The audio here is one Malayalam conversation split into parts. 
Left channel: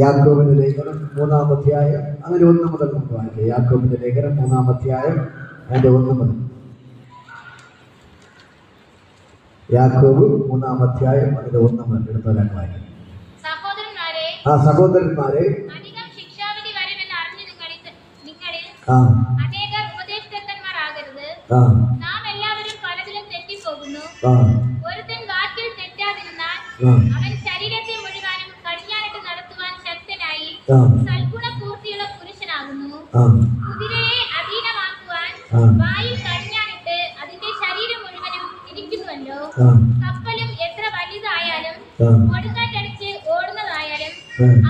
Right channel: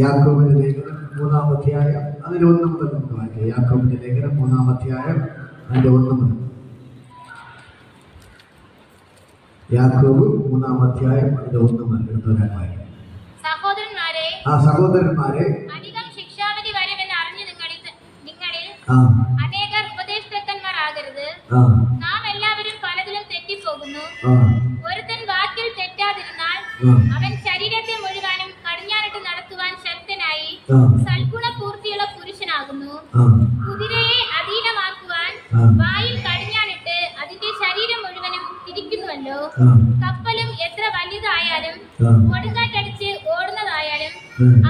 യാക്കോബിന്റെ ലേഖനം 3-ാം അധ്യായം അതിൽ 1 മുതൽ നമുക്ക് വായിക്കാം. യാക്കോബിന്റെ ലേഖനം 3-ാം അധ്യായം അതിന്റെ 1 മുതൽ. യാക്കോബ് 3-ാം അധ്യായം അതിന്റെ 1 മുതൽ എടുത്തോരാൻ വായിക്കാം. സഹോദരന്മാരെ, അധികം ശിക്ഷാവിധി വരുമെന്ന് അറിഞ്ഞ് നിങ്ങളിൽ അനേകർ ഉപദേഷ്ടാക്കന്മാരാകരുത്. നാം എല്ലാവരും പലതിലും തെറ്റിപ്പോകുന്നു. ഒരുത്തൻ വാക്കിൽ തെറ്റാതിരുന്നാൽ അവൻ ശരീരത്തെ മുഴുവനും കടിഞ്ഞാണിട്ട് നടത്തുവാൻ ശക്തനായി സൽഗുണപൂർത്തിയുള്ള പുരുഷനാകുന്നു. കുതിരയെ അധീനമാക്കുവാൻ വായിൽ കടിഞ്ഞാണിട്ട് അതിന്റെ ശരീരം മുഴുവനും തിരിക്കുന്നുവല്ലോ. കപ്പലും എത്ര വലുതായാലും കൊടുങ്കാറ്റടിച്ച് ഓടുന്നതായാലും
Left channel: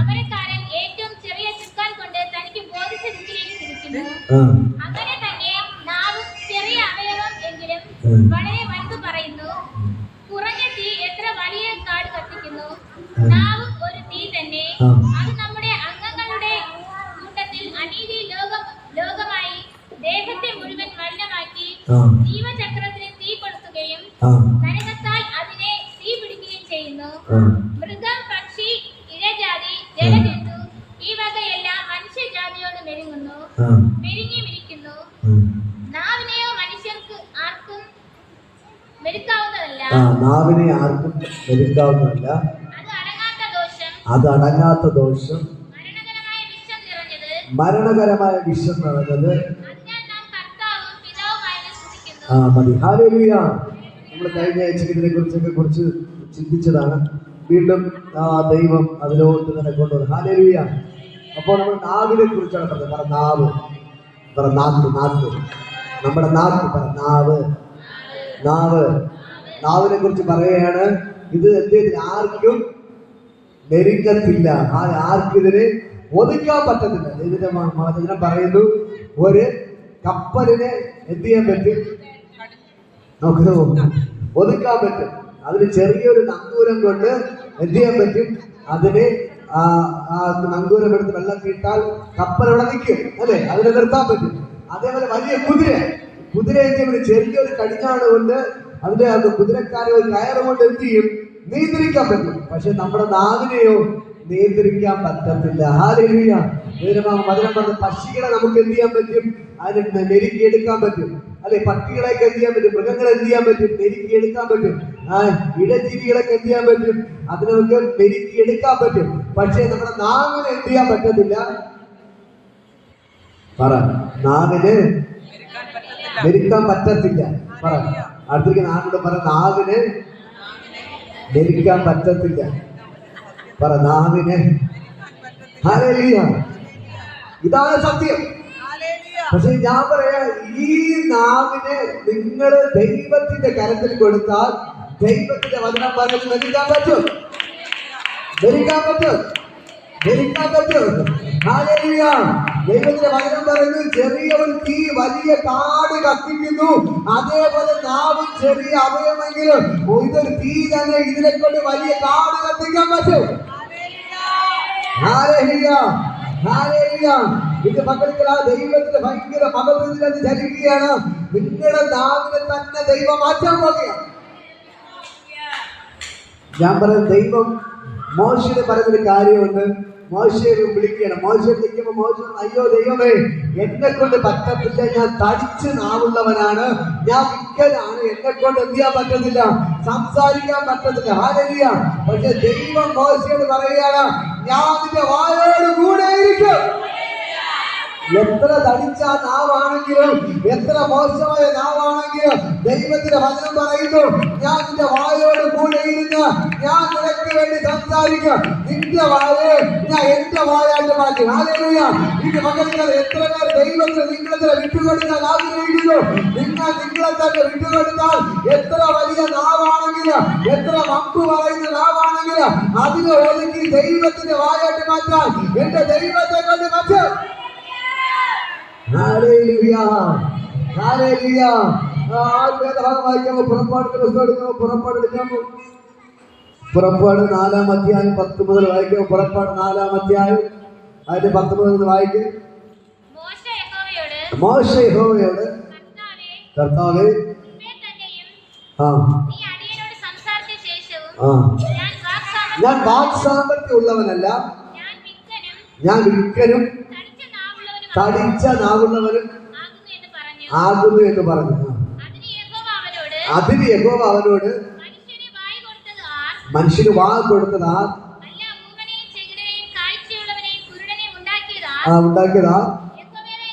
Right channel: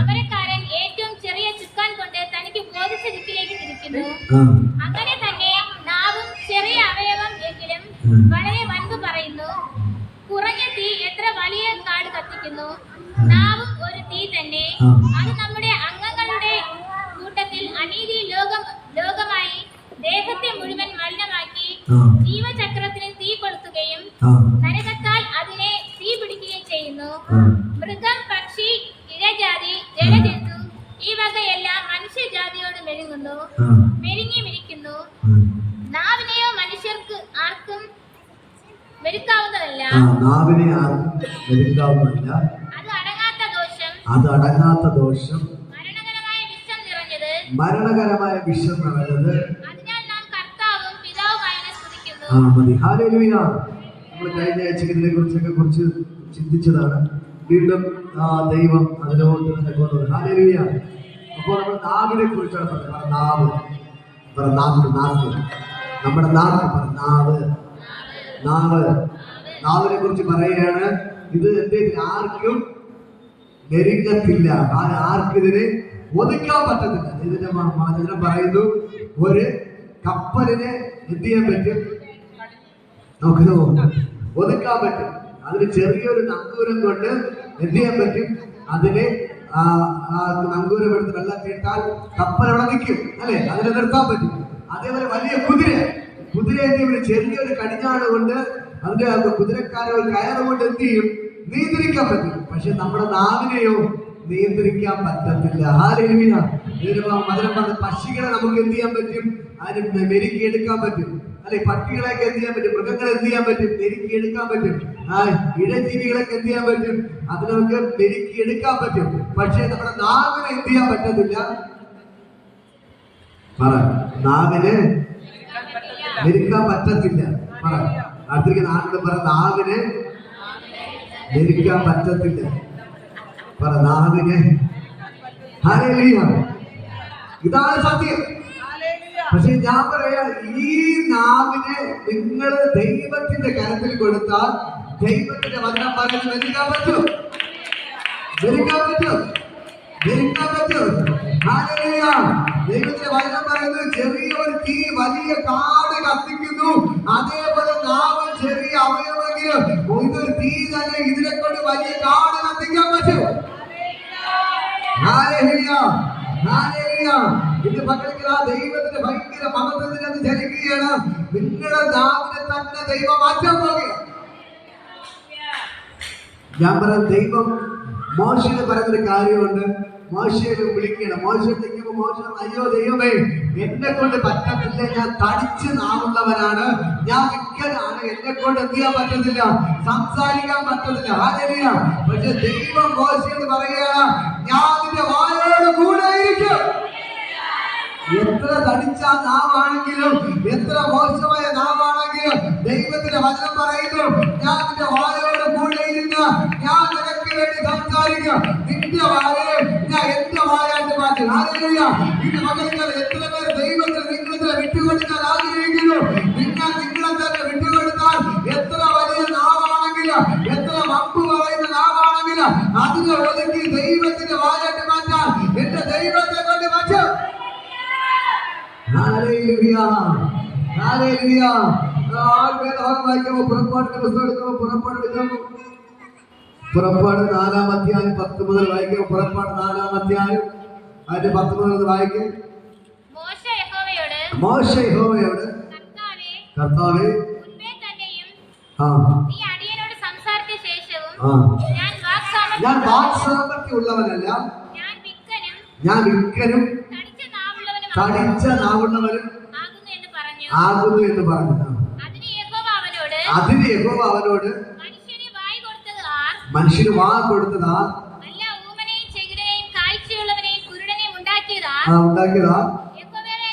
അമരക്കാരൻ ഏറ്റവും ചെറിയ ചുക്കാൻ കൊണ്ട് തനിക്ക് ബോധിച്ച ദിക്കിലേക്ക് തിരിക്കുന്നു. അങ്ങനെ തന്നെ നാവും ചെറിയ അവയവം എങ്കിലും വളരെ വൻപ് പറയുന്നു. കുറഞ്ഞ തീ എത്ര വലിയ കാട് കത്തിക്കുന്നു. നാവും ഒരു തീ തന്നെ. അത് നമ്മുടെ അംഗങ്ങളുടെ കൂട്ടത്തിൽ അനീതി ലോകമായി ദേഹത്തെ മുഴുവൻ മലിനമാക്കി ജീവചക്രത്തിന് തീ കൊളുത്തുകയും നരകത്താൽ അതിനെ തീ പിടിക്കുകയും ചെയ്യുന്നു. മൃഗം, പക്ഷി, ഇഴജാതി, ജലജന്തു ഈ വകയെല്ലാം മനുഷ്യജാതിയോട് മെരുങ്ങിയിരിക്കുന്നു. നാവിനെയോ മനുഷ്യർക്ക് ആർക്കും മെരുക്കാവുന്നതല്ല. അത് അടങ്ങാത്ത ദോഷം, മരണകരമായ വിഷം നിറഞ്ഞത്. അതിനാൽ നാം കർത്താവും പിതാവുമായവനെ സ്തുതിക്കുന്നു. മതി. ഹല്ലേലൂയ. നമ്മൾ കഴിഞ്ഞ ആഴ്ച കുറിച്ച് ചിന്തിച്ചതാണ്. വീണ്ടും ദൈവം അതിലോട്ട് തന്നെ കൊണ്ടുവരും. ഹല്ലേലൂയ. അപ്പോൾ നമ്മൾ നാവിനെ കുറിച്ചാണ് പറഞ്ഞത്. നാവ്, നമ്മുടെ നാവിനെ കുറിച്ച് പറയുകയാണ്. ഇത് ആർക്കും മെരുങ്ങത്തില്ല, ആർക്കും ഇതിനെ ഒതുക്കാൻ പറ്റത്തില്ല. ഇതിന്റെ വചനം പറയുന്നു, ഒരു കപ്പലിനെ എന്ത് ചെയ്യാൻ പറ്റും? നമുക്ക് ഒതുക്കാൻ പറ്റും. അതിന് ചെറിയൊരു നങ്കൂരം കൊണ്ട് എന്ത് ചെയ്യാൻ പറ്റും? അതിനെ നങ്കൂരം എടുത്ത് വെള്ളത്തിൽ ഇട്ടാൽ കപ്പൽ ഇവിടെ നിൽക്കും, അല്ലെ? അതിനെ നിർത്താൻ പറ്റും. അതേപോലെ വലിയ കുതിര എന്ത് ചെയ്യും? ചെറിയൊരു കടിഞ്ഞാണ് കൊണ്ട് അതിന്റെ കുതിരക്കാരെ ഒരു കയറ് കൊണ്ട് എന്ത് ചെയ്യും? നിയന്ത്രിക്കാൻ പറ്റും. പക്ഷെ നമ്മുടെ നാവിനെയോ നിയന്ത്രിക്കാൻ പറ്റത്തില്ല. ഹല്ലേലൂയ. മധുരം പറഞ്ഞ പക്ഷികളെ നമുക്ക് എന്ത് ചെയ്യാൻ പറ്റും? അതിന് മെരുക്കിയെടുക്കാൻ പറ്റും, അല്ലെ? പട്ടികളെയൊക്കെ എന്ത് ചെയ്യാൻ പറ്റും? മൃഗങ്ങളെ എന്ത് ചെയ്യാൻ പറ്റും? മെരുക്കിയെടുക്കാൻ പറ്റും. ഇഴജീവികളൊക്കെ എന്ത് ചെയ്യാൻ പറ്റും? അത് നമുക്ക് മെരുക്കിയെടുക്കാൻ പറ്റും. പക്ഷെ നമ്മുടെ നാവിനെ എന്ത് ചെയ്യാൻ പറ്റത്തില്ല. നാവിന് മെരുക്കാൻ പറ്റത്തില്ല. അടുത്തേക്ക് നാടിന്റെ നാവിന് മെരുക്കാൻ പറ്റത്തില്ല. നാവിന്. ഹല്ലേലൂയ. ഇതാണ് സത്യം. പക്ഷെ ഞാൻ പറയാ, ഈ നാവിനെ നിങ്ങൾ ദൈവത്തിന്റെ കരത്തിൽ കൊടുത്താൽ ദൈവത്തിന്റെ വചനം പറഞ്ഞ് മെരുക്കാൻ പറ്റും. ഹല്ലേലൂയ. ദൈവത്തിന്റെ വചനം പറയുന്നു, ചെറിയ ഒരു തീ വലിയ കാട് കത്തിക്കുന്നു. അതേപോലെ നാവും ചെറിയ അവയവമെങ്കിലും ഇതൊരു തീ തന്നെ. ഇതിനെ കൊണ്ട് വലിയ കാട് കത്തിക്കാൻ പറ്റും. ഇത് പകൽക്കൽ ആ ദൈവത്തിന്റെ ഭയങ്കര മഹത്വത്തിൽ അത് ചലിക്കുകയാണ്. നിങ്ങളുടെ നാവിനെ തന്നെ ദൈവം മാറ്റാൻ പോകുകയാണ്. ഞാൻ പറഞ്ഞ ദൈവം മോശയോട് പറഞ്ഞൊരു കാര്യമുണ്ട്. മോശയെ വിളിക്കണം. മോശയെ വിളിക്കുമ്പോൾ മോശ, അയ്യോ ദൈവമേ, എന്നെ കൊണ്ട് പറ്റത്തില്ല, ഞാൻ തടിച്ച് നാവുള്ളവനാണ്, ഞാൻ വിക്കലാണ്, എന്നെ കൊണ്ട് എന്ത് ചെയ്യാൻ പറ്റത്തില്ല, സംസാരിക്കാൻ പറ്റത്തില്ല. ഹല്ലേലൂയ. പക്ഷെ ദൈവം മോശയോട് പറയുകയാണ്, ഞാൻ നിന്റെ വായോട് കൂടെ ഇരിക്കും. എത്ര തടിച്ച നാവാണെങ്കിലും, എത്ര മോശമായ നാവാണെങ്കിലും ദൈവത്തിന്റെ വചനം പറയുന്നു, ഞാൻ നിന്റെ വായോട് കൂടെ ഇരുന്ന് ഞാൻ നിനക്ക് വേണ്ടി സംസാരിക്കും. നിന്റെ വായെ ഞാൻ എന്റെ വായായിട്ട് മാറ്റും. ഹല്ലേലൂയ. ഇത് മകനുകൾ എത്ര പേർ ദൈവത്തിന് നിങ്ങളെ വിട്ടുകൊടുക്കാൻ ആഗ്രഹിക്കുന്നു? നിങ്ങളെ തന്നെ വിട്ടുകൊടുത്താൽ എത്ര വലിയ നാവാണെങ്കിലും, എത്ര വമ്പ് പറയുന്ന നാവാണെങ്കിലും അതിനെ ഒതുക്കി ദൈവത്തിന്റെ വായായിട്ട് മാറ്റാൻ എന്റെ ദൈവത്തെ കൊണ്ട് മാറ്റും. ഹല്ലേലൂയ. ഹല്ലേലൂയ. പുറപ്പാട് 4-ാം അധ്യായം 10 മുതൽ വായിക്കും. പുറപ്പാട് 4-ാം അധ്യായം അതിന്റെ 10 മുതൽ വായിക്കും. മോശ യഹോവയോട്, കർത്താവേ, ഞാൻ വാക്സാമർത്ഥ്യം ഉള്ളവനല്ല, ഞാൻ വിക്കനും തടിച്ച നാവുള്ളവനും തടിച്ച നാവുള്ളവരും ആകുന്നു എന്ന് പറഞ്ഞു. ആകുന്നു എന്ന് പറഞ്ഞു. അതിന് യഹോവ അവനോട്, അതിന് യഹോവ അവനോട് മനുഷ്യന് വായ് കൊടുത്തത് ആർ? മനുഷ്യന് വാ കൊടുത്തത് ആർ? വല്ല ഊമനെയും ചെകിടനെയും കാഴ്ചയുള്ളവനെയും കുരുടനെയും ഉണ്ടാക്കിയത് ആർ? ഉണ്ടാക്കിയത് ആർ? യഹോവയായ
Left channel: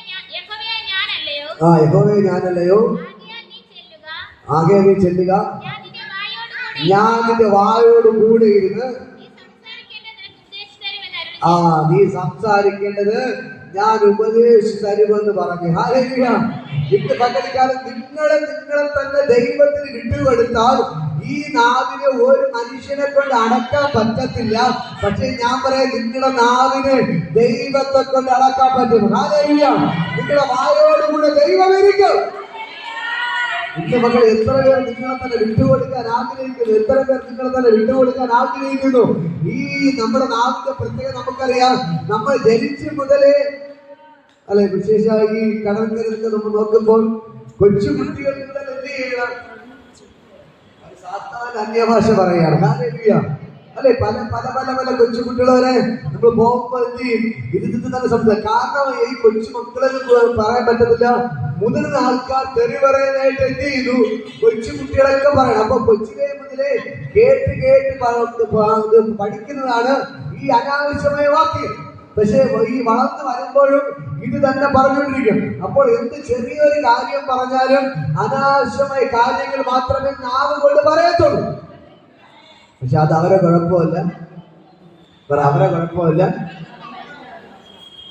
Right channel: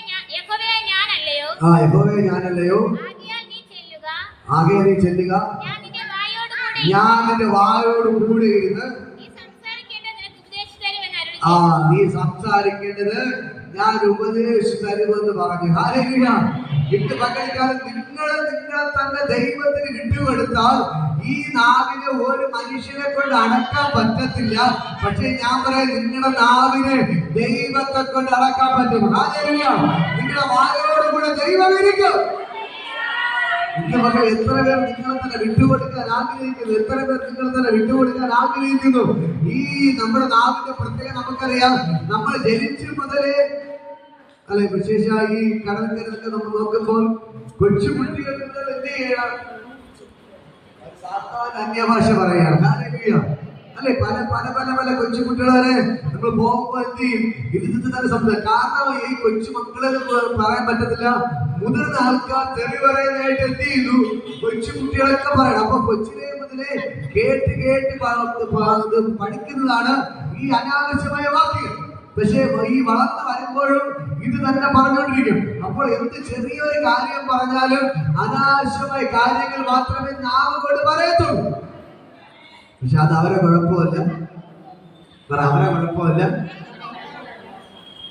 ഞാനല്ലയോ? യഹോവയെ ഞാനല്ലയോ? ആകയാൽ നീ ചെല്ലുക. ആകെ നീ ചെല്ലുക. ഞാൻ നിന്റെ വായോട് കൂടി ഞാൻ നിന്റെ വായോട് കൂടെ ഇരുന്ന് നീ സംസാരിക്കേണ്ടത് നിനക്ക് ഉപദേശിച്ചു തരുമെന്ന് അരുളി ചെയ്തു. നീ സംസാരിക്കേണ്ടത് ഞാൻ ഉപദേശിച്ചു തരുമെന്ന് പറഞ്ഞു. ഹല്ലേലൂയ. ഇന്ന് പകൽക്കാലം നിങ്ങളെ തന്നെ ദൈവത്തിന് വിട്ടുകൊടുത്താൽ ഈ നാവിനെ ഒരു മനുഷ്യനെ കൊണ്ട് അടക്കാൻ പറ്റത്തില്ല. പക്ഷെ ഞാൻ പറയാം, നിങ്ങളുടെ നാവിനെ ദൈവത്തെ കൊണ്ട് അടക്കാൻ പറ്റും. ഹല്ലേലൂയ. നിങ്ങളുടെ വായോടുകൂടെ ദൈവം ഇരിക്കും. നിന്റെ മക്കൾ എത്ര പേർ നിങ്ങളെ തന്നെ വിട്ടുകൊടുക്കാൻ ആഗ്രഹിക്കുന്നു? എത്ര പേർ നിങ്ങളെ തന്നെ വിട്ടുകൊടുക്കാൻ ആഗ്രഹിക്കുന്നു? ഈ നമ്മുടെ നാവിന്റെ പ്രത്യേകത നമുക്കറിയാം. നമ്മൾ ജനിച്ചു മുതലേ അല്ലെ, വിശേഷമായി ഈ കടൽക്കരൊക്കെ നമ്മൾ നോക്കുമ്പോൾ കൊച്ചുകുട്ടികൾ മുതൽ എന്ത് ചെയ്യണം? സാത്താൻ അന്യഭാഷ പറയാണ്. ഹല്ലേലൂയ. അല്ലെ, പല പല പല പല കൊച്ചുകുട്ടികളെ നമ്മൾ പോകുമ്പോ എന്ത് ചെയ്യും? ഇതിന് തന്നെ സംസാരിക്കും. കാരണം ഈ കൊച്ചു മക്കളെ പറയാൻ പറ്റത്തില്ല. മുതിർന്ന ആൾക്കാർ തെറി പറയാനായിട്ട് എന്ത് ചെയ്തു? കൊച്ചു കുട്ടികളൊക്കെ പറയണം. അപ്പൊ കൊച്ചിലെ മുതലേ കേട്ട് കേട്ട് പഠിക്കുന്നതാണ് ഈ അനാവശ്യമായ വാക്കുകൾ. പക്ഷേ ഈ വളർന്നു വരുമ്പോഴും ഇത് തന്നെ പറഞ്ഞുകൊണ്ടിരിക്കും. അപ്പോൾ എന്ത് ചെറിയൊരു കാര്യം പറഞ്ഞാലും അനാവശ്യമായ കാര്യങ്ങൾ മാത്രമേ നാവ് കൊണ്ട് പറയത്തുള്ളൂ. പക്ഷെ അത് അവരെ കുഴപ്പമില്ല, അവരെ കുഴപ്പമില്ല.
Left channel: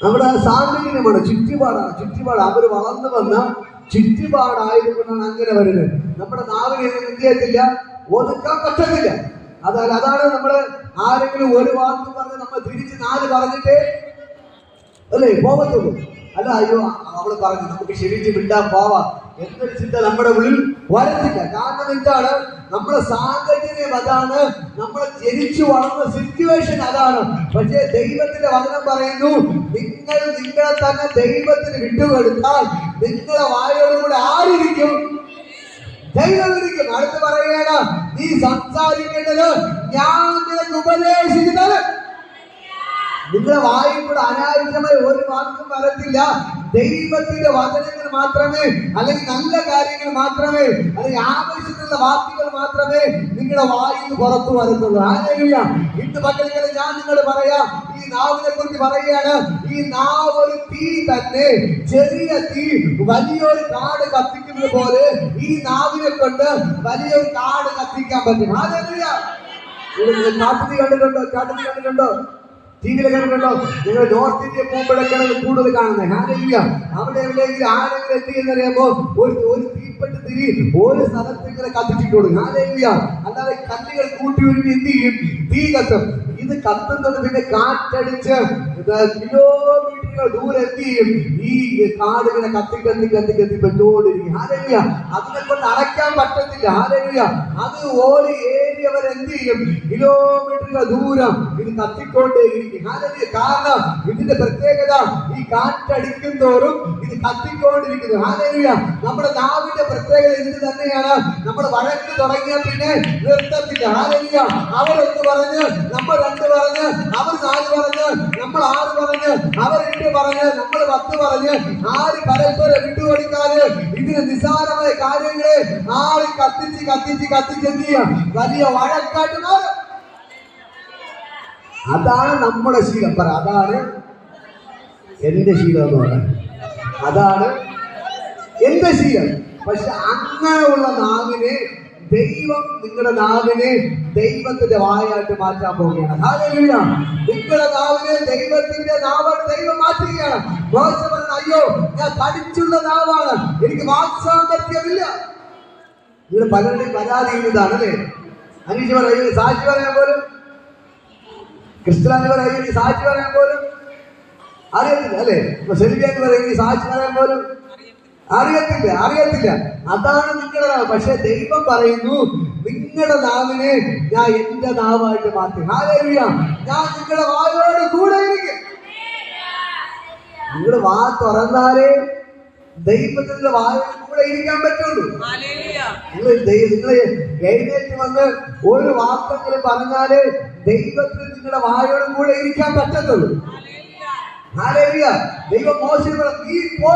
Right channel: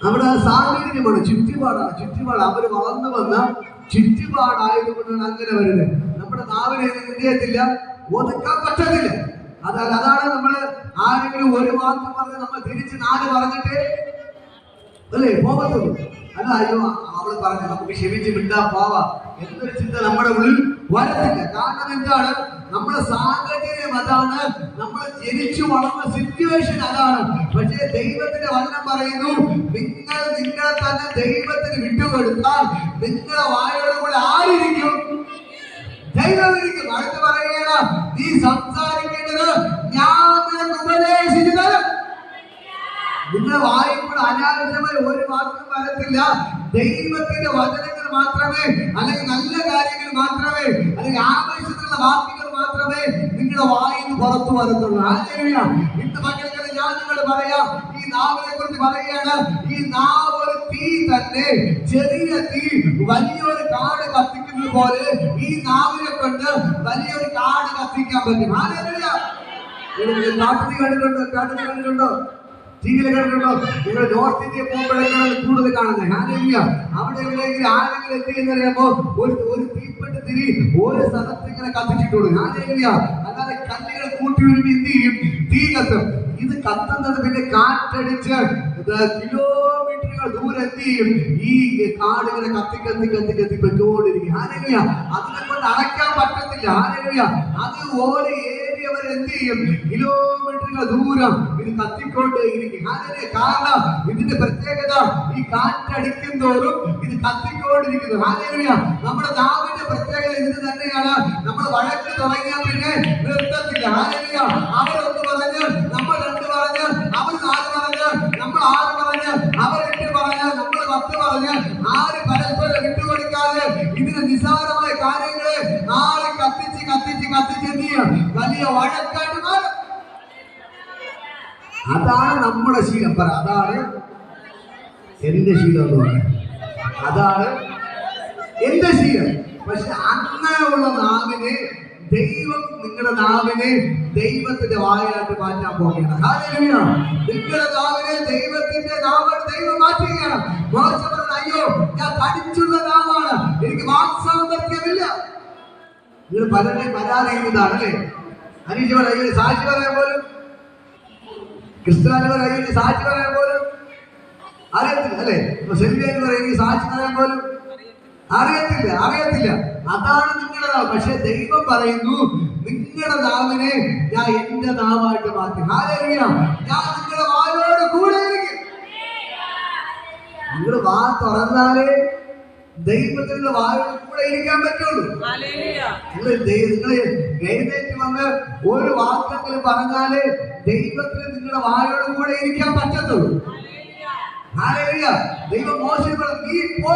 നമ്മുടെ സാഹചര്യമാണ്, ചുറ്റുപാടാണ്. അവർ വളർന്നു വന്ന ചുറ്റുപാടായതുകൊണ്ടാണ് അങ്ങനെ വരുന്നത്. നമ്മുടെ നാവിനെ എന്ത് ചെയ്യത്തില്ല, ഒതുക്കാൻ പറ്റത്തില്ല. അതാണ് നമ്മള് ആരെങ്കിലും ഒരു വാക്ക് പറഞ്ഞ് നമ്മൾ തിരിച്ച് 4 പറഞ്ഞിട്ട് അല്ലേ പോകത്തുള്ളൂ. അല്ല, അയ്യോ അവള് പറഞ്ഞു നമുക്ക് ക്ഷമിച്ച് വിട്ടാ പോവാം എന്നൊരു ചിന്ത നമ്മുടെ ഉള്ളിൽ വരത്തില്ല. കാരണം എന്താണ്? നമ്മുടെ സാഹചര്യം അതാണ്, നമ്മൾ ജനിച്ചു വളർന്ന സിറ്റുവേഷൻ അതാണ്. പക്ഷേ ദൈവത്തിന്റെ വചനം പറയുന്നു, നിങ്ങൾ നിങ്ങളെ തന്നെ ദൈവത്തിന് വിട്ടുകൊടുത്താൽ നിങ്ങളെ വായോടുകൂടെ ആരിരിക്കും? ദൈവം ഇരിക്കും. അടുത്ത് പറയണം, നീ സംസാരിക്കേണ്ടത് ഞാൻ നിനക്ക് ഉപദേശിച്ചു തരും. നിങ്ങളുടെ വായിൽ കൂടെ അനാവശ്യമായ ഒരു വാക്കും വരത്തില്ല. ദൈവത്തിന്റെ വചനങ്ങൾ മാത്രമേ, അല്ലെങ്കിൽ നല്ല കാര്യങ്ങൾ മാത്രമേ, അല്ലെങ്കിൽ ആവശ്യത്തിലുള്ള വാക്കുകൾ മാത്രമേ നിങ്ങളുടെ വായിൽ നിന്ന് പുറത്തു വരത്തുള്ളൂ. ഹല്ലേലൂയ. ഇന്ന് പകൽക്കാലം ഞാൻ നിങ്ങളോട് പറയാം, ഈ നാവിനെ കുറിച്ച് പറയുകയാണ്. ഈ നാവ് ഒരു തീ തന്നെ. ചെറിയ തീ വലിയൊരു കാട് കത്തിക്കുന്നത് പോലെ ഈ നാവിനെ കൊണ്ട് വലിയൊരു കാട് കത്തിക്കാൻ പറ്റും. ഹല്ലേലൂയ. കാട്ടുതീ കണ്ടിട്ടുണ്ടോ? ടിവിയിലെ കണ്ടിട്ടുണ്ടോ? നിങ്ങൾ നോർത്ത് ഇന്ത്യ പോകുമ്പോഴൊക്കെയാണ് കൂടുതൽ കാണുന്നത്. ഹല്ലേലൂയ. അവിടെ എവിടെയെങ്കിലും ആരെങ്കിലും എന്ത് ചെയ്യുന്നറിയാമോ? ഒരു തീപ്പെട്ട് തിരി ഒരു സ്ഥലത്ത് ഇങ്ങനെ കത്തിച്ചിട്ട് കൊടുക്കും. ഹല്ലേലൂയ. അല്ലാതെ കല്ലുകൾ കൂട്ടി ഒരുങ്ങി എന്ത് ചെയ്യും? തീ കത്തും. ഇത് കത്തുന്നത് പിന്നെ കാറ്റടിച്ച് കിലോമീറ്ററുകൾ ദൂരം എന്ത് ചെയ്യും? ഈ കാട് ഇങ്ങനെ കത്തി പെട്ടോണ്ടിരിക്കും. ഹല്ലേലൂയ. അതിനെ കൊണ്ട് അടയ്ക്കാൻ പറ്റത്തില്ല. ഹല്ലേലൂയ. അത് ഒരു ഏരിയ വരെ എന്ത് ചെയ്യും? കിലോമീറ്ററുകൾ ദൂരം ഇത് കത്തിക്കൊണ്ടേയിരിക്കും. ഹല്ലേലൂയ. കാരണം ഇതിന്റെ പ്രത്യേകത, ഈ കാറ്റടിക്കും തോറും ഇത് കത്തിക്കൊണ്ടിരിക്കുന്നു. ഹല്ലേലൂയ. നമ്മുടെ നാവിന്റെ പ്രത്യേകത ഇത് തന്നെയാണ്. നമ്മൾ വഴക്ക് തുടങ്ങിയ പിന്നെ നിർത്തത്തില്ല. ഹല്ലേലൂയ. അവരൊന്ന് പറഞ്ഞ് നമ്മൾ 2 പറഞ്ഞ്, അവർ 4 പറഞ്ഞ്, നമ്മൾ 6 പറഞ്ഞ്, അവർ 8 പറഞ്ഞ്, നമ്മൾ 10 പറഞ്ഞ്, ആര് പരസ്പരം വിട്ടുകൊടുക്കാതെ ഇതിന് നിസ്സാരമായ കാര്യങ്ങളെ ആര് കത്തിച്ച് എന്ത് ചെയ്യാം? വലിയ വഴക്കായിട്ട് മാറും. അതാണ് നമ്മുടെ ശീലം. പറ, അതാണ് എന്റെ ശീലം എന്ന് പറയാം. അതാണ് എന്റെ ശീലം. പക്ഷെ അങ്ങനെയുള്ള നാവിനെ ദൈവം, നിങ്ങളുടെ നാവിനെ ദൈവത്തിന്റെ വായായിട്ട് മാറ്റാൻ പോവുകയാണ്. ഹല്ലേലൂയ. നിങ്ങളുടെ നാവിനെ ദൈവത്തിന്റെ നാവായിട്ട് ദൈവം മാറ്റുകയാണ്. മോശ പറഞ്ഞു, അയ്യോ ഞാൻ പഠിച്ചുള്ള നാവാണ്, എനിക്ക് വാക്സാമർത്ഥ്യമില്ല. നിങ്ങൾ പലരുടെയും പരാതി ഇതാണ് അല്ലേ? അനീഷ് പറയുന്നത് സാക്ഷി പറയാൻ പോലും, ക്രിസ്ത്യാനി പറയുന്നത് സാക്ഷി പറയാൻ പോലും അറിയത്തില്ല അല്ലേ? സെൽവിയാനി പറയുന്നത് സാക്ഷി പറയാൻ പോലും അറിയത്തില്ല. അതാണ് നിങ്ങളുടെ നാവ്. പക്ഷെ ദൈവം പറയുന്നു, നിങ്ങളുടെ നാവിനെ ഞാൻ എന്റെ നാവായിട്ട് മാറ്റി. ഹല്ലേലൂയ. ഞാൻ നിങ്ങളുടെ വായോട് കൂടെ ഇരിക്കും. നിങ്ങളുടെ വാ തുറന്നാലേ ദൈവത്തിന്റെ വായോട് കൂടെ ഇരിക്കാൻ പറ്റുള്ളൂ. നിങ്ങൾ എഴുന്നേറ്റ് വന്ന് ഒരു വാക്കെങ്കിലും പറഞ്ഞാലേ ദൈവത്തിന് നിങ്ങളുടെ വായോട് കൂടെ ഇരിക്കാൻ പറ്റത്തുള്ളൂ. ഹല്ലേലൂയ. ദൈവം മോശയോട് പറഞ്ഞു, നീ പോ,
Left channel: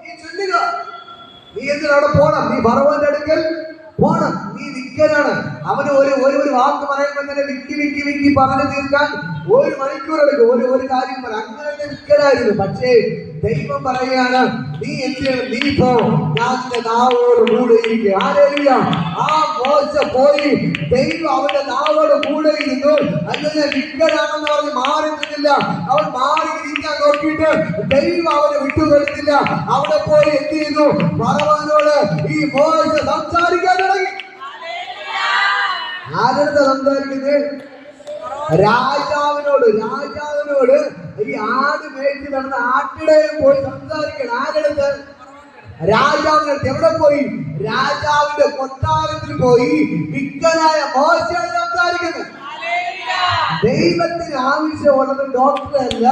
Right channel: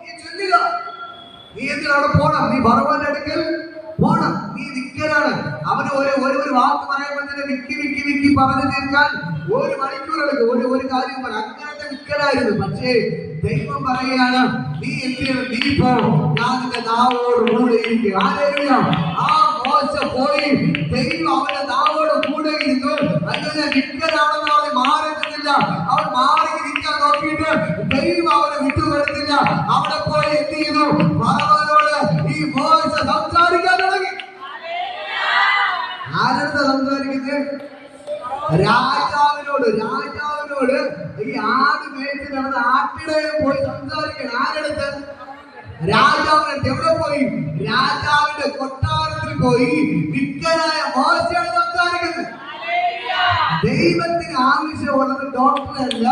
നീ ചെല്ലുക. നീ എന്തിനാ അവിടെ പോണം? നീ ഫറവോന്റെ അടുക്കൽ പോണം. നീ വിക്കനാണ്. അവന് ഒരു വാക്ക് പറയുമ്പോൾ തന്നെ വിക്കി പറഞ്ഞു തീർക്കാൻ 1 മണിക്കൂർ എടുക്കും. ഒരു കാര്യം പറയാം. അങ്ങനത്തെ വിക്കനായിരുന്നു. പക്ഷേ ദൈവം പറയാണ്, നീ എന്തിനാണ്? നീ പോ, ഞാൻ നിന്റെ നാവോട് കൂടെ ഇരിക്കുക. ഹല്ലേലൂയ. ആ മോശ പോയി. ദൈവം അവന്റെ നാവോട് കൂടെ ഇരുന്നു. അങ്ങനെ വിക്കനാണെന്ന് പറഞ്ഞ് മാറി നിന്നില്ല. അവൻ മാറി ഇരിക്കാൻ നോക്കിയിട്ട് ദൈവം അവനെ വിട്ടുകൊടുത്തില്ല. അവിടെ പോയി എന്ത് ചെയ്തു? ഫറവോനോട് ഈ മോശ സംസാരിക്കാൻ തുടങ്ങി. ആരെടുത്ത സംസാരിക്കുന്നത്? രാജാവിനോട് ഈ ആട് മേടിച്ച് നടന്ന ആട്ടിടയിൽ പോയി സംസാരിക്കണം. ആരെടുത്ത്? രാജാവിനടുത്ത്. എവിടെ പോയി? രാജാവിന്റെ കൊട്ടാരത്തിൽ പോയി വിക്കനായ മോശയോട് സംസാരിക്കുന്നത്. ദൈവത്തിന് ആവശ്യമുള്ളത് ഡോക്ടറല്ല,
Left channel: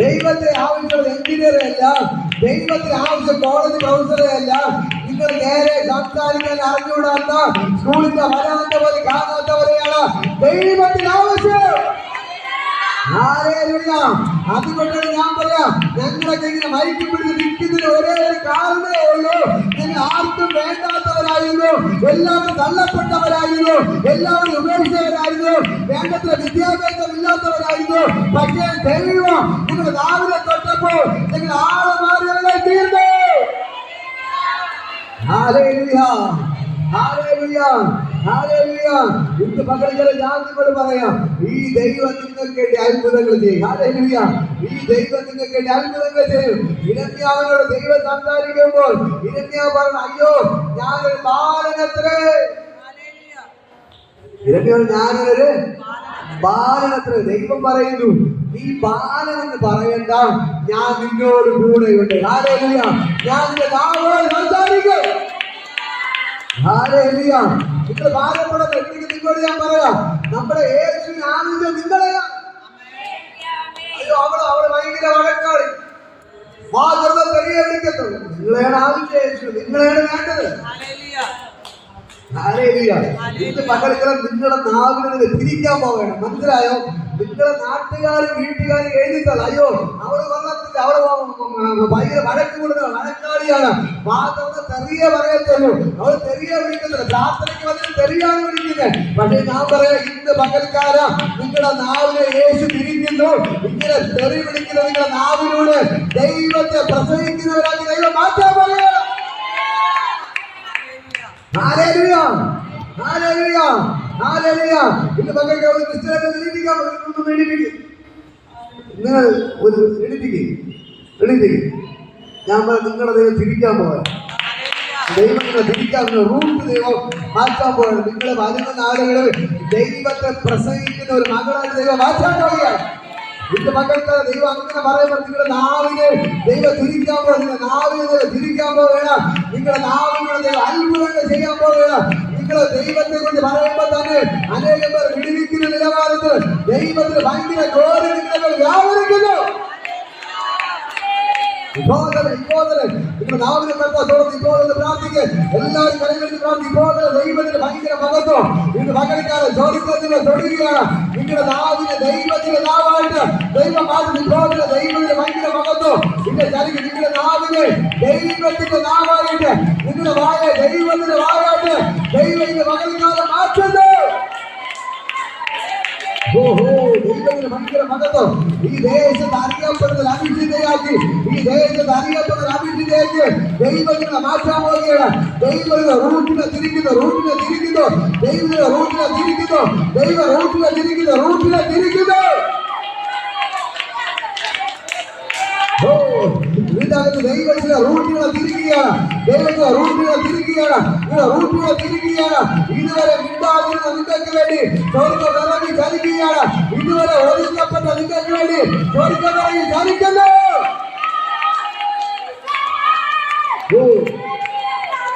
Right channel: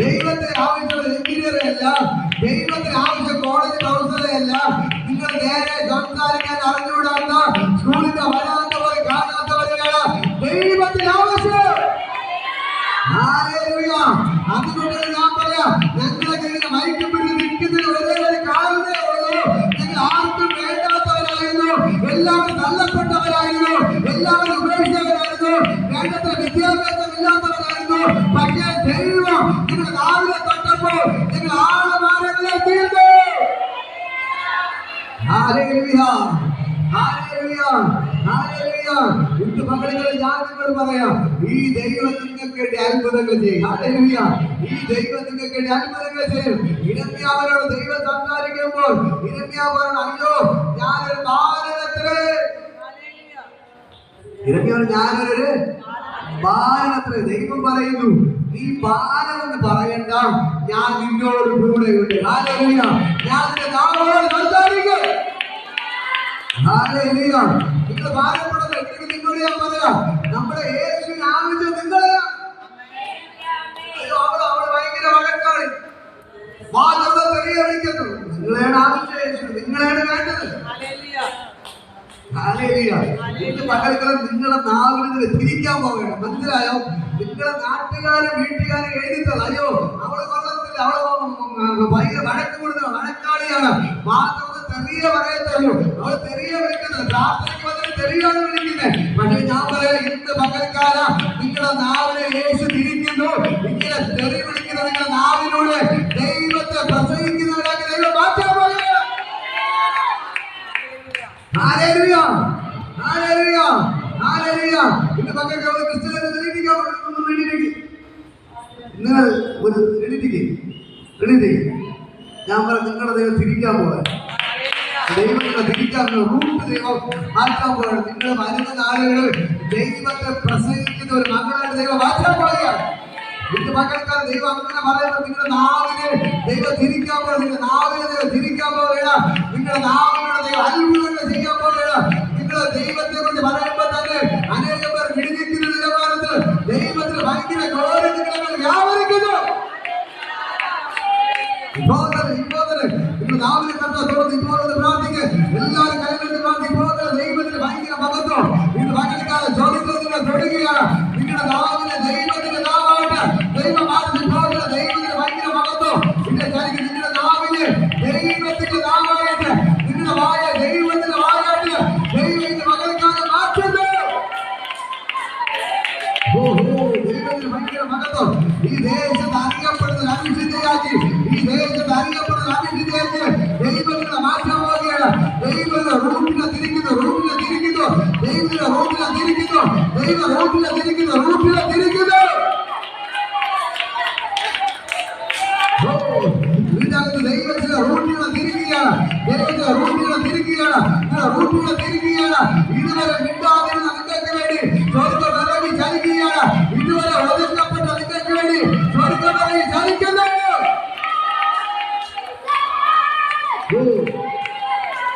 ദൈവത്തിന് ആവശ്യമുള്ള എഞ്ചിനീയറെ അല്ല, ദൈവത്തിന് ആവശ്യം കോളേജ് പ്രൊഫസറെ അല്ല. നിങ്ങൾ നേരെ സംസാരിക്കാൻ അറിഞ്ഞുകൂടാത്ത സ്കൂളിന്റെ വരാത്തവരെ കാണാത്തവരെയാണ് ദൈവത്തിന് ആവശ്യം. ഹല്ലേലൂയ. അതുകൊണ്ട് ഞാൻ പറയാം, ഞങ്ങളൊക്കെ ഇങ്ങനെ മൈക്ക് പിടിച്ച് നിൽക്കുന്നതിന് ഒരേ ഒരു കാരണമേ ഉള്ളൂ. ഞങ്ങൾ ആർക്കും വേണ്ടാത്തവരായിരുന്നു, എല്ലാവരും തള്ളപ്പെട്ടവരായിരുന്നു, എല്ലാവരും ഉപേക്ഷിച്ചവരായിരുന്നു, വേണ്ടത്ര വിദ്യാഭ്യാസം ഇല്ലാത്തവരായിരുന്നു. പക്ഷേ ദൈവം നിങ്ങൾ രാവിലെ തൊട്ടപ്പോൾ നിങ്ങൾ ആളമാരങ്ങളെ തീർന്നു. Hallelujah, hallelujah, hallelujah. ഇന്ന് മക്കളെ ഞാൻ നിങ്ങളോട് പറയാം, ഈ ദൈവം നിങ്ങൾക്ക് വേണ്ടി അത്ഭുതങ്ങൾ ചെയ്യും. ഹല്ലേലൂയ. ഈ ദൈവം നിങ്ങൾക്ക് വേണ്ടി അത്ഭുതങ്ങൾ ചെയ്യും. ഇരമ്യാവിനോട് ദൈവം സംസാരിക്കുമ്പോൾ ഇരമ്യാവ് പറഞ്ഞു, അയ്യോ ഞാനൊരു ബാലനത്രേ. ഇരമ്യാവ് ഞാനൊരു ബാലനത്രേ. ദൈവം പറയുന്നു, നീ ബാലനെന്ന് പറയണ്ട, ഞാൻ നിന്നോട് കൂടെയുണ്ട്. ഹല്ലേലൂയ. ഞാൻ നിന്റെ നാമോട് സംസാരിക്കും. ഹല്ലേലൂയ. നിങ്ങൾ ഭാരപ്പെടുന്നത് എന്തെങ്കിലും നിങ്ങളോട് ഞാൻ പറയാം, നമ്മുടെ യേശുവിന് ആവശ്യം നിങ്ങളെ. അവള് ഭയങ്കര വഴക്കാളി, പെരിയ വിളിക്കത്തുള്ളൂ. നിങ്ങളെയാണ് ആവശ്യം യേശു, നിങ്ങളെയാണ് വേണ്ടത്. ഇന്ന് പകൽക്കാലം നിങ്ങളുടെ നാവിന് നിങ്ങൾ തിരിക്കാൻ പോകണം. മനസ്സിലായോ? നിങ്ങളുടെ നാട്ടുകാരും വീട്ടുകാരും എഴുതിത്തള്ള, അയ്യോ അവള് കൊള്ളത്തില്ല, അവള് ഭയങ്കര വഴക്ക് കൊടുക്കുന്ന വഴക്കാളിയാണ്, മാത്രമേ തെറിയ പറയത്തുള്ളൂ. അവൾ തെറിയ വിളിക്കുന്നില്ല, പ്രാർത്ഥനയ്ക്ക് വന്നിട്ട് തെറിയാണ് വിളിക്കുന്നത്. പക്ഷെ ഞാൻ പറയാം, ഇന്ന് പകൽക്കാല നിങ്ങളുടെ നാവിനെ യേശു തിരിക്കുന്നു. ഇങ്ങനെ തെറി വിളിക്കുന്ന നിങ്ങളുടെ നാവിലൂടെ ദൈവത്തെ പ്രസവിക്കുന്നവരാക്കി ദൈവം മാറ്റാൻ പോകുക. Hallelujah, hallelujah, hallelujah. ഇന്ന് പകൽക്കാല ഒരു ക്രിസ്ത്യാനിയെ എണീറ്റിക്കാൻ ഇങ്ങനെ ഒരു എണീറ്റിക്ക്. ഞാൻ പറയാം, നിങ്ങളുടെ ദൈവം തിരിക്കാൻ പോകാൻ, ദൈവം നിങ്ങളെ തിരിക്കാൻ റൂട്ട് ദൈവം മാറ്റാൻ പോകണം. നിങ്ങൾ വരുന്ന നാളുകളിൽ ദൈവത്തെ പ്രസംഗിക്കുന്ന ഒരു മകളായിട്ട് ദൈവം മാറ്റാൻ പോവുകയാണ്. ഇന്ന് മക്കൾക്കാണ് ദൈവം അങ്ങനെ പറയുമ്പോൾ നിങ്ങളുടെ നാവിനെ ദൈവം തിരിക്കാൻ പോകുക. നിങ്ങളുടെ നാവിനെ ദൈവം തിരിക്കാൻ പോവുകയാണ്. നിങ്ങളുടെ നാവിനോട് ദൈവം അത്ഭുതങ്ങൾ ചെയ്യാൻ പോവുകയാണ്. നിങ്ങളെ ദൈവത്തെ കുറിച്ച് പറയുമ്പോൾ തന്നെ അനേകം പേർ വിടുവിക്കുന്ന നിലവാരത്തിൽ ദൈവത്തിന് ഭയങ്കര ഗ്ലോറി നിങ്ങളെ വ്യാപരിക്കുന്നു. നിങ്ങൾ നാവിനെ കണ്ടോട് ഇപ്പോൾ പ്രാർത്ഥിക്കുക. എല്ലാവരും കൈകളിൽ പ്രാർത്ഥിക്കുക. ദൈവത്തിന് ഭയങ്കര മഹത്വം ഇന്ന് മകൾക്കാണ് ചോദിക്കുന്നത് തൊടുകയാണ്. നിങ്ങളുടെ നാവിനെ ദൈവത്തിന്റെ നാവായിട്ട് ദൈവം മാറ്റി ഇപ്പോൾ ദൈവത്തിന്റെ ഭയങ്കര മഹത്വം പിന്നെ ചരിക്കും. നിങ്ങളുടെ നാവിനെ ദൈവത്തിന്റെ നാവായിട്ട്, നിങ്ങളുടെ വായ ദൈവത്തിന്റെ വായായിട്ട് ദൈവം ഇന്ന് മകൾക്കാണ് മാറ്റുന്നത്. ദൈവത്തിന് ഭയങ്കര മഹത്വം. ഈ ദേശത്ത് അറിയപ്പെടുന്ന അഭിഷിദ്ധയാക്കി, ഈ ദേശത്ത് അറിയപ്പെടുന്ന അഭിഷിദ്ധയാക്കി ദൈവത്തിനെ മാറ്റാൻ പോവുകയാണ്. ദൈവത്തിന്റെ റൂട്ടിനെ തിരിക്കുന്നു. ദൈവ റൂട്ടിനെ തിരിക്കുന്നു. ദൈവത്തിന്റെ റൂട്ടിനെ തിരിക്കുകയാണ്. ഇതുവരെ മിണ്ടാതിരുന്ന നിങ്ങൾക്ക് വേണ്ടി സ്വർഗ്ഗം ഇറങ്ങി ചലിക്കുകയാണ്. ഇതുവരെ ഒതുക്കപ്പെട്ട നിങ്ങൾക്ക് വേണ്ടി സ്വർഗ്ഗം ഇറങ്ങി ചലിക്കുന്നു.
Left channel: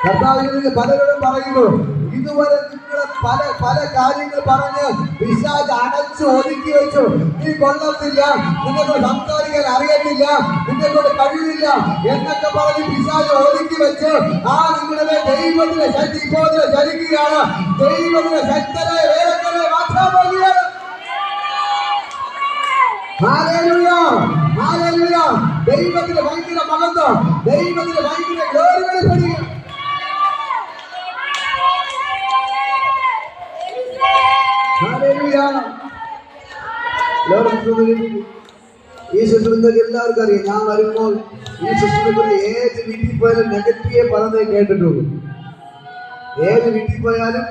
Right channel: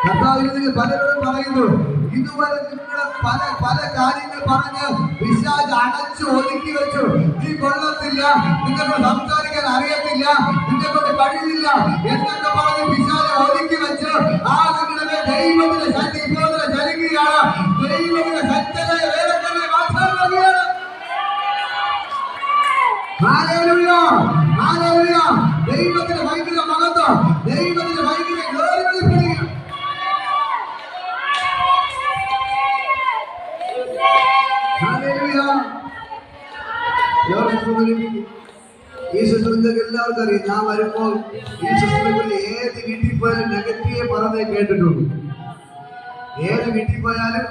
കർത്താവിന് പലരോടും പറയുന്നു, ഇതുവരെ നിങ്ങളെ പല കാര്യങ്ങൾ പറഞ്ഞ് പിശാച് അടച്ചു ഒതുക്കി വെച്ചു. നീ കൊള്ളത്തില്ല, നിങ്ങൾക്ക് സംസാരിക്കാൻ അറിയത്തില്ല, നിങ്ങളോട് കഴിവില്ല എന്നൊക്കെ പറഞ്ഞ് പിശാച് ഒതുക്കി വെച്ച് ആ നിങ്ങളുടെ ദൈവത്തിന്റെ ശക്തി ഇപ്പോൾ ചലിക്കുകയാണ്. ദൈവത്തിന്റെ ശക്തരെ വേറെ മാറ്റാൻ പോകുകയാണ്. ഹല്ലേലൂയ. ദൈവത്തിന്റെ ഭയങ്കര മഹത്വം, ദൈവത്തിന്റെ ഭയങ്കര ഗ്ലോറി വെളിപ്പെടുക. ഹല്ലേലൂയ. ഈ ശുശ്രൂഷ എല്ലാവർക്കും അറിയാം. ഞാൻ വരുമ്പോൾ ഈ ശുശ്രൂഷ ഏത് വീട്ടിൽ പോയാലും നെഗറ്റീവ് പറഞ്ഞേ കേട്ടിട്ടുള്ളൂ. ഏത് വീട്ടിൽ പോയാലും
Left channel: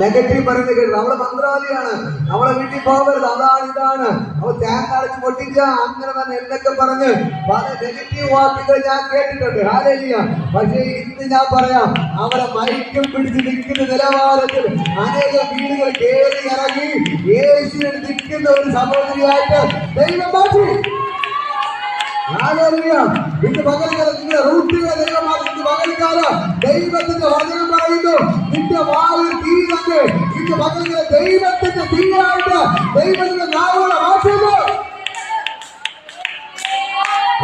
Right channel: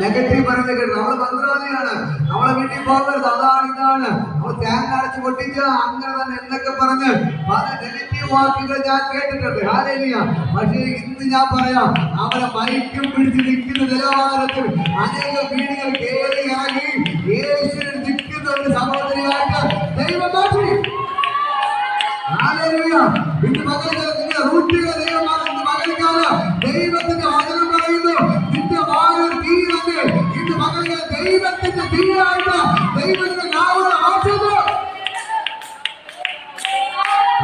നെഗറ്റീവ് പറയുന്നത് കേട്ടു. അവള് മന്ത്രാലയാണ്, അവളെ വീട്ടിൽ പോകരുത്, അതാണ് ഇതാണ്, അവൾ തേങ്ങ അടച്ച് പൊട്ടിച്ച അങ്ങനെ തന്നെ എന്നൊക്കെ പറഞ്ഞ് പല നെഗറ്റീവ് വാക്കുകൾ ഞാൻ കേട്ടിട്ടുണ്ട്. ഹല്ലേലൂയ. പക്ഷേ ഇന്ന് ഞാൻ പറയാം, അവളെ മൈക്കും പിടിച്ച് നിൽക്കുന്ന നിലവാരത്തിൽ അനേക വീടുകൾ കയറി ഇറങ്ങി യേശുവിനെ നിൽക്കുന്ന ഒരു സഹോദരിയായിട്ട് ദൈവം മാറ്റി. ഹല്ലേലൂയ. ഇന്ന് പകൽക്കാലം നിങ്ങളുടെ റൂട്ടുകളെ ദൈവമാണ്. ഇന്ന് പകൽക്കാലം ദൈവത്തിന്റെ വചനം പറയുന്നു, നിന്റെ വായിൽ തീ തന്നെ. ഇന്ന് പകൽക്കാലം ദൈവത്തിന്റെ തീയായിട്ട് ദൈവത്തിന്റെ നാമം മാറ്റുന്നു.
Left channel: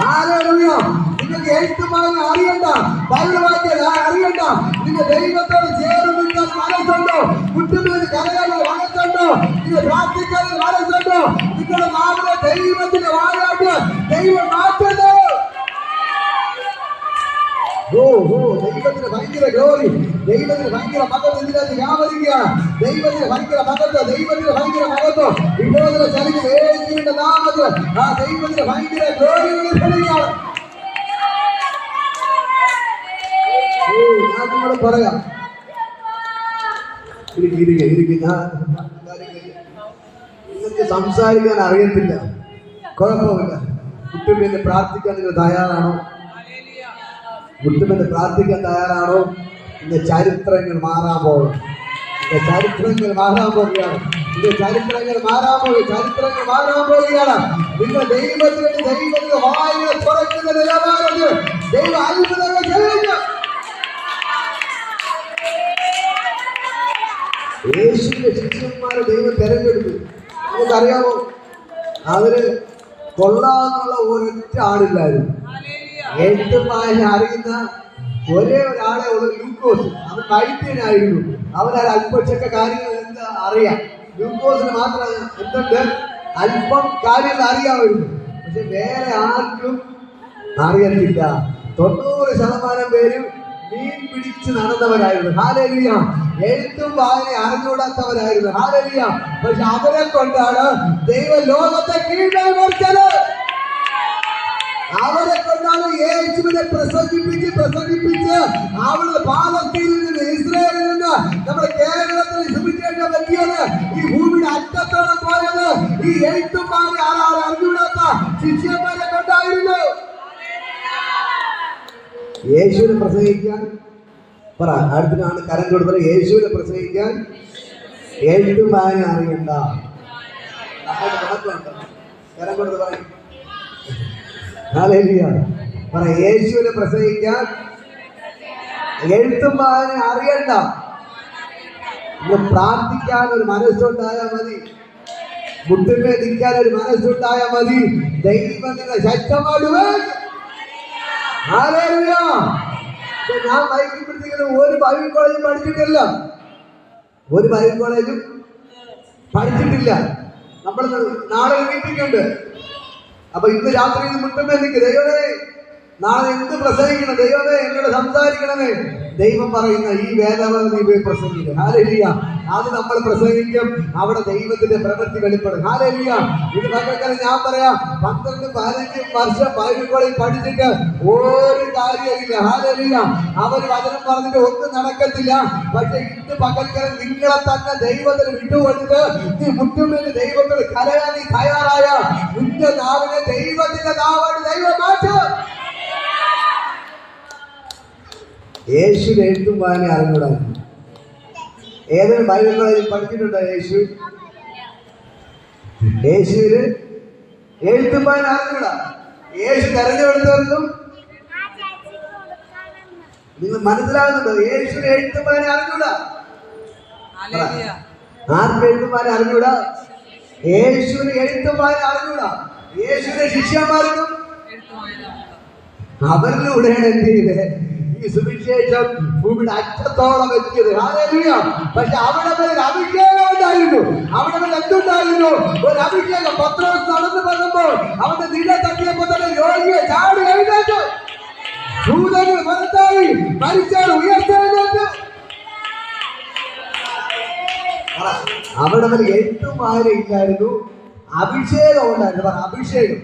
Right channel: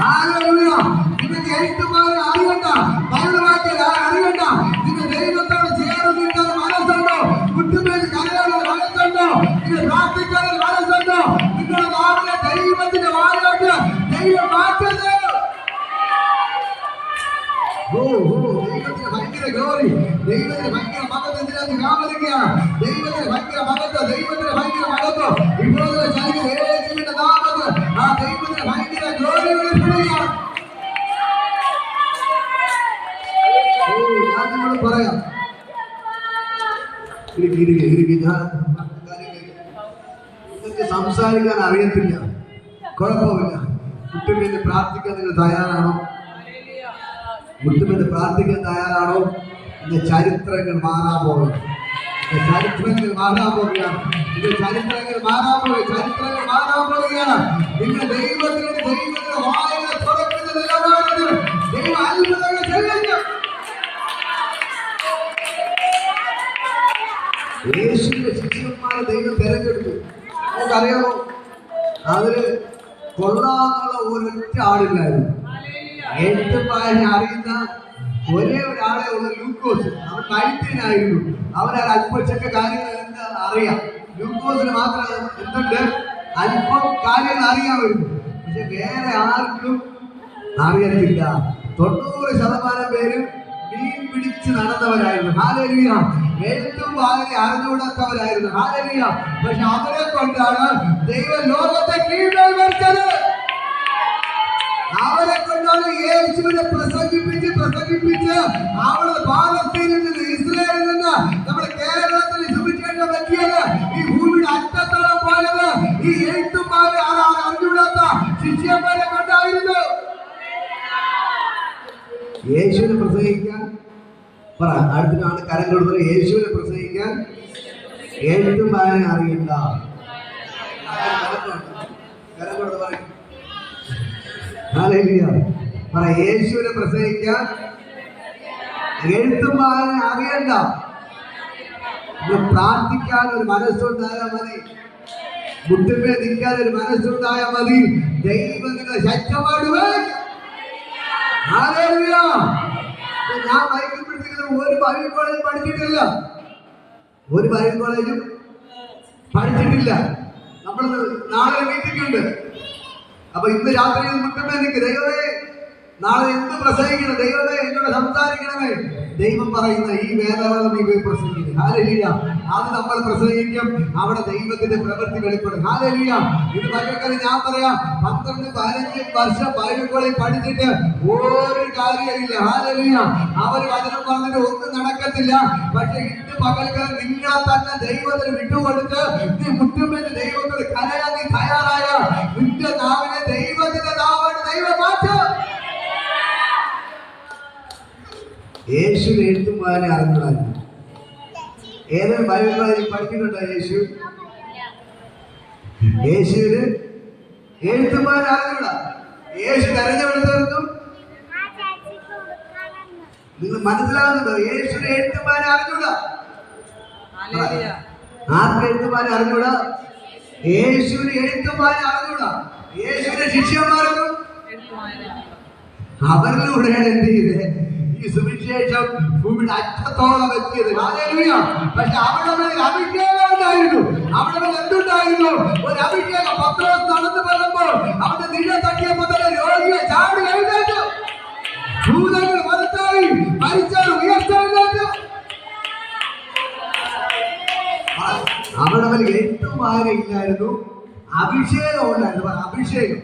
ഹല്ലേലൂയ. നിങ്ങൾക്ക് എഴുത്തുമാരെ അറിയണ്ട, ബൈബിളാക്കിയ അറിയണ്ട, നിങ്ങൾ ദൈവത്തോട് ചേർന്ന് നിൽക്കാൻ മനസ്സുണ്ടോ? കുട്ടികളുടെ കലകളിൽ മനസ്സുണ്ടോ? നിങ്ങൾ പ്രാർത്ഥിക്കാൻ മനസ്സുണ്ടോ? നിങ്ങളുടെ നാമത്തെ ദൈവത്തിന്റെ വായായിട്ട് ദൈവം മാറ്റുന്നു. ദൈവത്തിന് ഭയങ്കര ഗ്ലോറി, ദൈവത്തിന് ഭയങ്കര മഹത്വം ഇതിനകത്ത് വ്യാപരിക്കുകയാണ്. ദൈവത്തിന് ഭയങ്കര മഹത്വം, ദൈവത്തിന് ഭയങ്കര മഹത്വം ഇപ്പോൾ ചലിക്കുന്ന യേശുവിന്റെ നാമത്തിൽ ആ ദൈവത്തിന് ഭയങ്കര ഗ്ലോറി വെളിപ്പെടുകയാണ്. ഞാൻ നിങ്ങളോട് പറയാം, നിങ്ങൾക്ക് സംസാരിക്കാൻ അറിയത്തില്ല, കുഴപ്പമില്ല. കുട്ടികളുടെ പ്രാർത്ഥിക്കാൻ നിങ്ങൾ തയ്യാറാണോ? കുട്ടികളുടെ പ്രാർത്ഥിക്കാൻ തയ്യാറാണോ? ഇന്ന് ചരിത്രങ്ങൾ മാറാൻ പോകും. ചരിത്രങ്ങൾ മാറാൻ പോവുകയാണ്. ഇത് ചരിത്രങ്ങൾ മാറാൻ പോകും. ചരിത്രങ്ങൾ മാറാൻ പോവുകയാണ്. നിങ്ങൾ ദൈവത്തിന്റെ വായുകളെ തുറക്കുന്ന നിലവാരത്തിൽ ദൈവ അത്ഭുതങ്ങൾ ചെയ്യുക. യേശുവിന്റെ ശിഷ്യന്മാരെ ദൈവം തെരഞ്ഞെടുത്തു. നമുക്കറിയാമോ, അവര് കൊള്ളാന്നുള്ള ഒരൊറ്റ ആളില്ലായിരുന്നു. എഴുത്തും വായന അറിയുന്ന ഒരേ ഒരാളെ ഉള്ള ലൂക്കോസ്. അവൻ കഴുത്തിനായിരുന്നു. അവന് അല്പച്ചൊക്കെ കാര്യങ്ങൾ എന്താ അറിയാം. ലൂക്കോസിന് മാത്രം എന്തുണ്ട്, അല്പം കാര്യങ്ങൾ അറിയാമായിരുന്നു. പക്ഷെ വേറെ ആർക്കും അറിയത്തില്ല. 90% പേരും മീൻ പിടിച്ച് നടന്നവരായിരുന്നു. ഹല്ലേലൂയ. എഴുത്തും വായന അറിഞ്ഞുകൂടാത്തവരായിരുന്നു. ഹല്ലേലൂയ. പക്ഷെ അവരെ കൊണ്ടാണ് ദൈവം ലോകത്തെ കീഴ്മേൽച്ചത്. അവരെ കൊണ്ടാണ് യേശുവിനെ പ്രസംഗിപ്പിച്ച് അവിടുന്ന് പാലസ്തീനിൽ നിന്ന്, ഇസ്രായേലിൽ നിന്ന് നമ്മുടെ കേരളത്തിൽ സുവിശേഷം പറ്റിയത്. ഈ ഭൂമിയുടെ അറ്റത്തോളം പോയത് ഈ എഴുത്തും വായന അറിഞ്ഞുകൂടാത്ത ശിഷ്യന്മാരെ കൊണ്ടായിരുന്നു. യേശുവിനെ പ്രസംഗിക്കാൻ പറ, അടുത്തിനാണ് കരം കൊടുത്തത്. യേശുവിനെ പ്രസംഗിക്കാൻ എഴുത്തും വായന അറിയണ്ട. കരം കൊടുത്ത് പറ. ഹല്ലേലൂയ. പറ, യേശുവിനെ പ്രസംഗിക്കാൻ എഴുത്തും വായന അറിയണ്ട. പ്രാർത്ഥിക്കാൻ ഒരു മനസ്സുണ്ടായാൽ മതി. മുട്ടിന്മേൽ നിൽക്കാൻ ഒരു മനസ്സുണ്ടായാൽ മതി. ദൈവം നിങ്ങളെ ശക്തമായിട്ട്. ഞാൻ ബൈബിൾ പഠിപ്പിക്കുന്ന ഒരു ബൈബിൾ കോളേജും പഠിച്ചിട്ടില്ല. ഒരു ബൈബിൾ കോളേജും പഠിച്ചിട്ടില്ല. നമ്മൾ നാളെ മീറ്റിംഗ് ഉണ്ട്. അപ്പൊ ഇന്ന് രാത്രി മുട്ടുമ്പോ എനിക്ക് ദൈവമേ നാളെ എന്ത് പ്രസംഗിക്കണം, ദൈവമേ എന്നോട് സംസാരിക്കണമേ. ദൈവം പറയുന്ന ഈ വേദഭാഗം നീ പോയി പ്രസംഗിക്കും. ഹല്ലേലൂയ. അത് നമ്മൾ പ്രസംഗിക്കും. അവിടെ ദൈവത്തിന്റെ പ്രവൃത്തി വെളിപ്പെടും. ഹല്ലേലൂയ. ഇത് പകൽക്കാലം ഞാൻ പറയാം, 12-15 വർഷം ബൈബിൾ കോളേജിൽ പഠിച്ചിട്ട് ഒരു കാര്യമില്ല. ഹല്ലേലൂയ. അവര് വചനം പറഞ്ഞിട്ട് ഒന്നും നടക്കത്തില്ല. പക്ഷെ ഇന്ന് പകൽക്കാലം നിങ്ങളെ തന്നെ ദൈവത്തിന് വിട്ടുകൊടുത്ത് നീ മുട്ടുമേൽ ദൈവത്തിന് കരയാൻ നീ തയ്യാറായ നിന്റെ നാവിനെ ദൈവത്തിന്റെ നാവാണ് ദൈവം മാറ്റും. യേശുവിന് എഴുത്തും വായന അറിഞ്ഞൂടാണ്. ഏതൊരു ബൈബിൾ കോളേജിൽ പഠിച്ചിട്ടുണ്ടോ യേശു? യേശുവിന് എഴുത്തും വായന അറിഞ്ഞൂടാ. യേശു തെരഞ്ഞെടുത്തവർക്കും നിങ്ങൾ മനസ്സിലാകുന്നുണ്ടോ? യേശുവിന് എഴുത്തും വായന അറിഞ്ഞൂടാ. ആർക്ക് എഴുത്തും വായന അറിഞ്ഞൂടാ? യേശുവിന് എഴുത്തും വായന അറിഞ്ഞൂടാ. യേശുവിന്റെ ശിഷ്യന്മാർക്കും അവരിലൂടെയാണ് എന്ത് ചെയ്തത് ഈ സുവിശേഷം ഭൂമിയുടെ അറ്റത്തോളം എത്തിയത്. ഹല്ലേലൂയ. പക്ഷെ അവിടെ ഒരു അഭിഷേകം ഉണ്ടായിരുന്നു. അവിടെ എന്തുണ്ടായിരുന്നു? ഒരു അഭിഷേകം. പത്രോസ് നടന്നു പോകുമ്പോൾ അവിടെ നിഴ തട്ടിയപ്പോൾ തന്നെ അവരുടെ മേൽ എഴുത്തും വായന ഇല്ലായിരുന്നു, അഭിഷേകം ഉണ്ടായിരുന്നു. അഭിഷേകം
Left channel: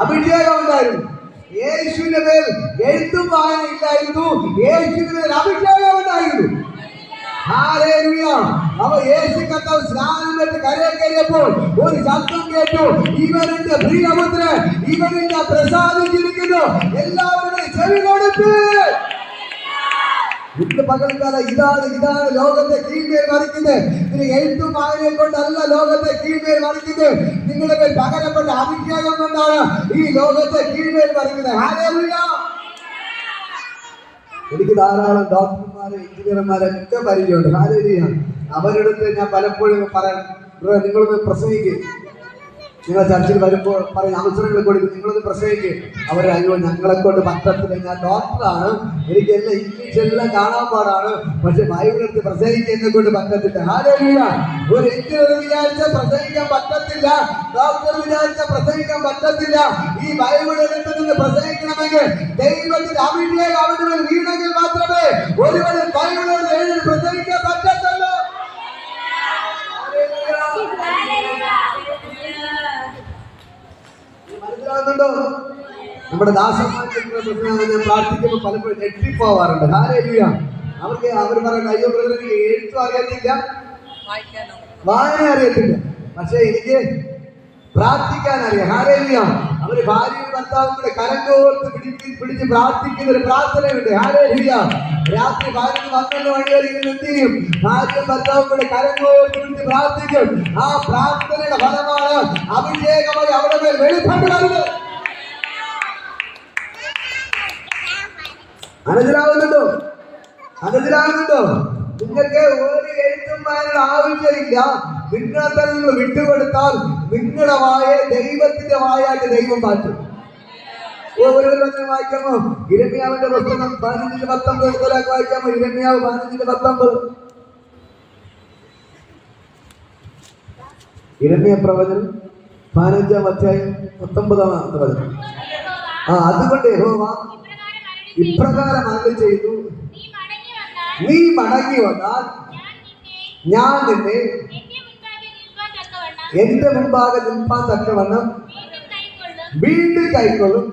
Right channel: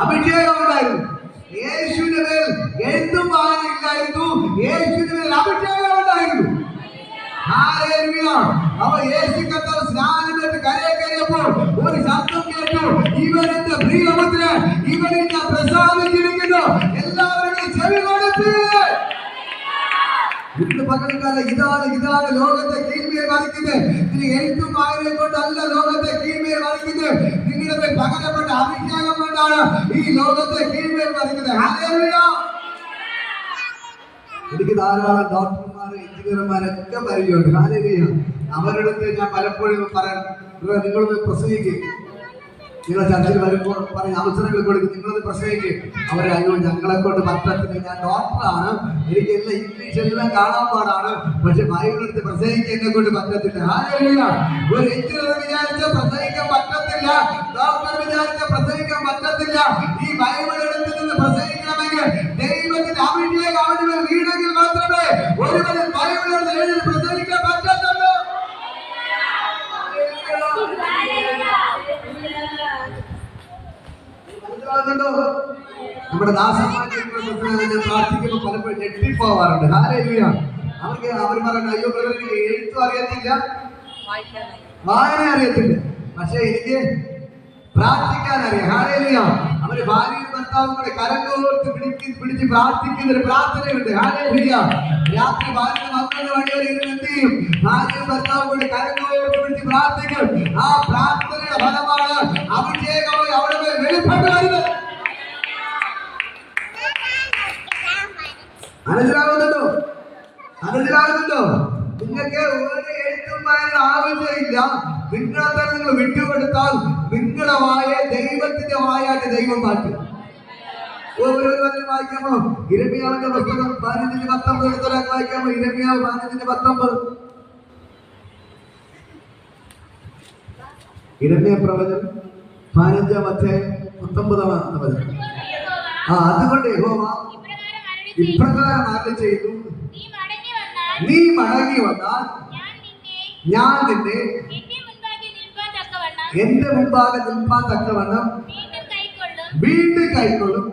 അഭിഷേകം ഉണ്ടായിരുന്നു. യേശുവിന്റെ മേൽ എഴുത്തും വായന ഇല്ലായിരുന്നു, യേശുവിന്റെ മേൽ അഭിഷേകം ഉണ്ടായിരുന്നു. അവ യേശു കർത്താവ് സ്നാനം ചെയ്ത് കരയിൽ കയറിയപ്പോൾ ഒരു ശബ്ദം കേട്ടു, ഇവനെന്റെ പ്രിയപുത്രൻ, ഇവനെന്നെ പ്രസാദിച്ചിരിക്കുന്നു. എല്ലാവരും ചെവി കൊടുത്ത് ഇന്ന് പകൽക്കാലം ഇതാണ് ലോകത്തെ കീഴ്മേൽ മറിക്കുന്നത്. ഇതിന് എഴുത്തും വായനയെ കൊണ്ടല്ല ലോകത്തെ കീഴ്മേൽ മറിക്കുന്നത്. നിങ്ങളുടെ മേൽ പകരപ്പെട്ട അഭിഷേകം കൊണ്ടാണ് ഈ ലോകത്തെ കീഴ്മേൽ മറിക്കുന്നത്. ഹല്ലേലൂയ. എനിക്ക് ധാരാളം ഡോക്ടർമാര്, എഞ്ചിനീയർമാരൊക്കെ പരിചയമുണ്ട്. ഹല്ലേലൂയ. അവരുടെ അടുത്ത് ഞാൻ പലപ്പോഴും പറയാൻ, നിങ്ങളൊന്ന് പ്രസംഗിക്കും, നിങ്ങൾ ചർച്ചയിൽ വരുമ്പോൾ പറയും, അവസരങ്ങൾ കൊടുക്കും, നിങ്ങളത് പ്രസംഗിക്കും. അവരെ അയ്യോ ഞങ്ങളെ കൊണ്ട് പറ്റത്തില്ല, ഞാൻ ഡോക്ടറാണ്, എനിക്ക് എല്ലാം ഇംഗ്ലീഷ് എല്ലാം കാണാൻ പാടാണ്, പക്ഷെ ബൈബിൾ എടുത്ത് പ്രസംഗിക്കാൻ എന്നെ കൊണ്ട് പറ്റത്തില്ല. ഹല്ലേലൂയ. ഒരു എഞ്ചിനീയർ വിചാരിച്ച പ്രസംഗിക്കാൻ പറ്റത്തില്ല, ഡോക്ടർ വിചാരിച്ച പ്രസംഗിക്കാൻ പറ്റത്തില്ല. ഈ ബൈബിൾ എടുത്ത് നിന്ന് പ്രസംഗിക്കണമെങ്കിൽ ദൈവത്തിന്റെ അഭിഷേകം അവന്റെ മേൽ വീണെങ്കിൽ മാത്രമേ ഒരുവന് ബൈബിൾ എഴുതി പ്രസംഗിക്കാൻ പറ്റത്തുള്ളൂ. നമ്മുടെ ദാസന്മാർക്ക് പ്രാർത്ഥിക്കുമ്പോൾ പലപ്പോഴും ഞെട്ടിപ്പോവാറുണ്ട്. ഹല്ലേലൂയ. അവർ പറയുന്നത്, അയ്യോ എനിക്ക് എഴുത്തും അറിയത്തില്ല, വായന അറിയത്തില്ല, പക്ഷെ എനിക്ക് പ്രാർത്ഥിക്കാൻ അറിയാം. ഹല്ലേലൂയ. അവര് ഭാര്യയും ഭർത്താവും കൂടെ കരങ്കോർത്ത് പിടിച്ച് പ്രാർത്ഥിക്കുന്ന ഒരു പ്രാർത്ഥനയുണ്ട്. ഹല്ലേലൂയ. രാത്രി ഭാര്യ 12 മണി വരെ ഇങ്ങനെ എന്ത് ചെയ്യും? ഭാര്യയും ഭർത്താവും കൂടെ കരങ്കോർത്ത് പിടിച്ച് പ്രാർത്ഥിക്കും. ആ പ്രാർത്ഥനയുടെ ഫലമാണ് അഭിഷേകം അവിടെ മേൽ വെളിപ്പെടുന്നത്. മനസ്സിലാവുന്നുണ്ടോ? നിങ്ങൾക്ക് ഒരു എഴുത്തും വായനയുടെ ആവശ്യമില്ല. നിങ്ങളെ തന്നെ നിങ്ങൾ വിട്ടുകൊടുത്താൽ നിങ്ങളുടെ വായ ദൈവത്തിന്റെ വായായിട്ട് ദൈവം മാറ്റും. വായിക്കാമോ? ഇരമ്യാവിന്റെ പുസ്തകം 15:19 വായിക്കാമോ? ഇരമ്യാവ് 15:19. ഇരമ്യ പ്രവചനം 15-ാം അധ്യായം 19-ാമത്തെ വചനം. അതുകൊണ്ട് യഹോവ ഇപ്രകാരം അരുളി ചെയ്തു, നീ മടങ്ങി വന്നാൽ ഞാൻ നിന്നെ എന്റെ മുമ്പാകെ നിൽപ്പാൻ തക്കവണ്ണം വീണ്ടും കൈക്കൊള്ളും.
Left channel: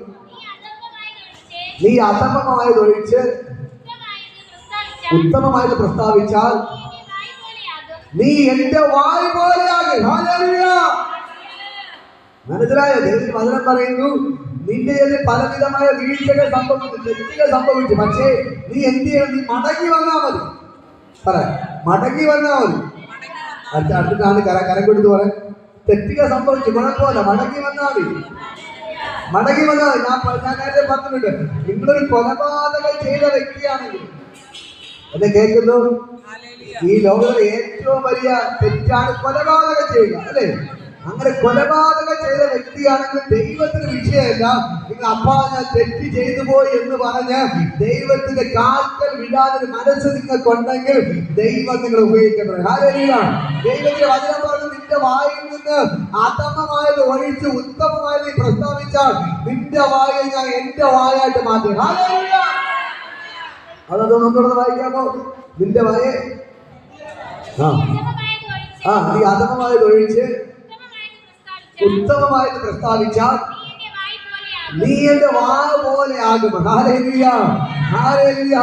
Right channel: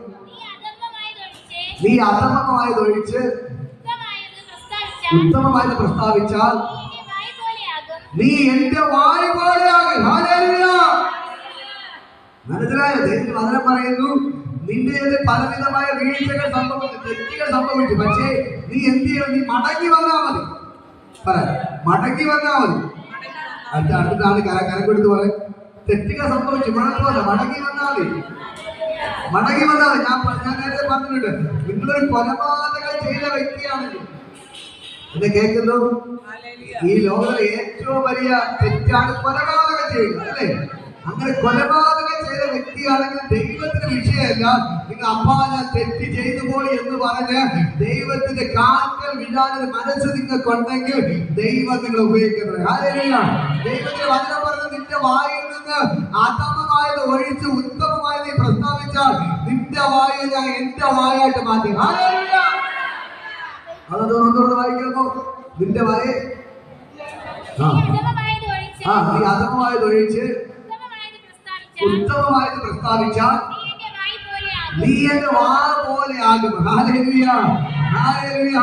നീ അധർമ്മമായതൊഴിച്ച് ഉത്തമമായത് പ്രസ്താവിച്ചാൽ നീ എന്റെ വായ് പോലെയാകും. ഹല്ലേലൂയ. മനസ്സിലായോ? ദൈവം വചനം പറയുന്നു, നിന്റെ പലവിധമായ വീഴ്ചകൾ സംഭവിച്ചു, തെറ്റുകൾ സംഭവിച്ചു, പക്ഷേ നീ എന്ത് ചെയ്യണം? നീ മടങ്ങി വന്നാൽ മതി. മടങ്ങി വന്നാൽ മതി. അടുത്താണ് കരം കൊടുത്ത് പറയാം, തെറ്റുകൾ സംഭവിച്ചു, കുഴപ്പമില്ല, മടങ്ങി വന്നാൽ മതി. മടങ്ങി വന്നാൽ ഞാൻ നേരത്തെ പറഞ്ഞിട്ടുണ്ട്, നിങ്ങളൊരു കൊലപാതകം ചെയ്ത വ്യക്തിയാണെങ്കിൽ, എന്നെ കേൾക്കുന്നു, ഈ ലോകത്തിലെ ഏറ്റവും വലിയ തെറ്റാണ് കൊലപാതകം ചെയ്യുക, അല്ലേ? അങ്ങനെ കൊലപാതകം ചെയ്ത വ്യക്തിയാണെങ്കിൽ ദൈവത്തിന് വിഷയമല്ല. നിങ്ങൾ അപ്പാ ഞാൻ തെറ്റ് ചെയ്തു പോയി എന്ന് പറഞ്ഞ് ദൈവത്തിന്റെ കാൽക്കൽ വിടാതെ മനസ്സ് നിങ്ങൾക്കുണ്ടെങ്കിൽ ദൈവം നിങ്ങൾ ഉപയോഗിക്കുന്നത്. ഹല്ലേലൂയ. ദൈവത്തിന്റെ വചനം പറഞ്ഞു, നിന്റെ വായിൽ നിന്ന് അധമമായത് ഒഴിച്ച് ഉത്തമമായത് നീ പ്രസ്താവിച്ചാൽ നിന്റെ വായ ഞാൻ എന്റെ വായായിട്ട് മാറ്റും. ഹല്ലേലൂയ. അതൊന്നും വായിക്കാമോ? നിന്റെ വായ നീ അധമമായത് ഒഴിച്ച് ഉത്തമമായിട്ട് പ്രസ്താവിച്ചാൽ നീ എന്റെ വായ പോലെ ആകും. ഹല്ലേലൂയ. ഹല്ലേലൂയ.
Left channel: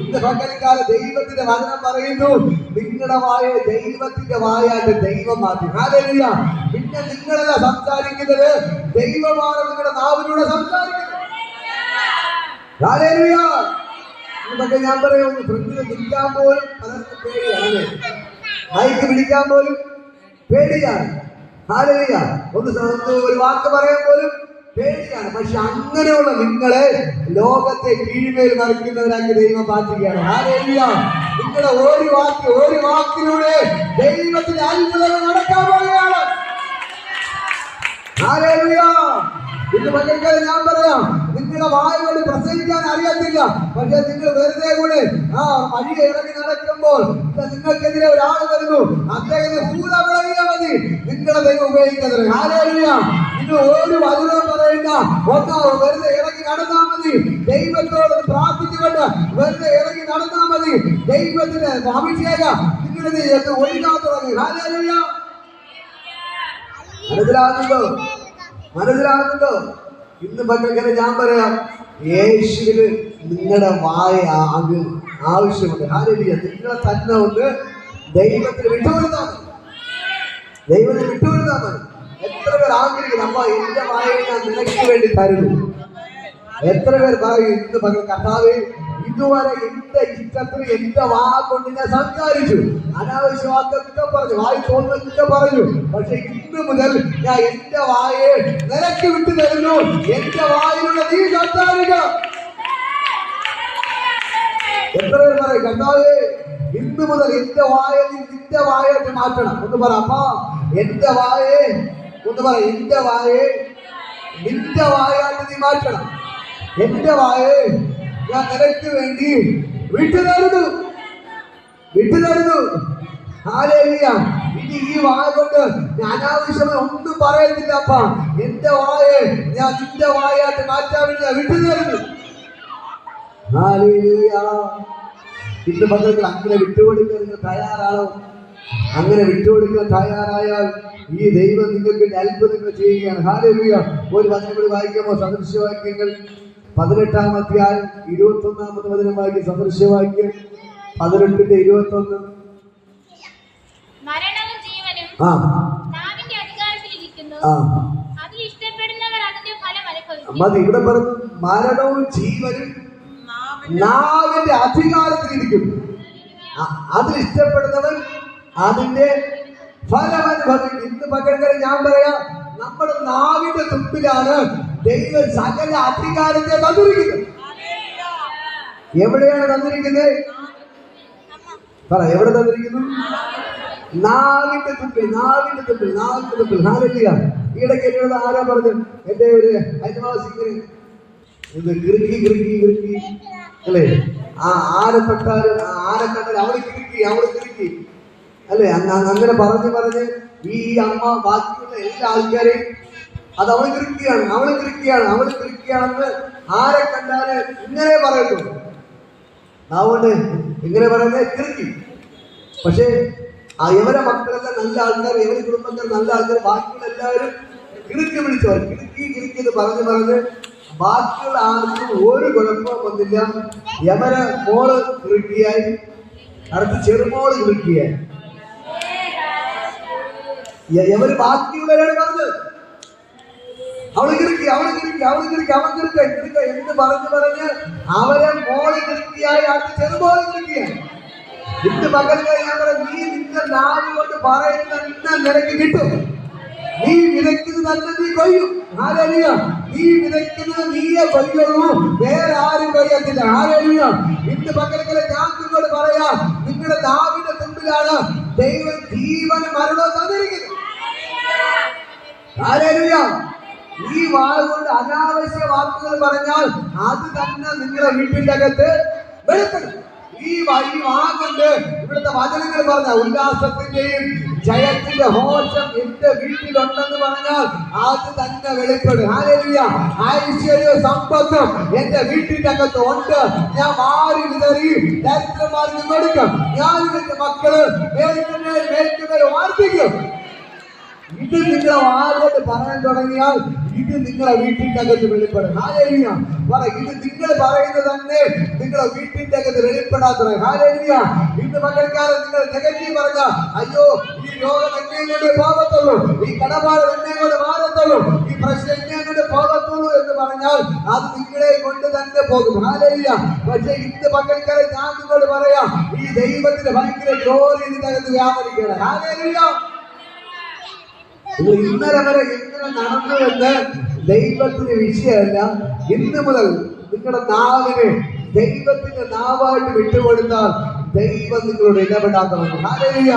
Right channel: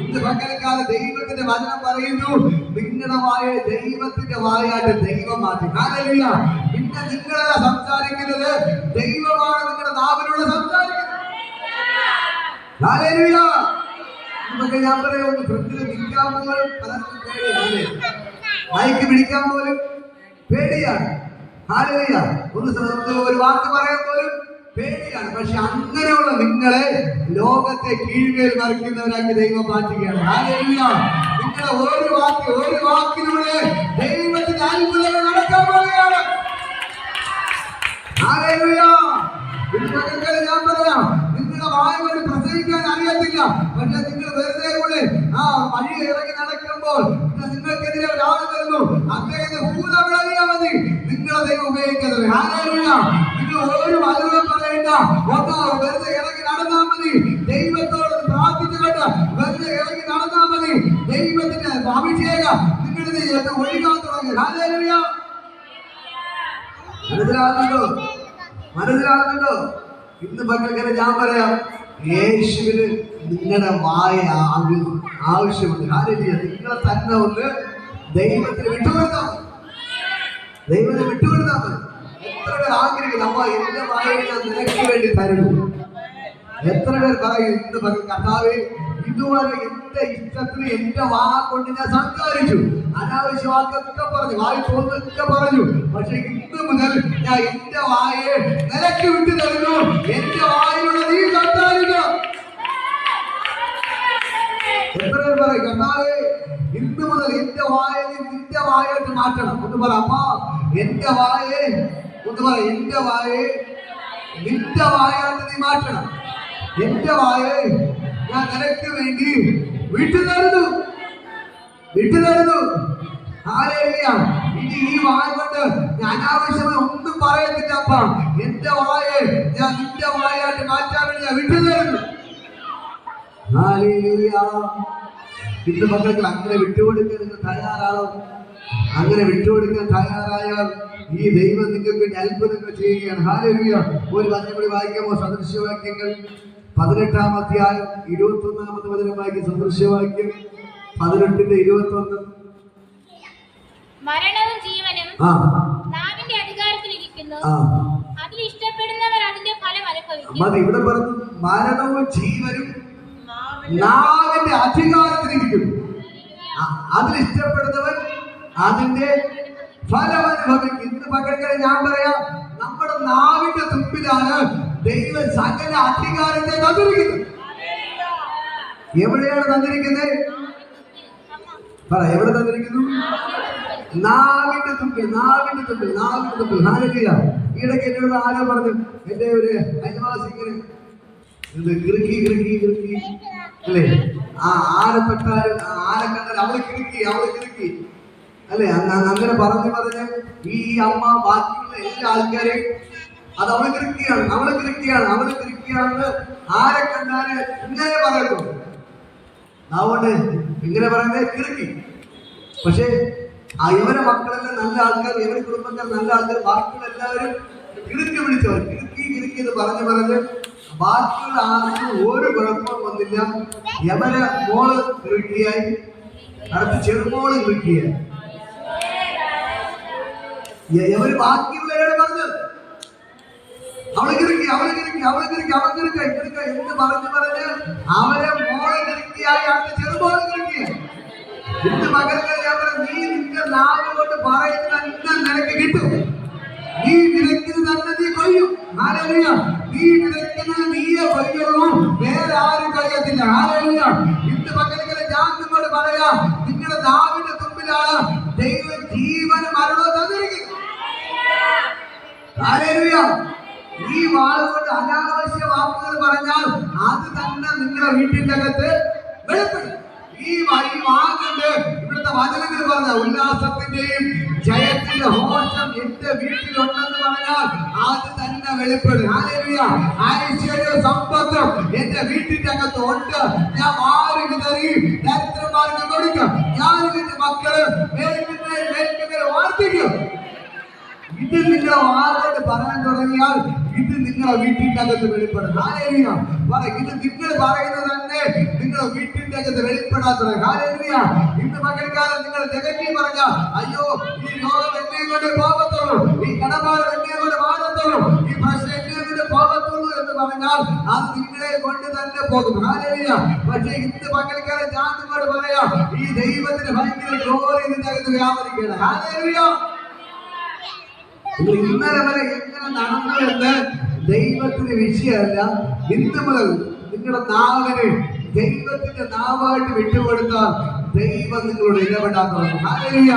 ഇന്ന് പകൽക്കാലം ദൈവത്തിന്റെ വചനം പറയുന്നു, നിങ്ങളുടെ വായ ദൈവത്തിന്റെ വായായിട്ട് ദൈവം മാറ്റി. ഹല്ലേലൂയ. പിന്നെ നിങ്ങളല്ല സംസാരിക്കുന്നത്, ദൈവമാണ് നിങ്ങളുടെ നാവിലൂടെ സംസാരിക്കുന്നത്. ഹല്ലേലൂയ. ഇതൊക്കെ ഞാൻ പറയുന്നു, ശ്രദ്ധിച്ച് നിൽക്കാൻ പോലും പലർക്കും പേടിയാണ്, മൈക്ക് പിടിക്കാൻ പോലും പേടിയാണ്. ഹല്ലേലൂയ. ഒരു വാക്ക് പറയാൻ പോലും പേടിയാണ്. പക്ഷെ അങ്ങനെയുള്ള നിങ്ങളെ ലോകത്തെ കീഴ്മേൽ മറിക്കുന്നവരാക്കി ദൈവം മാറ്റുകയാണ്. ഹല്ലേലൂയ. നിങ്ങളുടെ ഒരു വാക്കിലൂടെ ദൈവത്തിന്റെ അത്ഭുതങ്ങൾ നടക്കാൻ പോവുകയാണ്. ഹല്ലേലൂയ. ഇന്ന് പകൽക്കാലം ഞാൻ പറയാം, നിങ്ങളുടെ വായ കൊണ്ട് പ്രസംഗിക്കാൻ അറിയത്തില്ല, പക്ഷെ നിങ്ങൾ വെറുതെ കൂടെ വഴി ഇറങ്ങി നടക്കുമ്പോൾ നിങ്ങൾക്കെതിരെ ഒരാൾ വരുന്നു, അദ്ദേഹത്തിന് പൂരാ വിളങ്ങിയാൽ മതി, നിങ്ങളെ ദൈവം ഉപയോഗിക്കുന്നത്. ഹല്ലേലൂയ. നിങ്ങൾ ഒരു വചനം പറയണ്ട, വെറുതെ ഇറങ്ങി നടന്നാൽ മതി, ദൈവത്തോട് പ്രാർത്ഥിച്ചുകൊണ്ട് വെറുതെ ഇറങ്ങി നടന്നാൽ മതി. ദൈവത്തിന്റെ അഭിഷേകം നിങ്ങളുടെ ജീവിതത്തിൽ ഒഴുകാൻ തുടങ്ങി. ഹല്ലേലൂയ. മനസ്സിലാകുന്നുണ്ടോ? മനസ്സിലാകുന്നുണ്ടോ? ഇന്ന് മക്കൾക്ക് ഞാൻ പറയാം, യേശുവിന് നിങ്ങളുടെ വായ ആവശ്യമുണ്ട്. ഹല്ലേലൂയ. നിങ്ങൾ തന്നെ ഒന്ന് ദൈവത്തിന് വിട്ടുകൊടുത്താൽ മതി. ദൈവത്തിന് വിട്ടുകൊടുത്താൽ മതി. എത്ര പേർ ആഗ്രഹിക്കുന്നു, അമ്മ എന്റെ വായ ഞാൻ നിനക്ക് വേണ്ടി തരുന്നു. എത്ര പേർ പറയും ഇന്ന് കർത്താവേ, ഇതുവരെ എന്റെ ഇഷ്ടത്തിന് എന്റെ വാ കൊണ്ട് ഞാൻ സംസാരിച്ചു, അനാവശ്യ വാക്കൊക്കെ പറഞ്ഞു, വായി തോന്നൊക്കെ പറഞ്ഞു. പക്ഷെ ഇന്ന് മുതൽ ഞാൻ എന്റെ വായെ നിനക്ക് വിട്ടു തരുന്നു. എന്റെ വായിലുള്ള നീ സംസാരിക്കാം. എത്ര പേർ പറയും കർത്താവേ, ഇന്ന് മുതൽ എന്റെ വായ നീ നിന്റെ വായായിട്ട് മാറ്റണം. ഒന്ന് പറ അപ്പാ, എന്റെ വായെ, ഒന്ന് പറ എന്റെ വായെ നിന്റെ വായായിട്ട് നീ മാറ്റണം. എന്റെ വായെ ഞാൻ നിനക്ക് വേണ്ടി വിട്ടുതരുന്നു, വിട്ടുതരുന്നു. ഹല്ലേലൂയ. ഇനി ഈ വായ കൊണ്ട് ഞാൻ അനാവശ്യമായി ഒന്നും പറയത്തില്ല അപ്പാ. എന്റെ വായെ ഞാൻ നിന്റെ വായായിട്ട് മാറ്റാൻ വേണ്ടി ഞാൻ വിട്ടുതരുന്നു. ഹല്ലേലൂയ. ഇന്ന് മക്കൾക്ക് അങ്ങനെ വിട്ടുകൊടുക്കാൻ നിങ്ങൾ തയ്യാറാണോ? അങ്ങനെ വിട്ടുകൊടുക്കാൻ തയ്യാറായാൽ ഈ ദൈവം നിങ്ങൾക്ക് വേണ്ടി അത്ഭുതങ്ങൾ ചെയ്യുകയാണ്. ഹല്ലേലൂയ. ഒരു വചനം കൂടി വായിക്കാമോ? സദൃശ്യവാക്യങ്ങൾ 18-ാം അധ്യായം 21-ാമത്തെ വചനം വായിക്കും. സദൃശ്യവാക്യം 18:21. മരണവും ജീവനും നാവിന്റെ അധികാരത്തിലിരിക്കുന്നു. അതിൽ ഇഷ്ടപ്പെടുന്നവർ അതിന്റെ ഫലം അനുഭവിക്കും. മതി. ഇവിടെ പറഞ്ഞു മരണവും ജീവനും നാവിന്റെ അധികാരത്തിലിരിക്കുന്നു. അതിൽ ഇഷ്ടപ്പെടുന്നവൻ അതിന്റെ ഫലം അനുഭവിക്കും. ഇന്ന് പകരം ഞാൻ പറയാം, നമ്മുടെ നാവിന്റെ തുമ്പിലാണ് ദൈവം സകല അധികാരത്തെ തന്നിരിക്കുന്നത്. എവിടെയാണ് തന്നിരിക്കുന്നത്? പറ, എവിടെ തന്നിരിക്കുന്നു? നാവിന്റെ തുമ്പിൽ, നാവിന്റെ തുമ്പിൽ, നാവിന്റെ തുമ്പിൽ. ഹല്ലേലൂയ. ഈയിടയ്ക്ക് എന്നോട് ആരാ പറഞ്ഞു, എന്റെ ഒരു അയൽവാസിക്ക് കിറുക്കി കിറുക്കി കിറുക്കി അല്ലേ, ആരെ തൊട്ടാലും ആരെ കണ്ടാലും അവള് കിറുക്കി, അവള് കിറുക്കി അല്ലെ. അങ്ങനെ പറഞ്ഞു പറഞ്ഞ് ഈ അമ്മ ബാക്കിയുള്ള എല്ലാ ആൾക്കാരെയും അത് അവള് കിറുക്കിയാണ്, അവള് കിറുക്കിയാണ്, അവള് കിറുക്കിയാണെന്ന് ആരെ കണ്ടാല് ഇങ്ങനെ പറയുന്നു. അതുകൊണ്ട് ഇങ്ങനെ പറയുന്നത് കിറുക്കി. പക്ഷേ ഇവരെ മക്കളെല്ലാം നല്ല ആൾക്കാർ, ഇവരെ കുടുംബക്കാർ നല്ല ആൾക്കാർ, ബാക്കിയുള്ള എല്ലാവരും കിറുക്കി വിളിച്ചവർ. കിറുക്കി കിറുക്കി എന്ന് പറഞ്ഞ് പറഞ്ഞ് ബാക്കിയുള്ള ആർക്കും ഒരു കുഴപ്പവും വന്നില്ല. യമരെ മോള് കിറുക്കിയായി, അടുത്ത് ചെറുമോള് കിറുക്കിയായി. എവര് ബാക്കിയുള്ളവരാണ് പറഞ്ഞത് അവള് കിറുക്കി, അവള് കിറുക്കി, അവള് കിറുക്കി, അവൻ കിറുക്ക കിറുക്ക എന്ന് പറഞ്ഞ് പറഞ്ഞ് അവരെ മോള് കിറുക്കിയായി, അടുത്ത് ചെറുമോള് കിറുക്കിയായി. ഇന്ന് പകല് ഞാൻ പറഞ്ഞു, നീ നിന്റെ നാവ് കൊണ്ട് പറയുന്ന നിനക്ക് കിട്ടും. നീ വിതയ്ക്കുന്നത് തന്നെ നീ കൊയ്യും. ഹല്ലേലൂയ. നീ വിതയ്ക്കുന്നത് നീയെ കൊയ്യുള്ളൂ, വേറെ ആരും കൊയ്യത്തില്ല. ഹല്ലേലൂയ. ഇന്ന് പകല് ഞാൻ നിങ്ങളോട് പറയാം, നിങ്ങളുടെ നാവിന്റെ തുമ്പിലാണ് ദൈവം ജീവനും മരണവും തന്നിരിക്കുന്നത്. ഹല്ലേലൂയ. ഈ വാക്കുകൊണ്ട് അനാവശ്യ വാക്കുകൾ പറഞ്ഞാൽ അത് തന്നെ നിങ്ങളുടെ വീട്ടിന്റെ അകത്ത് വെളിപ്പെടും. ഈ വാക്കുകൊണ്ട് ഇവിടുത്തെ വചനങ്ങൾ പറഞ്ഞ ഉല്ലാസത്തിന്റെയും ജയത്തിന്റെ ഹോഷം എന്റെ വീട്ടിലുണ്ടെന്ന് പറഞ്ഞാൽ അത് തന്നെ വെളിപ്പെടും. ഹല്ലേലൂയ. ഐശ്വര്യ സമ്പത്തും എന്റെ വീട്ടിന്റെ അകത്ത് ഉണ്ട്. ഞാൻ വാരി വിതറി ദരിദ്രന്മാർക്ക് കൊടുക്കും. ഞാനും എന്റെ മക്കള് മേൽക്കുമേൽ വാർത്തിക്കും. ഇത് നിങ്ങളെ വാരോട് പറയാൻ തുടങ്ങിയാൽ ഇത് നിങ്ങളെ വീട്ടിന്റെ അകത്ത് വെളിപ്പെടും. ഹല്ലേലൂയ. പറ, ഇത് നിങ്ങൾ പറയുന്നത് തന്നെ നിങ്ങളെ വീട്ടിന്റെ അകത്ത് വെളിപ്പെടാൻ തുടങ്ങി. ഹല്ലേലൂയ. ഇന്ന് മകൾക്കാലം നിങ്ങൾ നെഗറ്റീവ് പറഞ്ഞ, അയ്യോ ഈ രോഗം എന്നെ കൊണ്ട് പോകത്തുള്ളൂ, ഈ കടഭാരം എന്നെ കൊണ്ട് മാറത്തുള്ളൂ, ഈ പ്രശ്നം എന്നെ കൊണ്ട് പോകത്തുള്ളൂ എന്ന് പറഞ്ഞാൽ അത് നിങ്ങളെ കൊണ്ട് തന്നെ പോകും. ഹല്ലേലൂയ. പക്ഷേ ഇന്ന് മകൾക്കാലം ഞാൻ നിങ്ങളോട് പറയാം, ഈ ദൈവത്തിന്റെ ഭയങ്കര ഗ്ലോറി ഇതിന്റെ അകത്ത് വ്യാപരിക്കണം. ഹല്ലേലൂയ. ഇന്നലെ വരെ എങ്ങനെ നടന്നു എന്ന് ദൈവത്തിന് വിഷയമല്ല. ഇന്ന് മുതൽ നിങ്ങളുടെ നാവിന് ദൈവത്തിന്റെ നാവായിട്ട് വിട്ടുകൊടുത്താൽ ദൈവം നിങ്ങളോട് ഇടപെടാൻ തുടങ്ങും. ഹല്ലേലൂയ.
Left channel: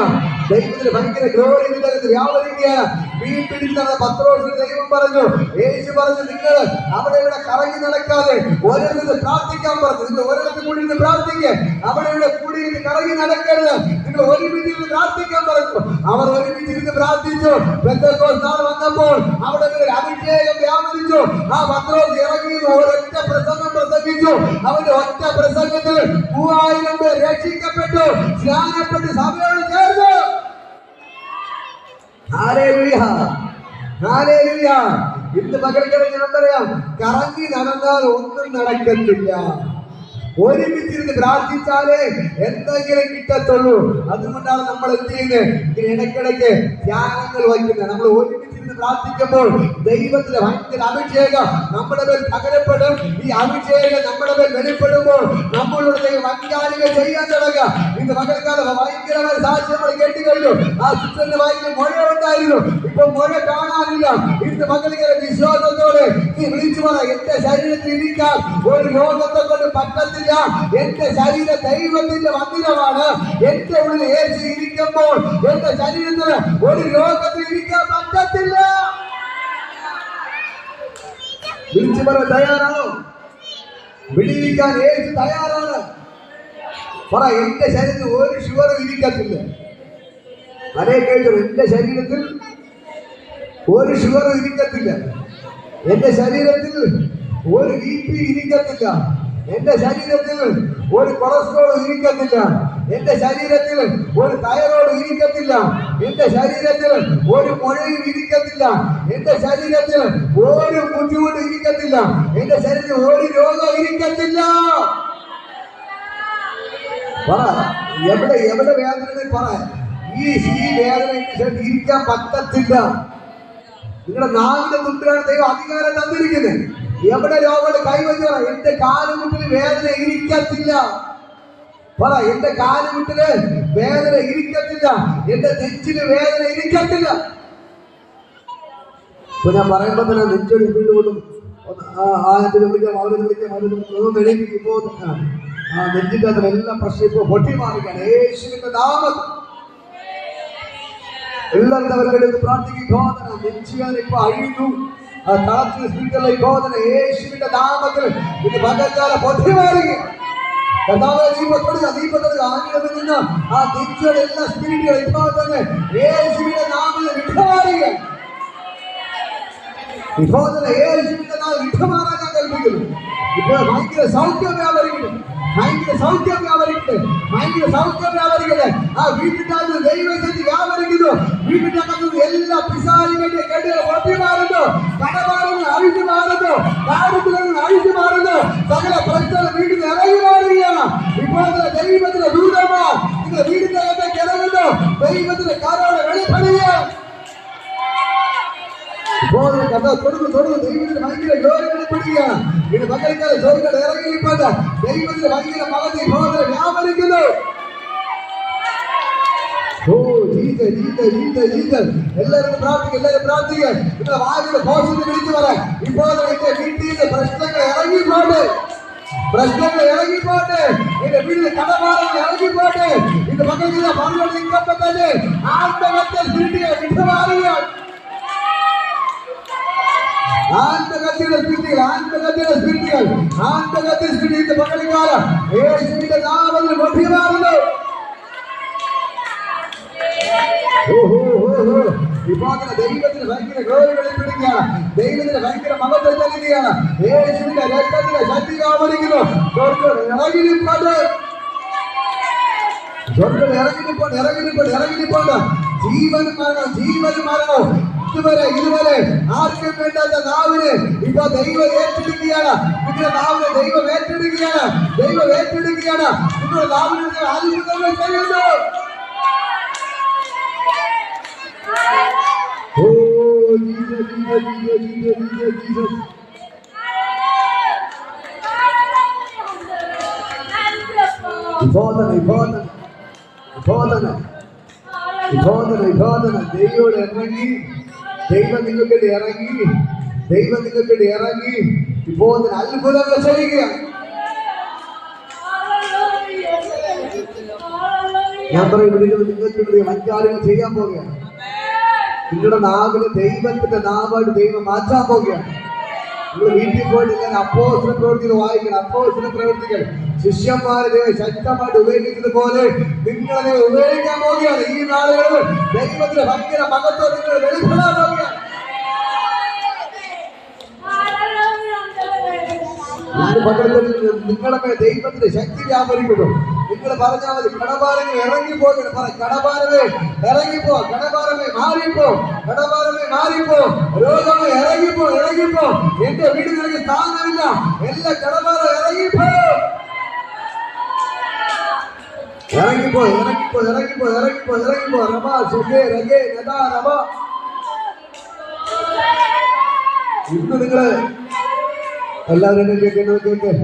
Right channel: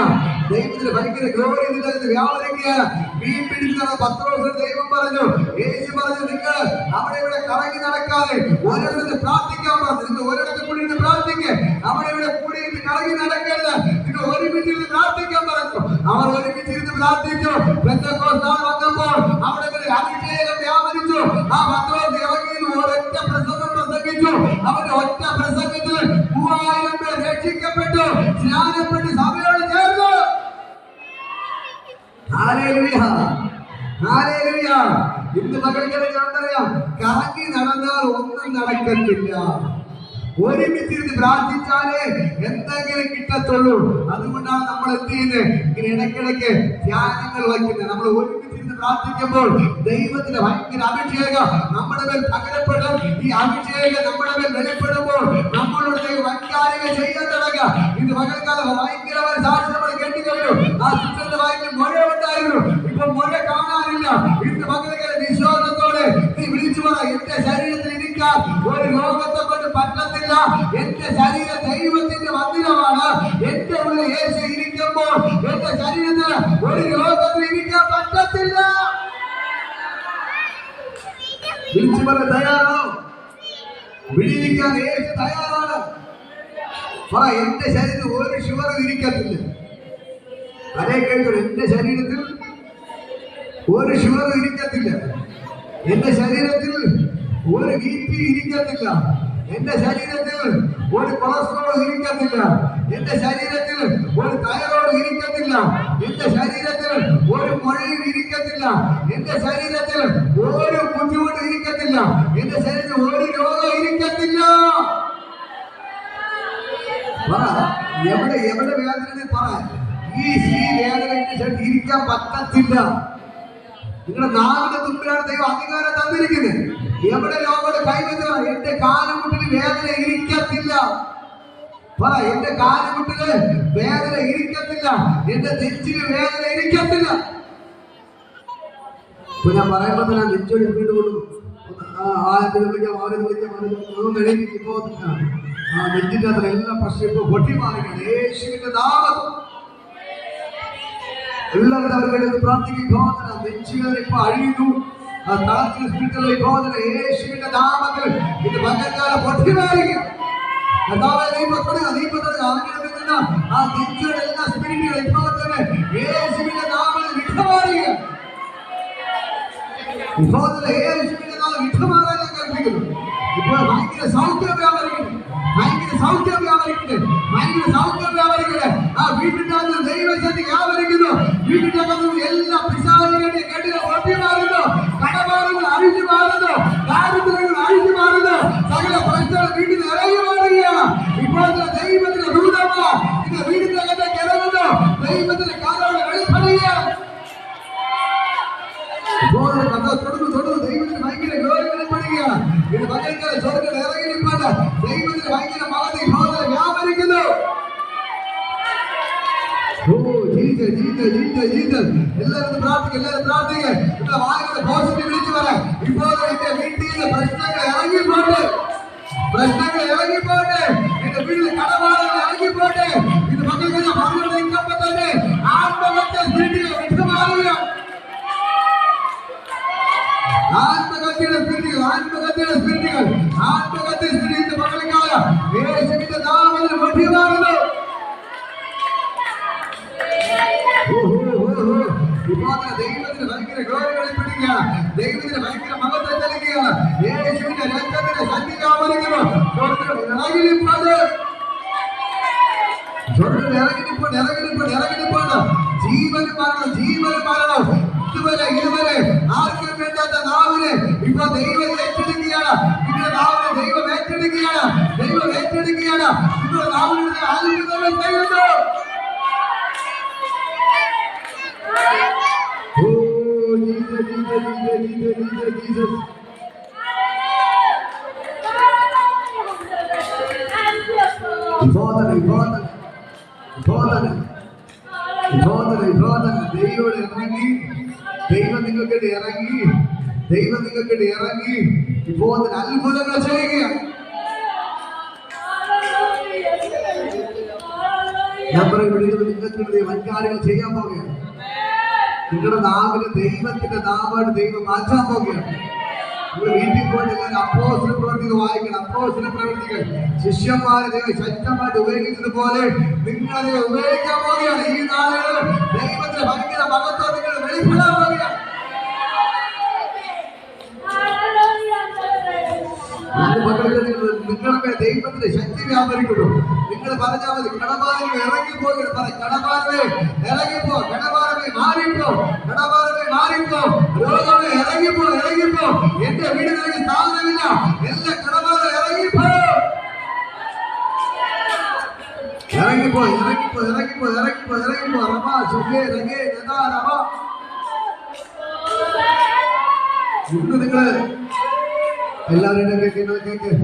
ദൈവത്തിന് ഭയങ്കര ഗ്ലോറി ഇതിനകത്ത് വ്യാപരിക്കുക. മീൻ പിടിക്കുന്ന പത്രോസിന് ദൈവം പറഞ്ഞു, യേശു പറഞ്ഞു, നിങ്ങൾ അവിടെ ഇവിടെ കറങ്ങി നടക്കാതെ ഒരിടത്ത് പ്രാർത്ഥിക്കാൻ പറഞ്ഞു. നിങ്ങൾ ഒരിടത്ത് കൂടി ഇരുന്ന് പ്രാർത്ഥിക്കുക. അവിടെ ഇവിടെ കൂടി ഇരുന്ന് കറങ്ങി നടക്കരുത്. നിങ്ങൾ ഒരുമിച്ച് ഇരുന്ന് പ്രാർത്ഥിക്കാൻ പറഞ്ഞു. അവർ ഒരുമിച്ച് ഇരുന്ന് പ്രാർത്ഥിച്ചു. പെന്തക്കോസ്ത് നാൾ വന്നപ്പോൾ അവിടെ അഭിഷേകം വ്യാപരിച്ചു. ആ പത്രോസ് ഇറങ്ങി ഒരൊറ്റ പ്രസംഗം പ്രസംഗിച്ചു. അവന്റെ ഒറ്റ പ്രസംഗത്തിൽ 3000 പേർ രക്ഷിക്കപ്പെട്ടു, സ്നാനപ്പെട്ട് സഭയോട് ഹല്ലേലൂയ, ഹല്ലേലൂയ. ഇന്ന് പകൽക്കര ഞാൻ പറയാം, കറങ്ങി നടന്നാൽ ഒന്നും നടക്കത്തില്ല. ഒരുമിച്ചിരുന്ന് പ്രാർത്ഥിച്ചാലേ എന്തെങ്കിലും കിട്ടത്തുള്ളൂ. അതുകൊണ്ടാണ് നമ്മൾ എന്ത് ചെയ്യുന്നത്, ഇങ്ങനെ ഇടയ്ക്കിടയ്ക്ക് ധ്യാനങ്ങൾ വയ്ക്കുന്നത്. നമ്മൾ ഒരുമിച്ചിരുന്ന് പ്രാർത്ഥിക്കുമ്പോൾ ദൈവത്തിന്റെ ഭയങ്കര അഭിഷേകം നമ്മുടെ മേൽ പകരപ്പെടും. ഈ അഭിഷേകം നമ്മുടെ മേൽ വെളിപ്പെടുമ്പോൾ നമ്മളുടെ ദൈവം വൻകാര്യങ്ങൾ ചെയ്യാൻ തുടങ്ങുക. ഇന്ന് പകൽക്കാലം ഭയങ്കരമായ സാക്ഷ്യം നമ്മൾ കേട്ടുകഴിഞ്ഞു. ആ സിസ്റ്ററിന്റെ വായിൽ മഴ ഉണ്ടായിരുന്നു, ഇപ്പൊ മഴ കാണാനില്ല. ഇന്ന് പകൽക്കാല വിശ്വാസത്തോടെ നീ വിളിച്ചു പറ, എന്റെ ശരീരത്തിൽ ഇരിക്കാൻ ഒരു രോഗത്തെ കൊണ്ട് പറ്റത്തില്ല. എന്റെ ശരീരം ദൈവത്തിന്റെ മന്ദിരമാണ്. എന്റെ ഉള്ളിൽ യേശു ഇരിക്കുമ്പോൾ എന്റെ ശരീരത്തിന് ഒരു രോഗത്തിൽ ഇരിക്കാൻ പറ്റത്തില്ല. വിളിച്ചു പറ, തയ്യാറാണോ? വിളിക്കാൻ യേശു തയ്യാറാണ്. പറ, എന്റെ ശരീരത്തിൽ ഒരു ഷുഗറും ഇരിക്കത്തില്ല. അതേ കേട്ടു, എന്റെ ശരീരത്തിൽ ഒരു ഷുഗറും ഇരിക്കത്തില്ല. എന്റെ ശരീരത്തിൽ ഒരു BP ഇരിക്കത്തില്ല. എന്റെ ശരീരത്തിൽ ഒരു കൊളസ്ട്രോൾ ഇരിക്കത്തില്ല. എന്റെ ശരീരത്തിൽ ഒരു തൈറോയ്ഡ് ഇരിക്കത്തില്ല. എന്റെ ശരീരത്തിൽ ഒരു മുഴയും ഇരിക്കത്തില്ല. എന്റെ ശരീരത്തിൽ ഒരു ബുദ്ധിമുട്ടും ഇരിക്കത്തില്ല. എന്റെ ശരീരത്തിൽ ഒരു രോഗം ഇരിക്കത്തില്ല. പറ, എവിടെ എവിടെ വേദന പറ, ഈ വേദന ഇരിക്കാൻ പറ്റത്തില്ല. നിങ്ങളുടെ നാവിന്റെ തുമ്പിലാണ് ദൈവം അധികാരം തന്നിരിക്കുന്നത്. എവിടെ രോഗം കൈവച്ച, എന്റെ കാലുമുട്ടിന് വേദന ഇരിക്കത്തില്ല. പറ, എന്റെ കാലുമുട്ടിന് വേദന ഇരിക്കത്തില്ല. എന്റെ നെഞ്ചിന് വേദന ഇരിക്കത്തില്ല. ഇപ്പൊ ഞാൻ പറയുമ്പോ തന്നെ നെഞ്ചൊരു വീടുകൊള്ളും. വിളിക്കാം, അവരെ വിളിക്കാം, ഇപ്പോ നെഞ്ചിന്റെ അത്ര എല്ലാ പ്രശ്നം ഇപ്പൊ പൊട്ടി മാറുകയാണ് യേശുവിന്റെ നാമത്തിൽ. എല്ലാവരുടെ അവരുടെ പ്രാർത്ഥിക്കും. നെഞ്ചുകാരെ ഇപ്പൊ അഴിയുന്നു. തളർച്ച സ്പിരിറ്റല്ല ബോധന യേശുവിന്റെ നാമത്തിൽ ഇന്ന് പകൽക്കാലം പൊട്ടി മാറുക. കർത്താവേ, ദീപത്തോട് ആഗ്രഹത്തിൽ നിന്ന് ആ നെഞ്ചുകളുടെ എല്ലാ സ്പിരിറ്റുകൾ ഇപ്പോൾ തന്നെ യേശുവിന്റെ നാമത്തിൽ വിട്ടുമാറുക. ഇപ്പോൾ തന്നെ യേശുവിന്റെ നാമം വിട്ടുമാറാൻ ഞാൻ കൽപ്പിക്കുന്നു. ഇപ്പോൾ ഭയങ്കര സൗഖ്യം വ്യാപരിക്കുന്നു, ഭയങ്കര സൗഖ്യം വ്യാപരിക്കുന്നു, ഭയങ്കര സൗഖ്യം വ്യാപരിക്കട്ടെ. ആ വീട്ടിന്റെ അകത്ത് ദൈവശക്തി വ്യാപരിക്കുന്നു. വീട്ടിന്റെ അകത്ത് എല്ലാ പിശാചുകളുടെ കെട്ടുകൾ പൊട്ടി മാറുന്നു. കടഭാരങ്ങൾ അഴിച്ചു മാറുന്നു. ദാരിദ്ര്യങ്ങൾ അഴിച്ചു മാറുന്നു. സകല പ്രശ്നങ്ങൾ വീട്ടിൽ ഇറങ്ങി മാറുകയാണ്. ഇപ്പോഴത്തെ ദൈവത്തിന്റെ ദൂതന്മാർ നിന്റെ വീടിന്റെ അകത്തേക്ക് ഇറങ്ങുന്നു. ദൈവത്തിന്റെ കരോടെ വെളിപ്പെടുകയാണ്. ഇപ്പോൾ തുടർന്ന് ദൈവത്തിന്റെ ഭയങ്കര ജോലി വെളിപ്പെടുകയാണ്. ഇത് പകൽക്കാല ജോലികൾ ഇറങ്ങിയിട്ടുണ്ട്. ദൈവത്തിന്റെ ഭയങ്കര മഹത്വം ഇപ്പോൾ വ്യാപരിക്കുന്നു. Oh Jesus, Jesus, Jesus, Jesus. എല്ലാവരും പ്രാർത്ഥിക്കുക. ഇവിടെ വായുടെ പോസിറ്റീവ് വിളിച്ചു പറയാം. ഇപ്പോൾ എന്റെ വീട്ടിൽ പ്രശ്നങ്ങൾ ഇറങ്ങിപ്പോട്ടെ. എന്റെ വീട്ടിൽ കടഭാരങ്ങൾ ഇറങ്ങിപ്പോട്ടെ. ഇത് പകൽക്കാല പറഞ്ഞോട് നിൽക്കുമ്പോ തന്നെ ആത്മഹത്യ സ്പിരിറ്റുകൾ വിട്ടുമാറുകയാണ്. ആത്മഹത്യയുടെ സ്പിരിറ്റുകൾ പകൽക്കാലം യേശുവിന്റെ നാമത്തിൽ വെട്ടിമാറുന്നു. ദൈവത്തിന് ഭയങ്കര ഗൗരവം വെളിപ്പെടുകയാണ്. ദൈവത്തിന് ഭയങ്കര മഹത്വം നൽകുകയാണ്. യേശുവിന്റെ രക്തത്തിന്റെ ശക്തി വ്യാപരിക്കുന്നു. ഇറങ്ങിപ്പോണ്ട് ജീവൻ മരണം ഇതുവരെ ആർക്കും വേണ്ടാത്ത നാവിനെ ഇപ്പൊ ദൈവം ഏറ്റെടുക്കുകയാണ്. നിങ്ങളുടെ നാവിനെ ദൈവം ഏറ്റെടുക്കുകയാണ്. നിങ്ങളുടെ നാവിനെ അത്ഭുതങ്ങൾ ചെയ്യുന്നു. Oh Jesus, Jesus. ദൈവം ഇറങ്ങി. ദൈവം നിങ്ങൾക്ക് ഇറങ്ങി ഇപ്പോൾ അത്ഭുതങ്ങൾ ചെയ്യുകയാണ്. ഞാൻ പറയും, നിങ്ങൾക്ക് വൻകാര്യങ്ങൾ ചെയ്യാൻ പോവുകയാണ്. നിങ്ങളുടെ നാവിന് ദൈവത്തിന്റെ നാമായിട്ട് ദൈവം മാറ്റാൻ പോവുകയാണ്. നിങ്ങൾ വീട്ടിൽ പോയിട്ട് അപ്പോസ്തല പ്രവൃത്തികൾ വായിക്കണം. അപ്പോസ്തല പ്രവൃത്തികൾ ശിഷ്യന്മാരെ ശക്തമായിട്ട് ഉപയോഗിച്ചതുപോലെ നിങ്ങളെ ഉപയോഗിക്കാൻ പോവുകയാണ്. ഈ നാളുകളിൽ ദൈവത്തിന്റെ ഭയങ്കര മഹത്വം നിങ്ങൾ വെളിപ്പെടാൻ പോവുകയാണ്. നിങ്ങളുടെ ദൈവത്തിന്റെ ശക്തി വ്യാപരിക്കുന്നു. നിങ്ങൾ പറഞ്ഞാൽ മതി, കടഭാരങ്ങൾ ഇറങ്ങിപ്പോകണം. കടഭാരമേ ഇറങ്ങിപ്പോ, കടഭാരമേ മാറിപ്പോ, കടഭാരമേ മാറിപ്പോ, രോഗമേ ഇറങ്ങിപ്പോ, ഇറങ്ങിപ്പോ. എന്റെ വീട് നിനക്ക് സ്ഥാനമില്ല, എല്ലാ കടഭാരം ഇറങ്ങിപ്പോ, ഇറങ്ങിപ്പോ, ഇറങ്ങിപ്പോ, ഇറങ്ങിപ്പോ, ഇറങ്ങിപ്പോ, ഇറങ്ങിപ്പോ. റബാ സുഖേ രഗേ നദാ റബാ. ഇന്ന് നിങ്ങള് എല്ലാവരും കേൾക്ക്.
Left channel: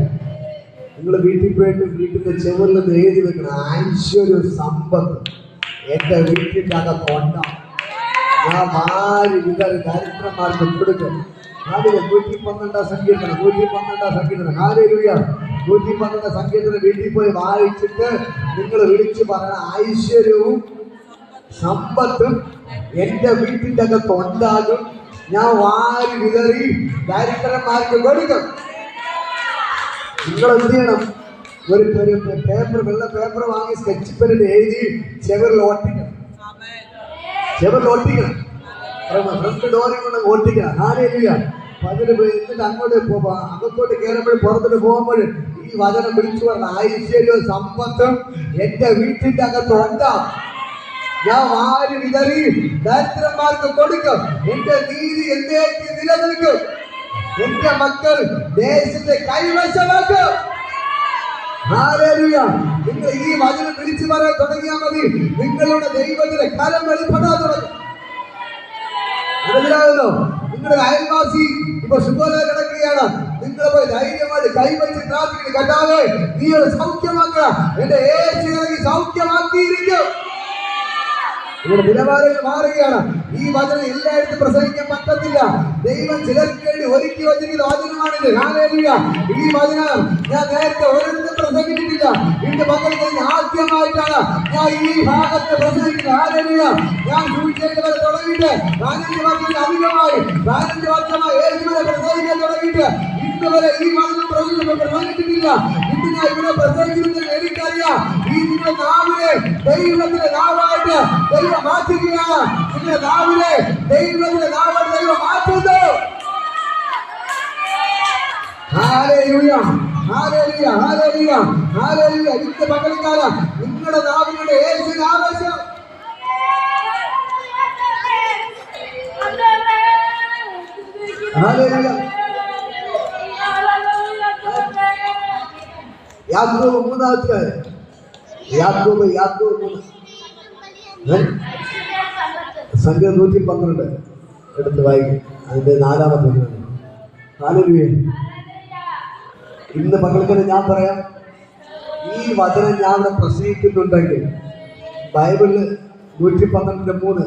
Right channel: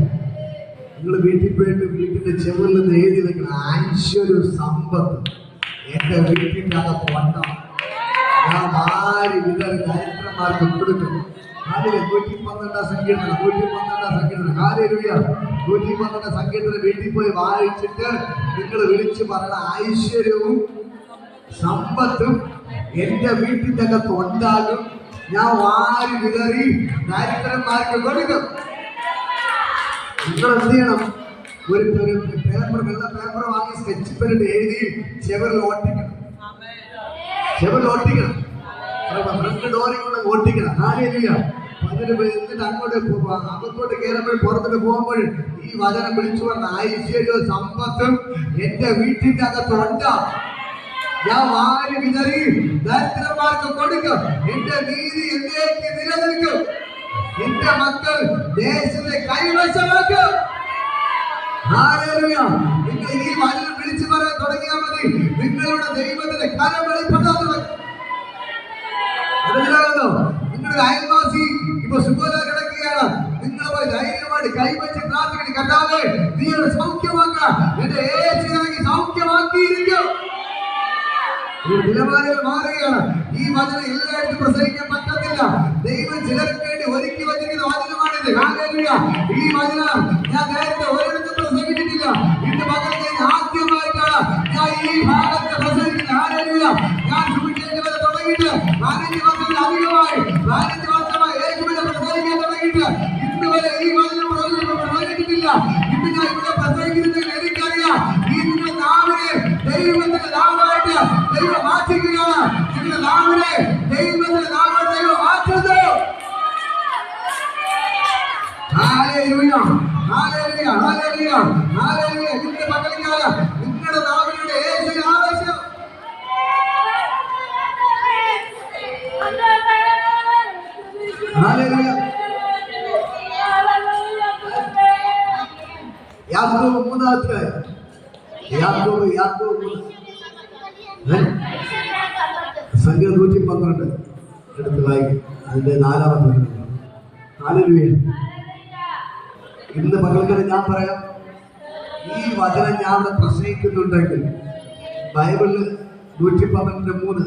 നിങ്ങൾ വീട്ടിൽ പോയിട്ട് വീട്ടിന്റെ ചെവിൽ നിന്ന് എഴുതി വെക്കണം, ഐശ്വര്യ സമ്പത്ത് എന്റെ വീട്ടിന്റെ അകത്തുണ്ട. ഞാൻ ആര് വിതറി ദരിദ്രന്മാർക്ക് കൊടുക്കും. അതില് 112 സങ്കീർത്തനം, 112 സങ്കീർത്തനം, ഹല്ലേലൂയ. 112 സങ്കീർത്തനം വീട്ടിൽ പോയി വായിച്ചിട്ട് നിങ്ങൾ വിളിച്ചു പറയണം, ഐശ്വര്യവും സമ്പത്തും എന്റെ വീട്ടിന്റെ അകത്ത് ഉണ്ടാകും. ഞാൻ വാരി വിതറി ദരിദ്രന്മാർക്ക് കൊടുക്കും. നിങ്ങൾ എന്ത് ചെയ്യണം? ഒരു പേപ്പർ, വെള്ള പേപ്പർ വാങ്ങി സ്കെച്ച് പെന്നിട്ട് എഴുതി ചെവിറിൽ ഒട്ടിക്കണം, ചെവിറിൽ ഒട്ടിക്കണം. 2 ഡോറിൽ കൊണ്ട് ഒട്ടിക്കണം. ഹല്ലേലൂയ. അതിന് എന്നിട്ട് അങ്ങോട്ട് അകത്തോട്ട് കയറുമ്പോൾ പുറത്തോട്ട് പോകുമ്പോൾ ഈ വചനം വിളിച്ചു പറഞ്ഞ, ഐശ്വര്യവും സമ്പത്തും എന്റെ വീട്ടിന്റെ അകത്ത് ഉണ്ടാകും. ഞാൻ വാരി വിതറി ദരിദ്രന്മാർക്ക് കൊടുക്കും. എന്റെ നീതി എന്നേക്ക് നിലനിൽക്കും. എന്റെ മക്കൾ ദേശത്തെ കൈവശമാക്കും. ഹല്ലേലൂയ. നിങ്ങൾ ഈ വചനം വിളിച്ചു പറയാൻ തുടങ്ങിയാൽ മതി, നിങ്ങളുടെ ദൈവത്തിന്റെ കരം വെളിപ്പെടാൻ തുടങ്ങും. മനസ്സിലാകുന്നു? നിങ്ങളുടെ അയൽവാസി ഇപ്പൊ സുഖമില്ലാതെ കിടക്കുകയാണ്, നിങ്ങൾ പോയി ധൈര്യമായിട്ട് കൈവച്ച് പ്രാർത്ഥിക്കുന്നു, കർത്താവേ നീ ഒരു സൗഖ്യമാക്കുക, എന്റെ യേശു എനിക്ക് സൗഖ്യമാക്കിയിരിക്കും. ഇവിടെ നിലവാരങ്ങൾ മാറുകയാണ്. ഈ വചനം എല്ലായിടത്തും പ്രസംഗിക്കാൻ പറ്റത്തില്ല. ദൈവം ചിലർക്ക് വേണ്ടി ഒരുക്കി വച്ചിരിക്കുന്ന വചനമാണിത്. ഹല്ലേലൂയ. ഈ വചനം ഞാൻ നേരത്തെ ഒരിടത്തും പ്രസംഗിച്ചിട്ടില്ല. ഇന്ന് പകൽ കഴിഞ്ഞ് ആദ്യമായിട്ടാണ് ഞാൻ ഈ ഭാഗത്ത് പ്രസംഗിക്കുന്നത്. ഹല്ലേലൂയ. ഞാൻ സുവിശേഷം തുടങ്ങിയിട്ട് 15 വർഷത്തിൽ അധികമായി, 15 വർഷമായി യേശുവിനെ പ്രസംഗിക്കാൻ തുടങ്ങിയിട്ട് ഇന്ന് വരെ ഈ വചനം പ്രസംഗിച്ചിട്ടില്ല. ഇന്ന് ഞാൻ ഇവിടെ പ്രസംഗിക്കുന്നത് എനിക്കറിയാം. ഈ നിങ്ങളുടെ നാവിനെ ദൈവത്തിന്റെ നാവായിട്ട് ദൈവം മാറ്റുകയാണ്. നിങ്ങളുടെ നാവിനെ ദൈവത്തിന്റെ നാവായിട്ട് ദൈവം മാറ്റുന്നു. Hallelujah, hallelujah, hallelujah, hallelujah. ഇന്ന് പകൽക്കാലം നിങ്ങളുടെ നാവിനുടെ യേശുവിന്റെ ആവേശം. ഹല്ലേലൂയ. യാക്കോബ് 3 യാക്കോബ് സംഖ്യ 112 എടുത്ത് വായിക്കും. അതിന്റെ 4-ാമത്തെ വചനം. ഹല്ലേലൂയ. ഇന്ന് പകൽക്കര ഞാൻ പറയാം, ഈ വചനം ഞാൻ പ്രസംഗിക്കുന്നുണ്ടെങ്കിൽ ബൈബിളിൽ 112:3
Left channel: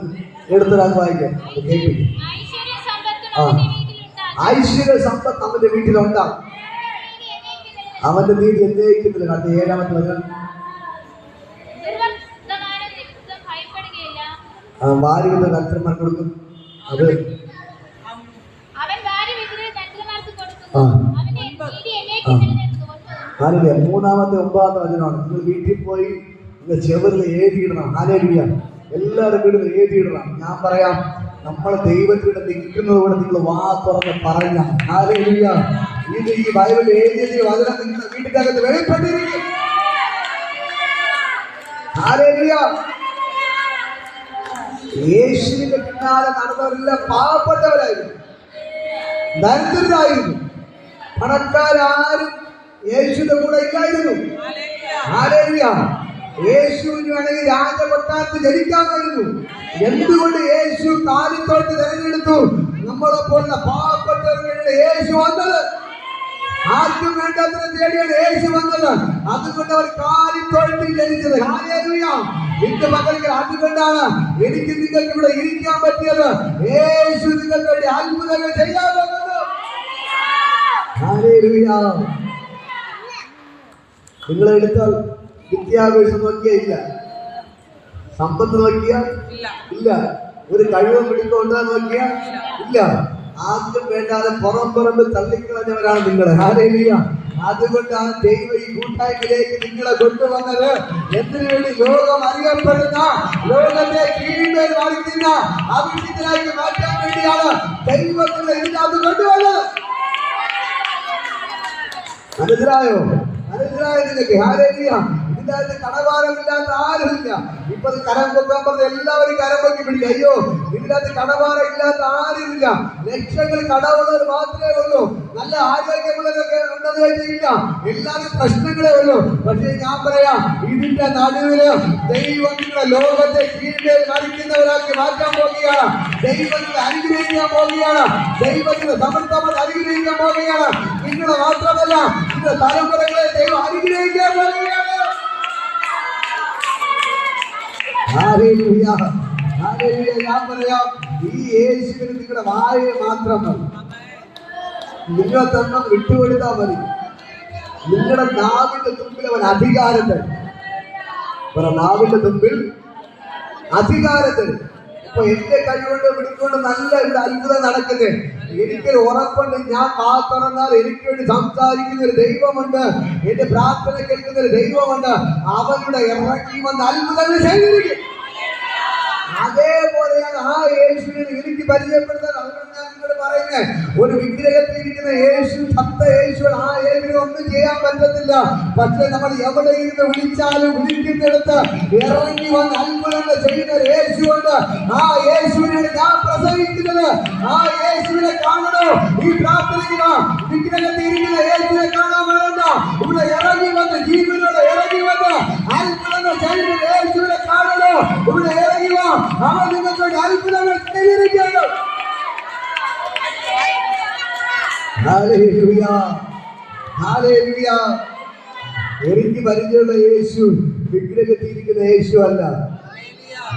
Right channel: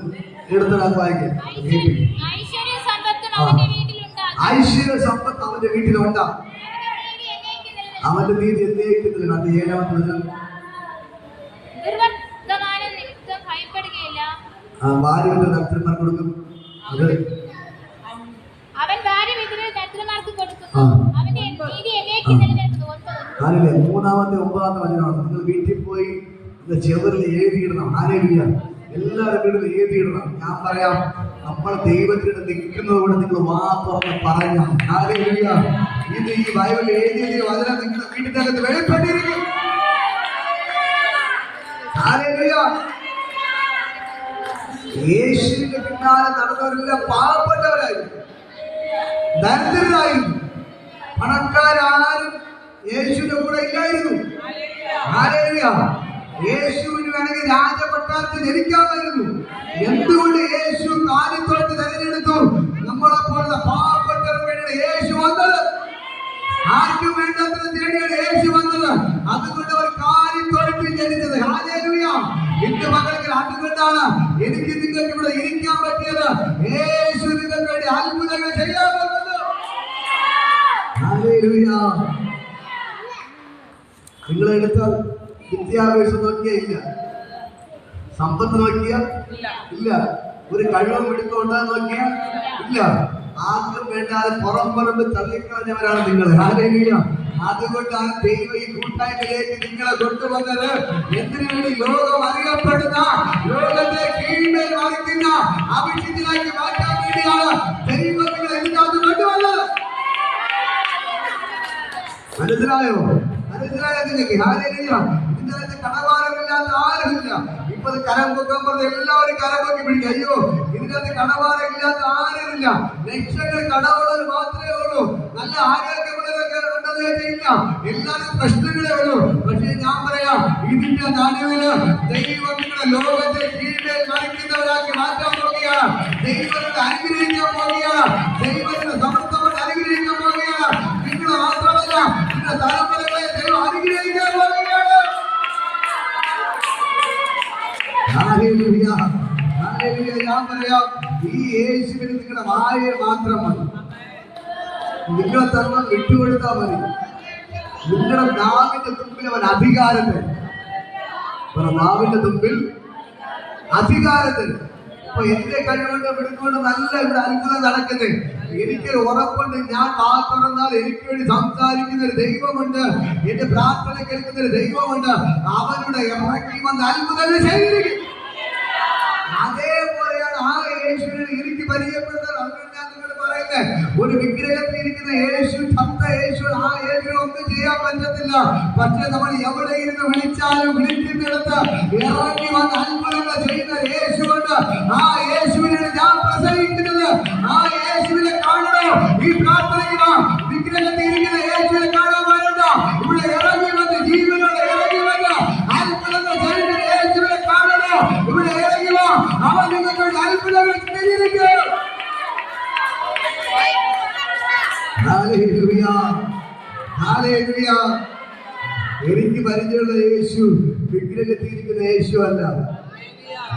എടുത്തൊരാൾ വായിക്കാം, കേൾപ്പിക്കും. ഐശ്വര്യ സമ്പത്ത് അവന്റെ വീട്ടിലുണ്ടാകും, അവന്റെ നീതി എന്നേക്കുന്നില്ല. അത് 7-ാമത്തെ വചനം. വാരി വിതറി ദരിദ്രന്മാർ കൊടുക്കും. അത് ഹല്ലേലൂയ. 3-ാമത്തെ 9-ാമത്തെ വചനമാണ്. നിങ്ങൾ വീട്ടിൽ പോയി നിങ്ങൾ ചെവിറിൽ എഴുതിയിടണം. ഹല്ലേലൂയ. എല്ലാവരും വീട്ടിൽ എഴുതിയിടണം. ഞാൻ പറയാം, നമ്മൾ ദൈവത്തിൻ്റെ നിൽക്കുന്നതോടെ നിങ്ങൾ വാ തുറന്ന് പറഞ്ഞ ഹല്ലേലൂയ. ഇത് ഈ ബൈബിളിൽ എഴുതിയ വചനം നിങ്ങളുടെ വീട്ടിന്റെ അകത്ത് വെളിപ്പെട്ടിരിക്കും. ഹല്ലേലൂയ. യേശുവിന്റെ പിന്നാലെ നടന്നവരെല്ലാം പാവപ്പെട്ടവരായിരുന്നു, ദരിദ്രരായിരുന്നു. പണക്കാരും യേശുവിന്റെ കൂടെ ഇല്ലായിരുന്നു. ഹല്ലേലൂയ. യേശുവിന് വേണമെങ്കിൽ രാജകൊട്ടാരത്തിൽ ജനിക്കാമായിരുന്നു. എന്തുകൊണ്ട് യേശു കാലിത്തോട്ട് തിരഞ്ഞെടുത്തു? നമ്മളെ പോലുള്ള പാവപ്പെട്ടവർക്ക് വേണ്ടിയാണ് യേശു വന്നത്. ആർക്കും വേണ്ടാത്തതിനെ തേടിയാണ് യേശു വന്നത്. അതുകൊണ്ട് അവർ കാലിത്തോട്ടിൽ ജനിച്ചത്. ഹല്ലേലൂയ. ഇന്ന് മകൾക്ക് അതുകൊണ്ടാണ് എനിക്ക് നിങ്ങൾക്ക് ഇവിടെ ഇരിക്കാൻ പറ്റിയത്. യേശു നിങ്ങൾക്ക് വേണ്ടി അത്ഭുതങ്ങൾ ചെയ്യാൻ പോകുന്നത്. ഹല്ലേലൂയ. നിങ്ങളെടുത്താൽ വിദ്യാഭ്യാസം നോക്കിയാ ഇല്ല, സമ്പത്ത് നോക്കിയാ ഇല്ല, ഒരു കഴിവും പിടിക്കൊണ്ടാ നോക്കിയാ ഇല്ല. ആർക്കും വേണ്ടാതെ പുറംപുറമ്പ് തള്ളിക്കളഞ്ഞവരാണ് നിങ്ങൾ. ഹല്ലേലൂയ. അതുകൊണ്ടാണ് ദൈവം ഈ കൂട്ടായ്മയിലേക്ക് നിങ്ങളെ കൊണ്ടുവന്നത്. എന്തിനു വേണ്ടി? ലോകം അറിയപ്പെടുന്ന, ലോകത്തെ കീഴ്മേൽ മറിക്കുന്ന അഭിഷിക്തനാക്കി മാറ്റാൻ വേണ്ടിയാണ് ദൈവം നിങ്ങളെ ഇതിനകത്ത് കൊണ്ടുവന്നത്. മനസ്സിലായോ? മനസ്സിലായോ നിങ്ങൾക്ക്? ഹല്ലേലൂയ. ഇതിനകത്ത് കടഭാരമില്ലാത്ത ആരുമില്ല. ഇപ്പൊ കരം പൊക്കാൻ പറഞ്ഞ എല്ലാവരും കരം പൊക്കി പിടിക്കും. അയ്യോ, ഇതിനകത്ത് കടബാധ ഇല്ലാത്ത ആരുമില്ല. ലക്ഷങ്ങൾ കടമുള്ളവർ മാത്രമേ ഉള്ളൂ. നല്ല ആരോഗ്യമുള്ളവരൊക്കെ ഉണ്ടെന്ന് വെച്ചില്ല. എല്ലാവരും പ്രശ്നങ്ങളേ ഉള്ളൂ. പക്ഷേ ഞാൻ പറയാം, ഇതിന്റെ നടുവില് ദൈവങ്ങളുടെ ലോകത്തെ കീഴിൽ കളിക്കുന്നവരാക്കി മാറ്റാൻ പോവുകയാണ്. ദൈവത്തെ അനുഗ്രഹിക്കാൻ പോവുകയാണ്. ദൈവത്തിന്റെ സമർത്ഥമായി അനുഗ്രഹിക്കാൻ പോവുകയാണ്. നിങ്ങളെ മാത്രമല്ല, നിങ്ങളുടെ തലമുറകളെ ദൈവം അനുഗ്രഹിക്കാൻ പോവുകയാണ്. Hallelujah, hallelujah. ഞാൻ പറയാം, ഈ യേശുവിന് നിങ്ങളുടെ വായ മാത്രം മതി. നിങ്ങളെ തന്നെ വിട്ടുകൊടുത്താൽ മതി. നിങ്ങളുടെ നാവിന്റെ തുമ്പിൽ അവൻ അധികാരം തരും. നാവിന്റെ തുമ്പിൽ അധികാരം തരും. അപ്പൊ എന്റെ കഴിവുകൊണ്ട് വിടുകൊണ്ട് നല്ല അത്ഭുതം നടക്കുന്നത്. എനിക്കൊരു ഉറപ്പുണ്ട്, ഞാൻ കാത്തുറന്നാൽ എനിക്ക് വേണ്ടി സംസാരിക്കുന്ന ഒരു ദൈവമുണ്ട്. എന്റെ പ്രാർത്ഥന കേൾക്കുന്ന ഒരു ദൈവമുണ്ട്. അവരുടെ ഇറക്കി വന്ന് അത്ഭുതങ്ങൾ ചെയ്തിരിക്കും. അതേപോലെയാണ് ആ യേശുവിനെ എനിക്ക് പരിചയപ്പെടുത്താൻ. അതുകൊണ്ട് ഞാൻ നിങ്ങളോട് പറയുന്നത്, ഒരു വിഗ്രഹത്തിൽ ഇരിക്കുന്ന യേശു, ചത്ത യേശു, ആ യേശുവിനെ ഒന്നും ചെയ്യാൻ പറ്റത്തില്ല. പക്ഷെ നമ്മൾ എവിടെ ഇരുന്ന് വിളിച്ചാലും വിളിക്കുന്നിടത്ത് ഇറങ്ങി വന്ന് അത്ഭുതങ്ങൾ ചെയ്യുന്ന യേശുണ്ട്. ആ യേശുവിനാണ് ഞാൻ പ്രസംഗിക്കുന്നത്. ആ യേശുവിനെ കാണണോ? ഈ പ്രാർത്ഥനയ്ക്ക് വിഗ്രഹത്തിൽ ഇരിക്കുന്ന യേശുവിനെ കാണാൻ വേണ്ട. ഇവിടെ ഇറങ്ങി വന്ന് ജീവിതങ്ങളെ ഇറങ്ങി വന്ന് അത്ഭുതങ്ങൾ ചെയ്യുന്ന യേശുവിനെ കാണണോ? ഇവിടെ ഇറങ്ങി വാ. ആ നിങ്ങൾക്ക് അത്ഭുതങ്ങൾ ചെയ്തിരിക്കും. Hallelujah, hallelujah. എനിക്ക് പരിചയമുള്ള യേശു വിഗ്രഹത്തിയിരിക്കുന്ന യേശു അല്ല.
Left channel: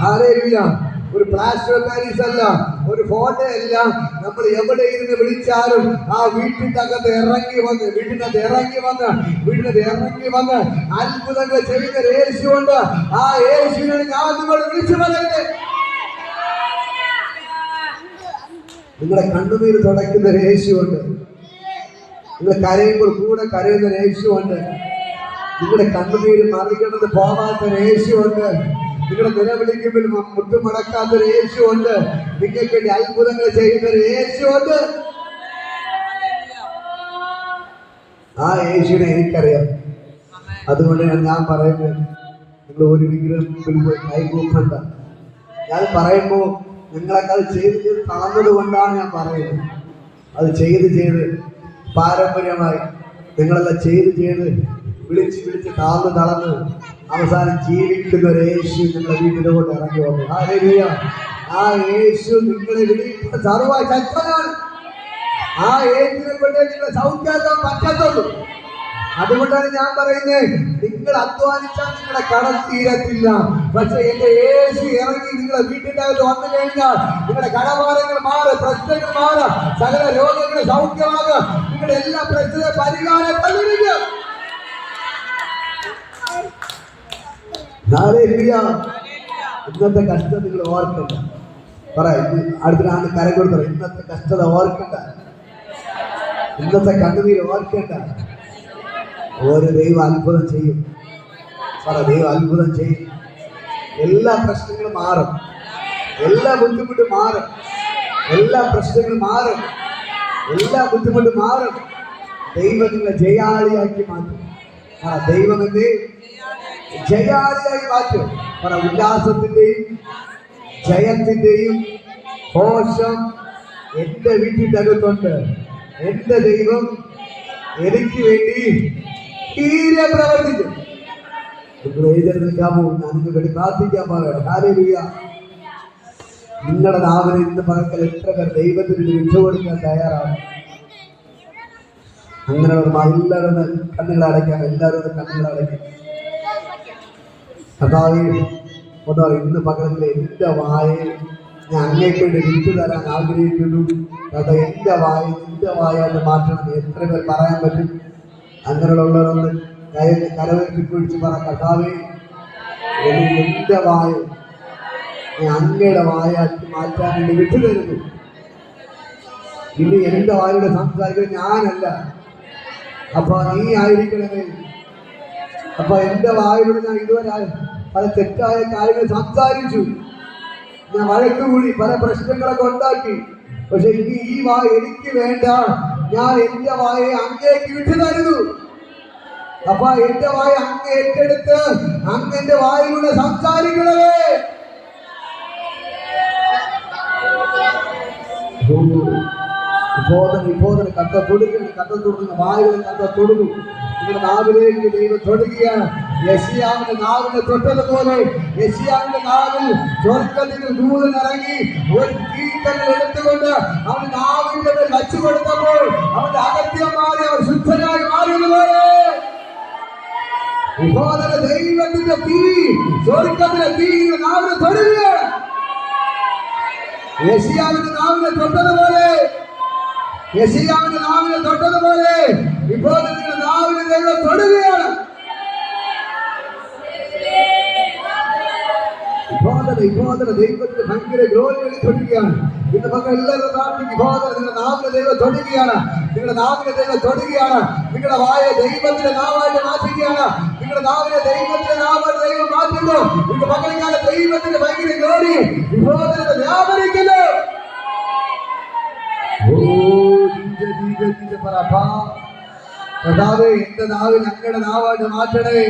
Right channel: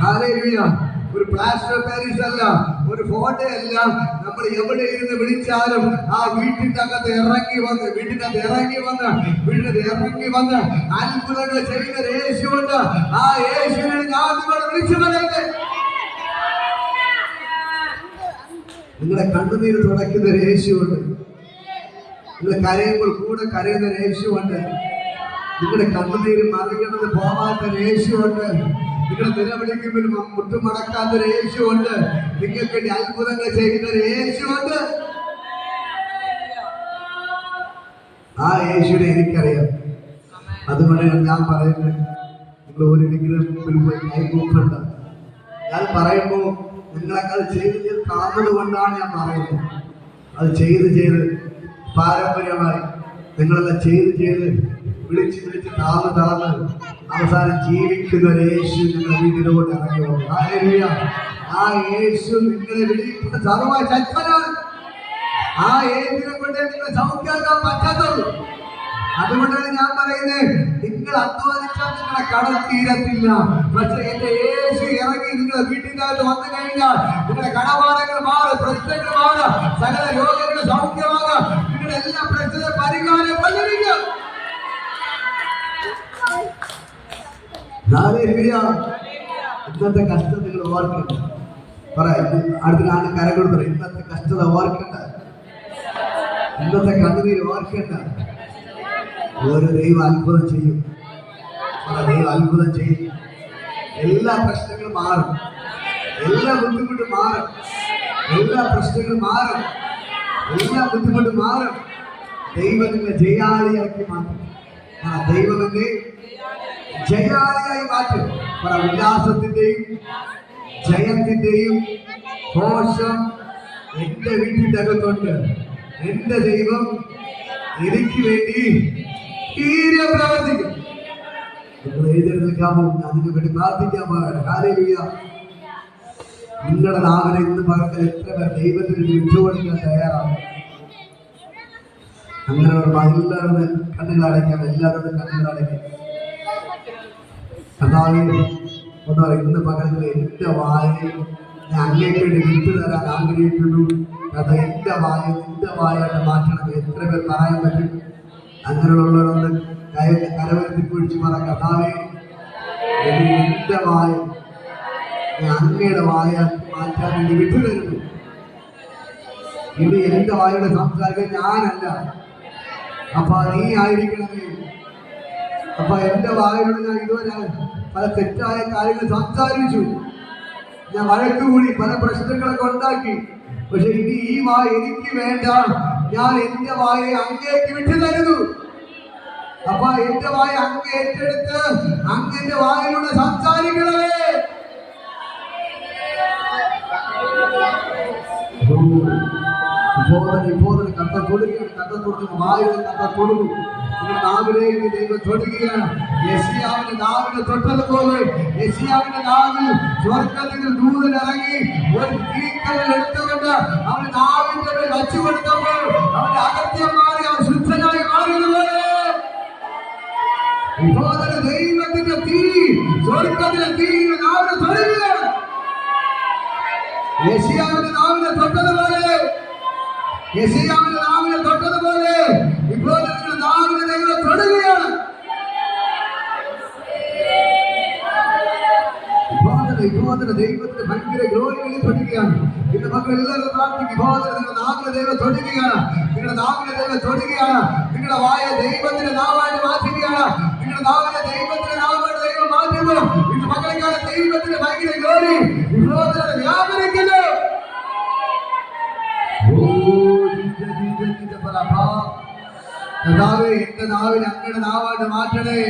ഹല്ലേലൂയ. ഒരു പ്ലാസ്റ്റർ ഓഫ് പാരീസ് അല്ല, ഒരു ഫോട്ടോ അല്ല. നമ്മൾ എവിടെ ഇരുന്ന് വിളിച്ചാലും ആ വീട്ടിനകത്ത് ഇറങ്ങി വന്ന് അത്ഭുതങ്ങൾ ചെയ്യുന്ന യേശുണ്ട്. ആ യേശുവിനെ ഞാൻ നിങ്ങളോട് വിളിച്ചു പറയുന്നത്. നിങ്ങളുടെ കണ്ണുനീര് തുടയ്ക്കുന്ന ഒരു യേശുണ്ട്. നിങ്ങൾ കരയുമ്പോൾ കൂടെ കരയുന്ന ഒരു യേശുണ്ട്. നിങ്ങളുടെ കണ്ണുനീര് മറികടന്ന് പോകാത്ത ഒരു യേശുണ്ട്. നിങ്ങളുടെ നിലവിളിക്കുമ്പോൾ മുട്ടുമടക്കാത്ത ഒരു യേശുണ്ട്. നിങ്ങൾക്ക് വേണ്ടി അത്ഭുതങ്ങൾ ചെയ്യുന്ന ഒരു യേശുണ്ട്. ആ യേശുവിനെ എനിക്കറിയാം. അതുകൊണ്ടാണ് ഞാൻ പറയുന്നത്, നിങ്ങൾ ഒരു വിഗ്രഹത്തിൽ കൈകൂപ്പണ്ട. ഞാൻ പറയുമ്പോൾ നിങ്ങളൊക്കെ അത് ചെയ്ത് കാണുന്നത് കൊണ്ടാണ് ഞാൻ പറയുന്നത്. അത് ചെയ്ത് പാരമ്പര്യമായി നിങ്ങളെല്ലാം ചെയ്ത് വിളിച്ച് തളർന്ന് അവസാനം ജീവിക്കുന്ന ഒരു യേശു നിങ്ങളെ വീട്ടിലോട്ട് ഇറങ്ങി വന്നു. ഹല്ലേലൂയ. ആ യേശു നിങ്ങളെ വിളിക്കുന്ന സർവ്വ ശക്തനാണ്. ആ യേശുവിനെ കൊണ്ട് നിങ്ങളെ സൗഖ്യമാക്കാൻ പറ്റത്തുള്ളൂ. അതുകൊണ്ടാണ് ഞാൻ പറയുന്നത്, നിങ്ങൾ അധ്വാനിച്ചാൽ നിങ്ങളെ കടം തീരത്തില്ല. പക്ഷെ എന്റെ യേശു ഇറങ്ങി നിങ്ങളെ വീട്ടിന്റെ അകത്ത് വന്നു കഴിഞ്ഞാൽ നിങ്ങളുടെ കടഭാരങ്ങൾ മാറും, പ്രശ്നങ്ങൾ മാറും, സകല രോഗങ്ങൾ സൗഖ്യമാകും. നിങ്ങളുടെ എല്ലാ പ്രശ്നത്തെ പരിഹാരം കണ്ടിരിക്കും. ഇന്നത്തെ കഷ്ടത നിങ്ങൾ ഓർക്കണ്ട. അടുത്താണ് കരം കൊടുത്തത്. ഇന്നത്തെ കഷ്ടത ഓർക്കണ്ട, ഇന്നത്തെ കണ്ണുനീര് ഓർക്കണ്ട. ഒരു ദൈവം അത്ഭുതം ചെയ്യും. ദൈവം അത്ഭുതം ചെയ്യും. എല്ലാ പ്രശ്നങ്ങളും മാറും, എല്ലാ ബുദ്ധിമുട്ടും മാറും, എല്ലാ പ്രശ്നങ്ങളും മാറും, എല്ലാ ബുദ്ധിമുട്ടും മാറും. ദൈവം നിങ്ങളെ ജയാളിയാക്കി മാറ്റും. ദൈവം എന്നെ ജയാളിയായി മാറ്റും. ഉല്ലാസത്തിന്റെയും ജയത്തിന്റെയും ഘോഷം എന്റെ വീട്ടിന്റെ അകത്തുണ്ട്. എന്റെ ദൈവം എനിക്ക് വേണ്ടി പ്രവർത്തിക്കും. നിങ്ങൾ എഴുതി നിൽക്കാമോ? ഞാൻ നിങ്ങൾക്ക് വേണ്ടി പ്രാർത്ഥിക്കാൻ പാടില്ല. ഹല്ലേലൂയ. നിങ്ങളുടെ നാവിനെ ഇന്ന് പകൽ എത്ര പേർ ദൈവത്തിന് വിട്ടുകൊടുക്കാൻ തയ്യാറാണ്? അങ്ങനെ എല്ലാവരും കണ്ണുകൾ അടയ്ക്കാം. എല്ലാവരും കണ്ണുകൾ അടയ്ക്കാം. കർത്താവേ, ഇന്ന് പകൽ എന്റെ വായെ ഞാൻ അങ്ങേക്ക് വേണ്ടി വിട്ടുതരാൻ ആഗ്രഹിക്കുന്നു. കഥ എന്റെ വായ നിന്റെ വായായിട്ട് മാറ്റണം. എത്ര പേർ പറയാൻ പറ്റും? അങ്ങനെയുള്ളവരൊന്ന് കരവരുത്തി പിടിച്ച് പറ, കർത്താവേ, എന്റെ വായ ഞാൻ അങ്ങയുടെ വായാക്കി മാറ്റാൻ വേണ്ടി വിട്ടുതരുന്നു. ഇനി എന്റെ വായുടെ സംസാരിക്കാൻ ഞാനല്ല, അപ്പൊ നീ ആയിരിക്കണമേ. അപ്പൊ എന്റെ വായോട് ഞാൻ ഇതുവരെ പല തെറ്റായ കാര്യങ്ങൾ സംസാരിച്ചു, ഞാൻ വഴക്കുകൂടി, പല പ്രശ്നങ്ങളൊക്കെ ഉണ്ടാക്കി. പക്ഷെ ഇനി ഈ വായ എനിക്ക് വേണ്ട. ഞാൻ എന്റെ വായെ അങ്ങേക്ക് വിട്ടു തരുന്നു. അപ്പൊ എന്റെ വായ അങ്ങ് ഏറ്റെടുത്ത് അങ്ങ് എന്റെ വായിലൂടെ സംസാരിക്കണമേ. ഇപ്പോൾ കത്ത തൊടുകയാണ്, കത്ത തൊടുന്ന വായുടെ കത്ത തൊടുന്നു. നിങ്ങളുടെ നാവിലേക്ക് ദൈവം തൊടുകയാണ്. യെശയ്യാവിന്റെ നാവിനെ തൊട്ടതുപോലെ യെശയ്യാവിന്റെ നാവിൽ സ്വർഗ്ഗത്തിൽ ദൂതൻ ഇറങ്ങി ഒരു തീക്കനൽ എടുത്തുകൊണ്ട് അവൻ നാവിന്റെ മേൽ വച്ചു കൊടുത്തപ്പോൾ അവന്റെ അകത്യം മാറി അവർ ശുദ്ധനായി മാറിയതുപോലെ ദൈവത്തിന്റെ തീ, സ്വർഗ്ഗത്തിലെ തീ നാവിനെ തൊടുകയാണ്. യെശയ്യാവിന്റെ നാവിനെ തൊട്ടതുപോലെ, യെശയ്യാവിന്റെ നാവിനെ തൊട്ടതുപോലെ ഇപ്പോൾ നിങ്ങളുടെ നാവിനെ ദൈവം തൊടുകയാണ്. ദൈവത്തിന്റെ ഭയങ്കര ഗ്ലോറി വെളിപ്പെടുകയാണ്. ഇന്ന് മക്കൾ എല്ലാവരും പ്രാർത്ഥിക്കും. നിങ്ങളുടെ നാവിനെ ദൈവം തൊടുകയാണ്. നിങ്ങളുടെ നാവിനെ ദൈവം തൊടുകയാണ്. നിങ്ങളുടെ വായ ദൈവത്തിന്റെ നാവായിട്ട് മാറ്റുകയാണ്. നിങ്ങളുടെ നാവിനെ ദൈവത്തിന്റെ നാവായിട്ട് ദൈവം മാറ്റുന്നു. ഇന്ന് മക്കളിക്കാണ് ദൈവത്തിന്റെ ഭയങ്കര ഗ്ലോറി വിഭോധന വ്യാപരിക്കുന്നു. കർത്താവേ, എന്റെ നാവിനെ അങ്ങയുടെ നാവായിട്ട് മാറ്റണേ.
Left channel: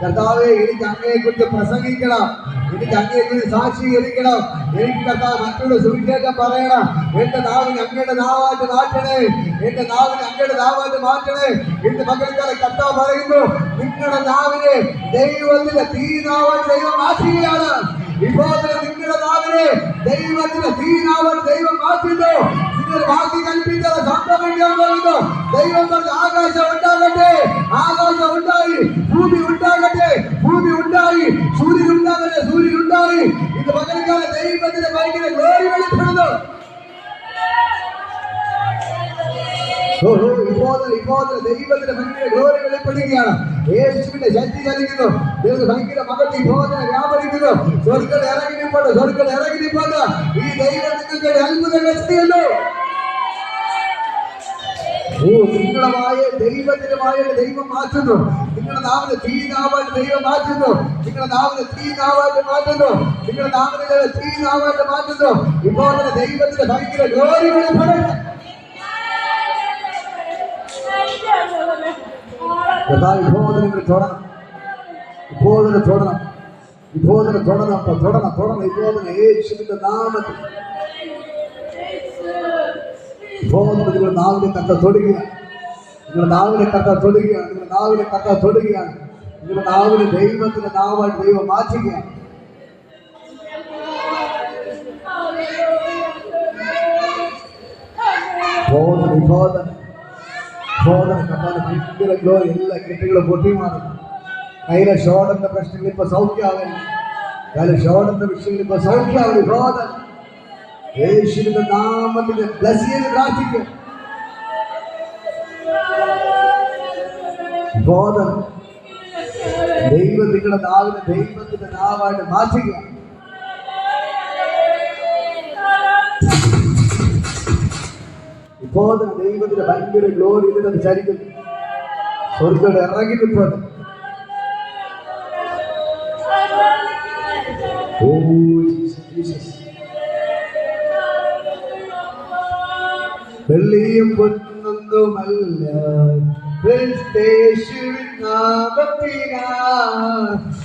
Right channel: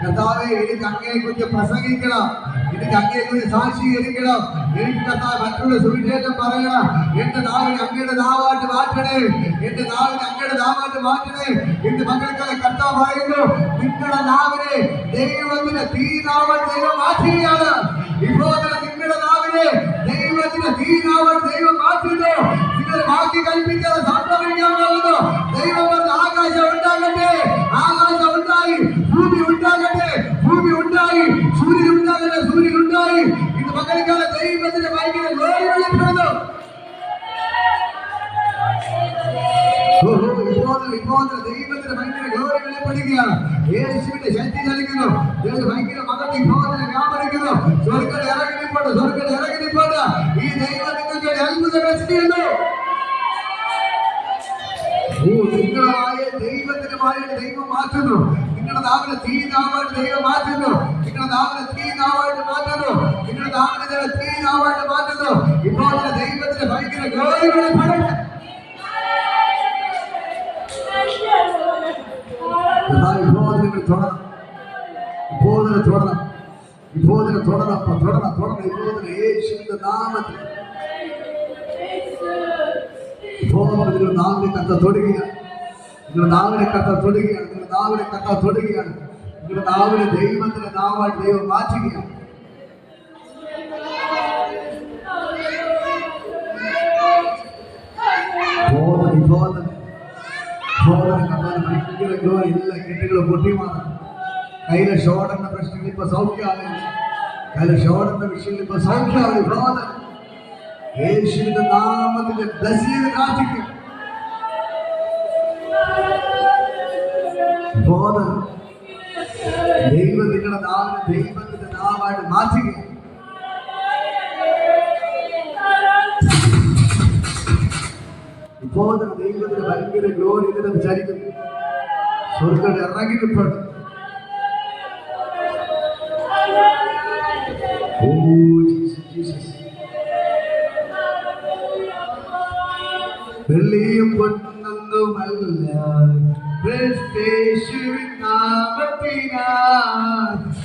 കർത്താവേ, എനിക്ക് അങ്ങയെ കുറിച്ച് പ്രസംഗിക്കണം, എനിക്ക് അങ്ങയെ കുറിച്ച് സാക്ഷീകരിക്കണം, എനിക്ക് കർത്താവ് മറ്റുള്ള സുവിശേഷം പറയണം. എന്റെ നാവിനെ അങ്ങയുടെ നാവായിട്ട് മാറ്റണേ, എന്റെ നാവിനെ അങ്ങയുടെ നാവായിട്ട് മാറ്റണേ. എന്റെ മക്കൾക്കാരെ കർത്താവ് പറയുന്നു, നിങ്ങളുടെ നാവിനെ ദൈവത്തിന്റെ തീനാവായിട്ട് ദൈവം മാറ്റുകയാണ്. ഇപ്പോൾ നിങ്ങളുടെ നാവിനെ ദൈവത്തിന്റെ തീനാവായിട്ട് ദൈവം മാറ്റുന്നു. നിങ്ങൾ ബാക്കി കൽപ്പിക്കാതെ സംഭവിക്കാൻ പോകുന്നു. ദൈവം പറഞ്ഞ ആകാശം ഉണ്ടാകട്ടെ, ആകാശം ഉണ്ടായി. ഭൂമി ഉണ്ടാകട്ടെ, ഭൂമി ഉണ്ടായി. സൂര്യൻ ഉണ്ടാകട്ടെ, സൂര്യൻ ഉണ്ടായി. ഇത് പകൽക്കാലം ദൈവത്തിന്റെ ഭയങ്കര ഗ്ലോറി വെളിപ്പെടുന്നു. ഇപ്പോൾ ദൈവത്തിന്റെ ഭയങ്കര ഗ്ലോറി വെളിപ്പെടുകയാണ്. യേശുവിന്റെ ശക്തി ചലിക്കുന്നു. ദൈവത്തിന്റെ ഭയങ്കര മകത്തി ബോധന വ്യാപരിക്കുന്നു. സ്വർഗ്ഗം ഇറങ്ങി നിൽപ്പുണ്ട്, സ്വർഗ്ഗം ഇറങ്ങി നിൽപ്പുണ്ട്. ഈ ദൈവം നിങ്ങൾക്ക് അത്ഭുതങ്ങൾ ചെയ്യുന്നു. നിങ്ങളുടെ വായ ദൈവത്തിന്റെ വായയുടെ ദൈവം മാറ്റുന്നു. നിങ്ങളുടെ നാവിനെ തീ നാവായിട്ട് ദൈവം മാറ്റുന്നു. നിങ്ങളുടെ നാവിനെ തീ നാവായിട്ട് മാറ്റുന്നു. നിങ്ങളുടെ നാവിനെ ദൈവം തീ നാവായിട്ട് മാറ്റുന്നു. ഇപ്പോൾ ദൈവത്തിന്റെ ഭയങ്കര ഗ്ലോറി വെളിപ്പെടുന്നു. ഇപ്പോഴെ തൊടണം, ഇപ്പോഴെ തൊടണം, തൊടണം, തൊടണം. ഇപ്പോഴെ യേശുവിന്റെ നാമത്തിൽ ഇപ്പോൾ നിങ്ങളുടെ നാവിനെ കത്ത തൊടുകയാണ്. നിങ്ങളുടെ നാവിനെ കത്ത തൊടുകയാണ്. നിങ്ങളുടെ നാവിനെ കത്ത തൊടുകയാണ്. നിങ്ങളുടെ നാവിനെ ദൈവത്തിന്റെ നാവായിട്ട് ദൈവം മാറ്റുകയാണ്. എല്ലാ കെട്ടുകളും പൊട്ടി മാറും. കയ്യിലെ ഷോർട്ടിന്റെ പ്രശ്നങ്ങൾ ഇപ്പൊ സൗഖ്യമാകുന്നു. കയ്യിലെ ഷോർട്ടിന്റെ വിഷയങ്ങൾ ഇപ്പൊ സൗഖ്യമാകും. യേശുവിന്റെ നാമത്തിൽ ബ്ലസ് ചെയ്ത് പ്രാർത്ഥിക്കും. ബോധം ദൈവം നിങ്ങളുടെ നാവിനെ ദൈവത്തിന്റെ നാവായിട്ട് മാറ്റുക. ഇപ്പോൾ ദൈവത്തിന്റെ ഭയങ്കര ഗ്ലോറി ഇതിനെ ചരിക്കുന്നു. സ്വർഗ്ഗം ഇറങ്ങി നിൽപ്പുണ്ട്. ഓ ജീസസ്, വെള്ളിയും പൊന്നൊന്നുമല്ല യേശുവിൻ നാമത്തിനാൽ,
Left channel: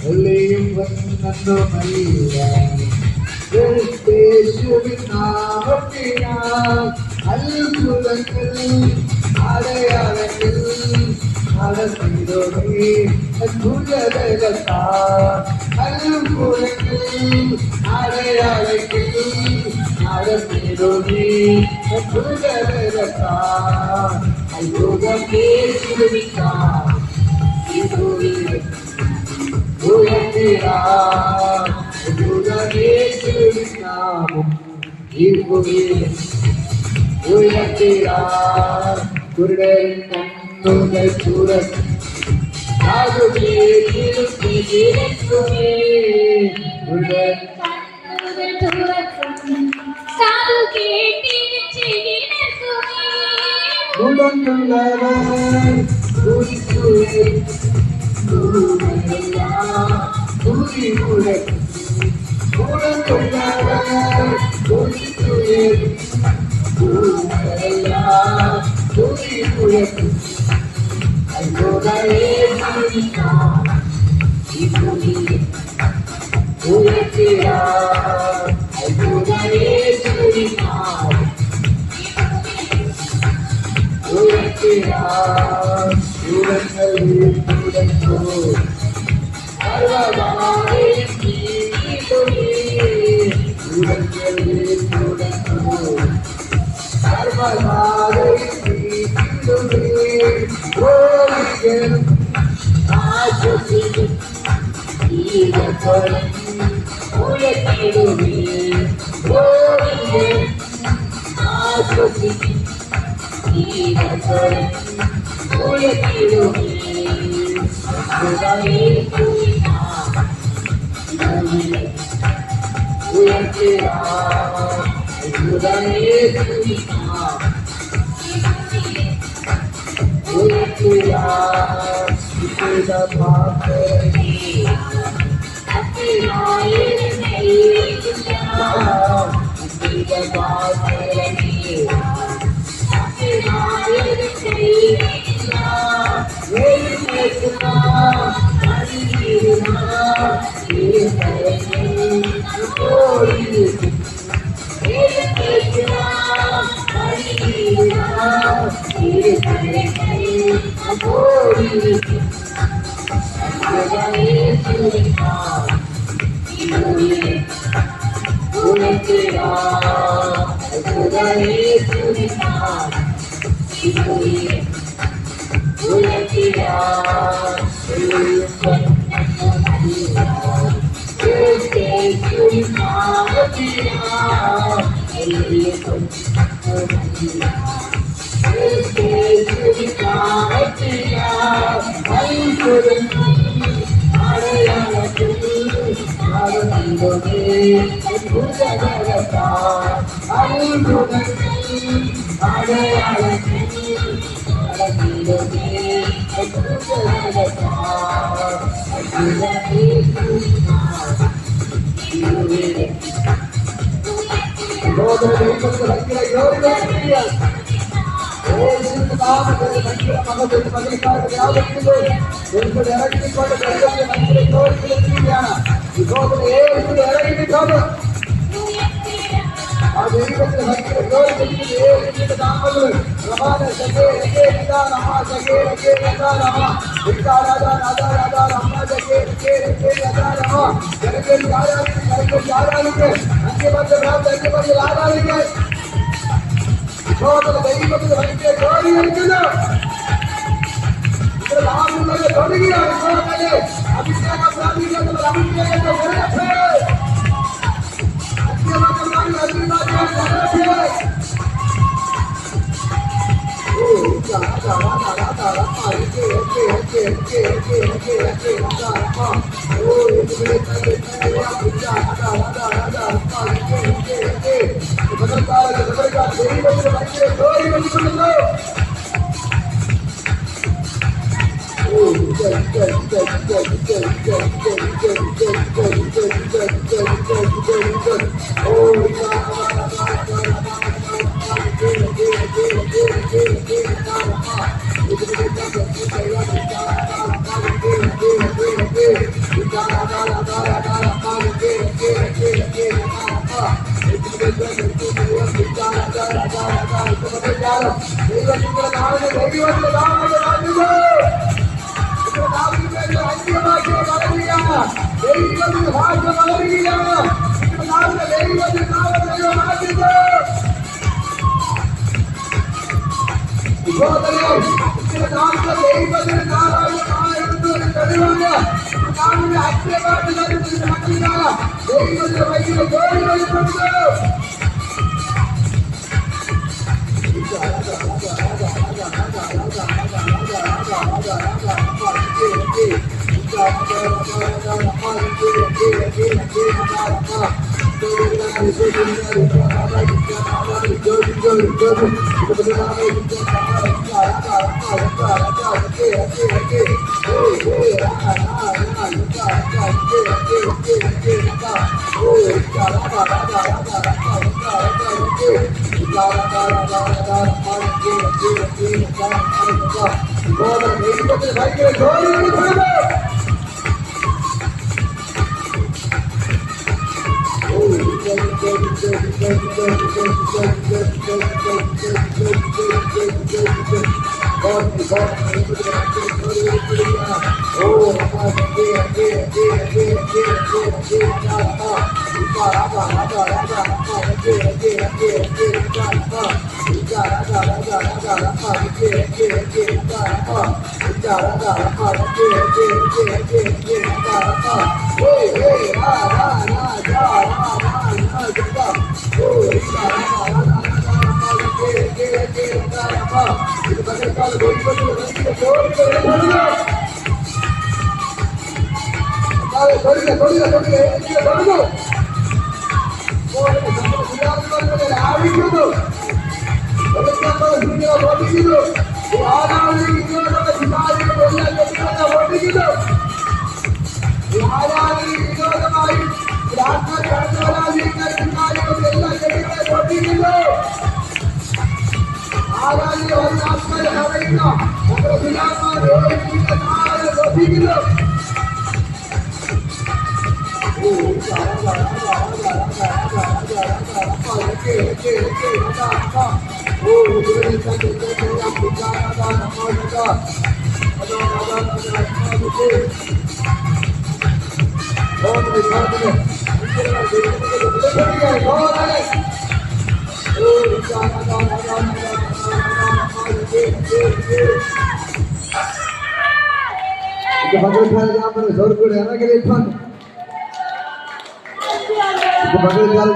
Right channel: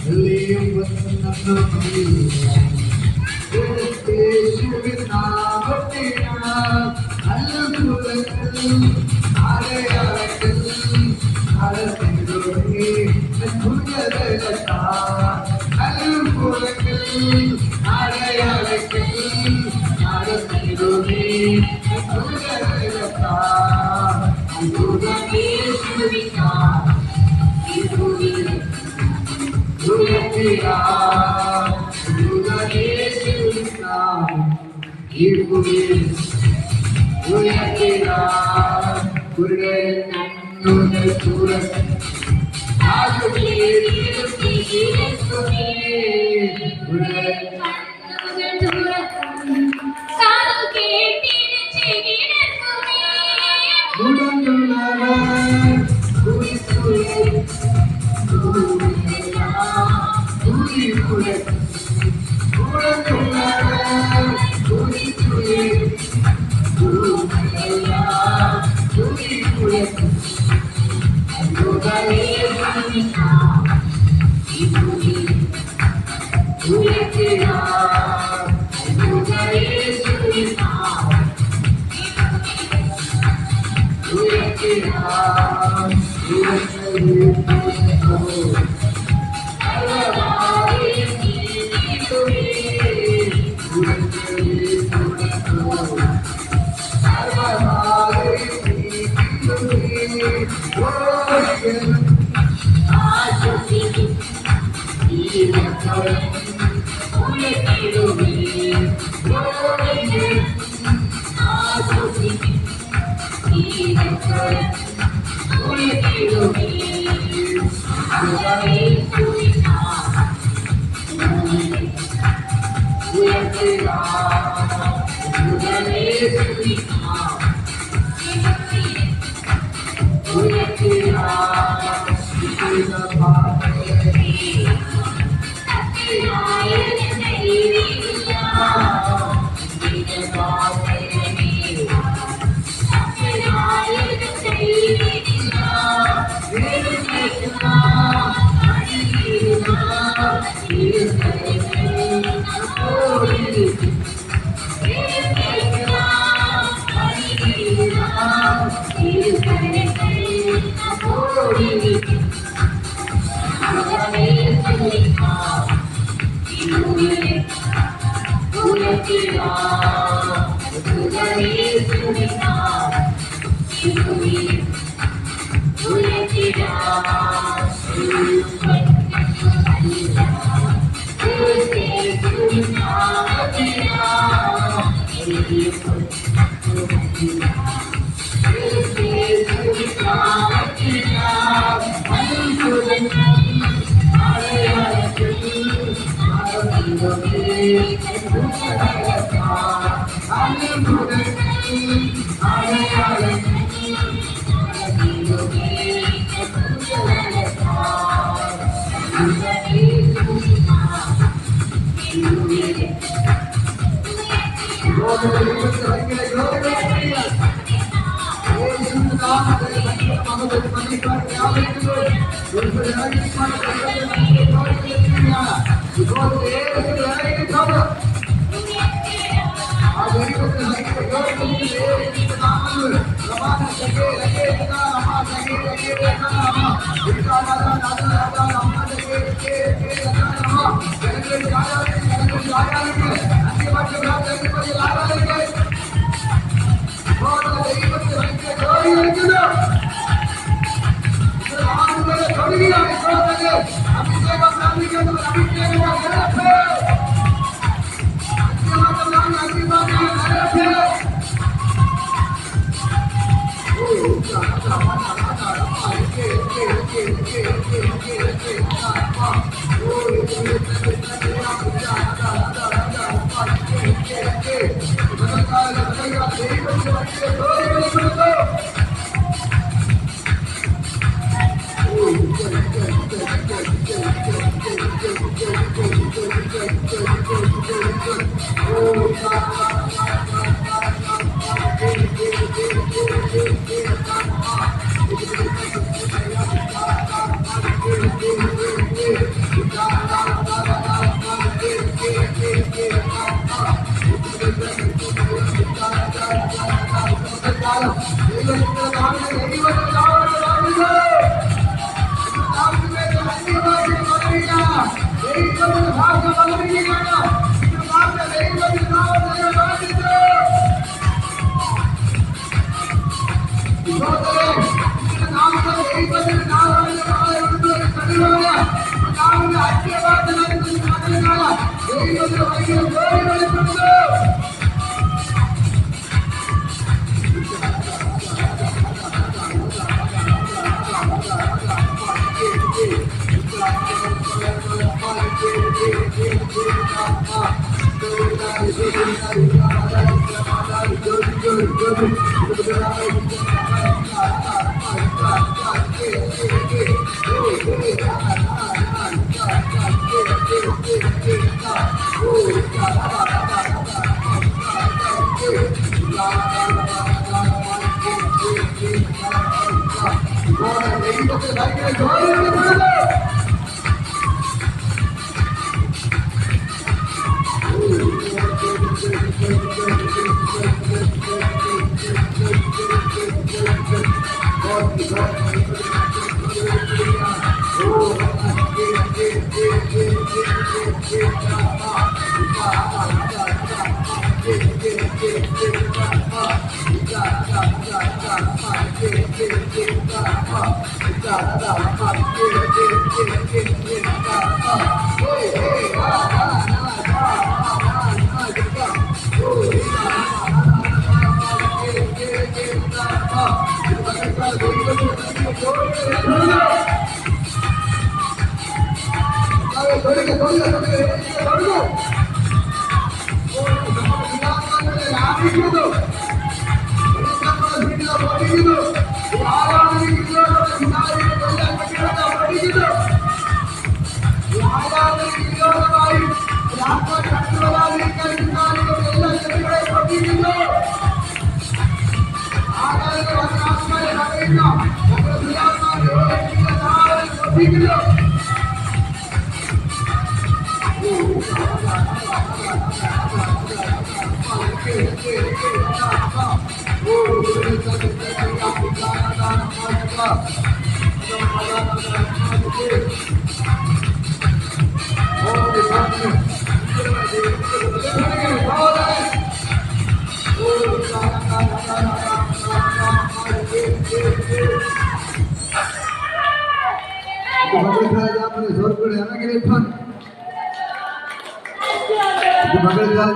വെള്ളിയും പൊന്നൊന്നുമല്ല യേശുവിൻ നാമത്തിനാൽ, അത്ഭുതങ്ങൾ അടയാളങ്ങൾ നടത്തിടുമേ അത്ഭുതബലത്താൽ, അത്ഭുതങ്ങൾ അടയാളങ്ങൾ നടത്തിടുമേ അത്ഭുതബലത്താൽ, അത്ഭുതം യേശുവിനാൽ ഈ ഭൂമിയിൽ ഉയർത്തിടാം, അത്ഭുതം യേശുവിനാൽ ഈ ഭൂമിയിൽ ഉയർത്തിടാം. കണ്ണുകൾ തുറക്കും I know that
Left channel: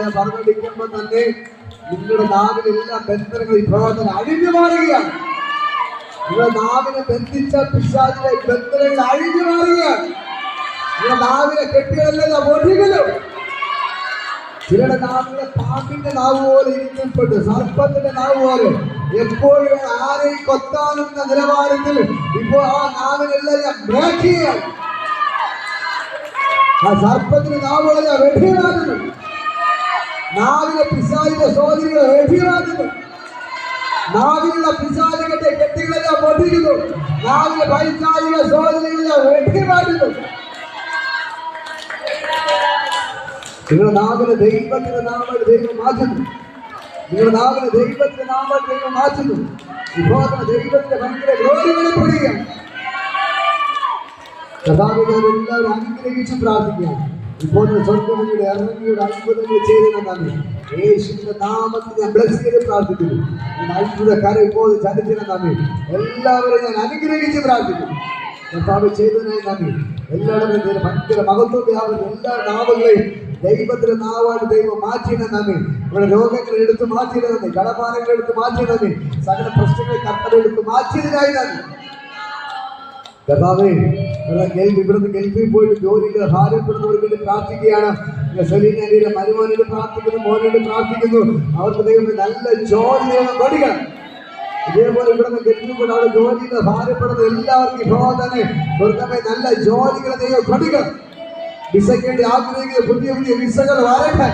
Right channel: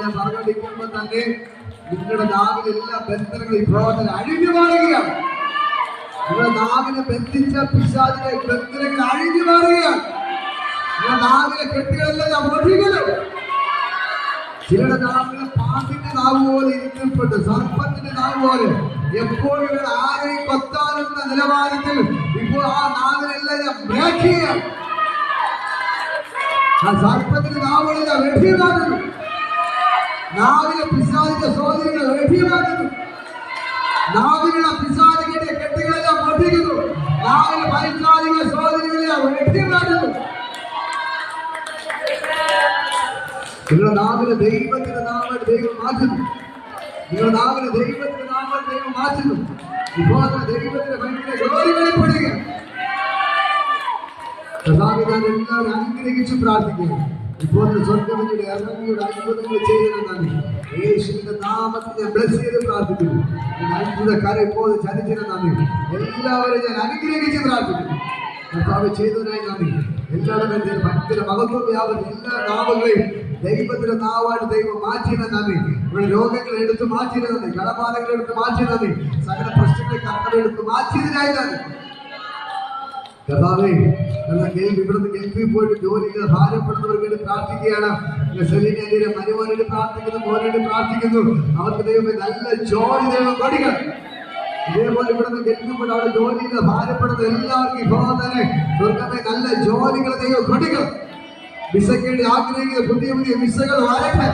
ഞാൻ പറഞ്ഞുകൊണ്ടിരിക്കുമ്പോൾ തന്നെ നിങ്ങളുടെ നാവിലെല്ലാം ബന്ധനങ്ങൾ ഇപ്പോൾ തന്നെ അഴിഞ്ഞു മാറുകയാണ്. നിങ്ങളുടെ നാവിനെ ബന്ധിച്ച പിശാചിലെ ബന്ധനങ്ങൾ അഴിഞ്ഞു മാറുകയാണ്. നിങ്ങളുടെ നാവിലെ കെട്ടുകളെല്ലാം ഒഴുകുന്നു. ചിലരുടെ നാവുകളെ പാമ്പിന്റെ നാവ് പോലെ ഇരിക്കപ്പെട്ടു, സർപ്പത്തിന്റെ നാവ് പോലെ എപ്പോഴും ആരെയും കൊത്താനെന്ന നിലവാരത്തിൽ ഇപ്പോൾ ആ നാവിനെല്ലാം ബ്രേക്ക് ചെയ്യുകയാണ്. ആ സർപ്പത്തിന്റെ നാവുകളെല്ലാം വെട്ടിമാറുന്നു. നാവിലെ പിശാചിന്റെ സ്വാധീനങ്ങളെ വെട്ടിമാറുന്നു. നാവിലുള്ള പിശാചിന്റെ കെട്ടുകളെല്ലാം പൊട്ടിക്കുന്നു. നാവിലെ പൈശാചിക സ്വാധീനങ്ങളെല്ലാം വെട്ടിമാറുന്നു. നിങ്ങളുടെ നാവിലെ ദൈവത്തിന്റെ നാമത്തെ ദൈവം മാറ്റുന്നു. നിങ്ങളുടെ നാവിലെ ദൈവത്തിന്റെ നാമത്തെ ദൈവം മാറ്റുന്നു. ഇപ്പോൾ ദൈവത്തിന്റെ ഭയങ്കര ഗ്ലോറി വെളിപ്പെടുകയാണ്. എല്ലാവരും അനുഗ്രഹിച്ച് പ്രാർത്ഥിക്കുകയാണ്. ഇപ്പോൾ സ്വർഗ്ഗത്തിലൂടെ ഇറങ്ങിയുടെ അത്ഭുതങ്ങൾ ചെയ്തതെന്നാണ് യേശുവിന്റെ നാമത്തിൽ ഞാൻ ബ്ലസ് ചെയ്ത് പ്രാർത്ഥിക്കുന്നു. അത്ഭുത കാര്യം ഇപ്പോൾ ചരിത്രമെന്നാണ് എല്ലാവരും ഞാൻ അനുഗ്രഹിച്ച് പ്രാർത്ഥിക്കുന്നു. കർത്താവ് ചെയ്തതിനായി നന്ദി. എല്ലാവരും ഭയങ്കര മഹത്വം എല്ലാ നാവുകളെയും ദൈവത്തിന്റെ നാവായിട്ട് ദൈവം മാറ്റിയത് നന്ദി. ഇവിടെ രോഗങ്ങൾ എടുത്ത് മാറ്റിയത് നന്ദി. കടഭാരങ്ങൾ എടുത്ത് മാറ്റിയത് നന്ദി. സകല പ്രശ്നങ്ങൾ കർത്താവ് എടുത്ത് മാറ്റിയതിനായി നന്ദി. കർത്താവേ, ഇവിടുന്ന് ഗൾഫിൽ പോയിട്ട് ജോലിയില്ല ഭാരപ്പെടുന്നവർക്ക് വേണ്ടി പ്രാർത്ഥിക്കുകയാണ്. സെലീനയുടെ മരുമോനോട് പ്രാർത്ഥിക്കുന്നു, മോനോട് പ്രാർത്ഥിക്കുന്നു. അവർക്ക് ദൈവം നല്ല ജോലി ദൈവം കൊടുക്കണം. ഇതേപോലെ ഇവിടുന്ന് ഗൾഫിൽ പോയിട്ട് അവിടെ ജോലിയില്ല ഭാരപ്പെടുന്ന എല്ലാവർക്കും ഇപ്പോൾ തന്നെ സ്വർഗ്ഗമേ നല്ല ജോലികളെ ദൈവം കൊടുക്കണം. വിസയ്ക്ക് വേണ്ടി ആഗ്രഹിക്കുന്ന പുതിയ പുതിയ വിസകൾ വരട്ടെ.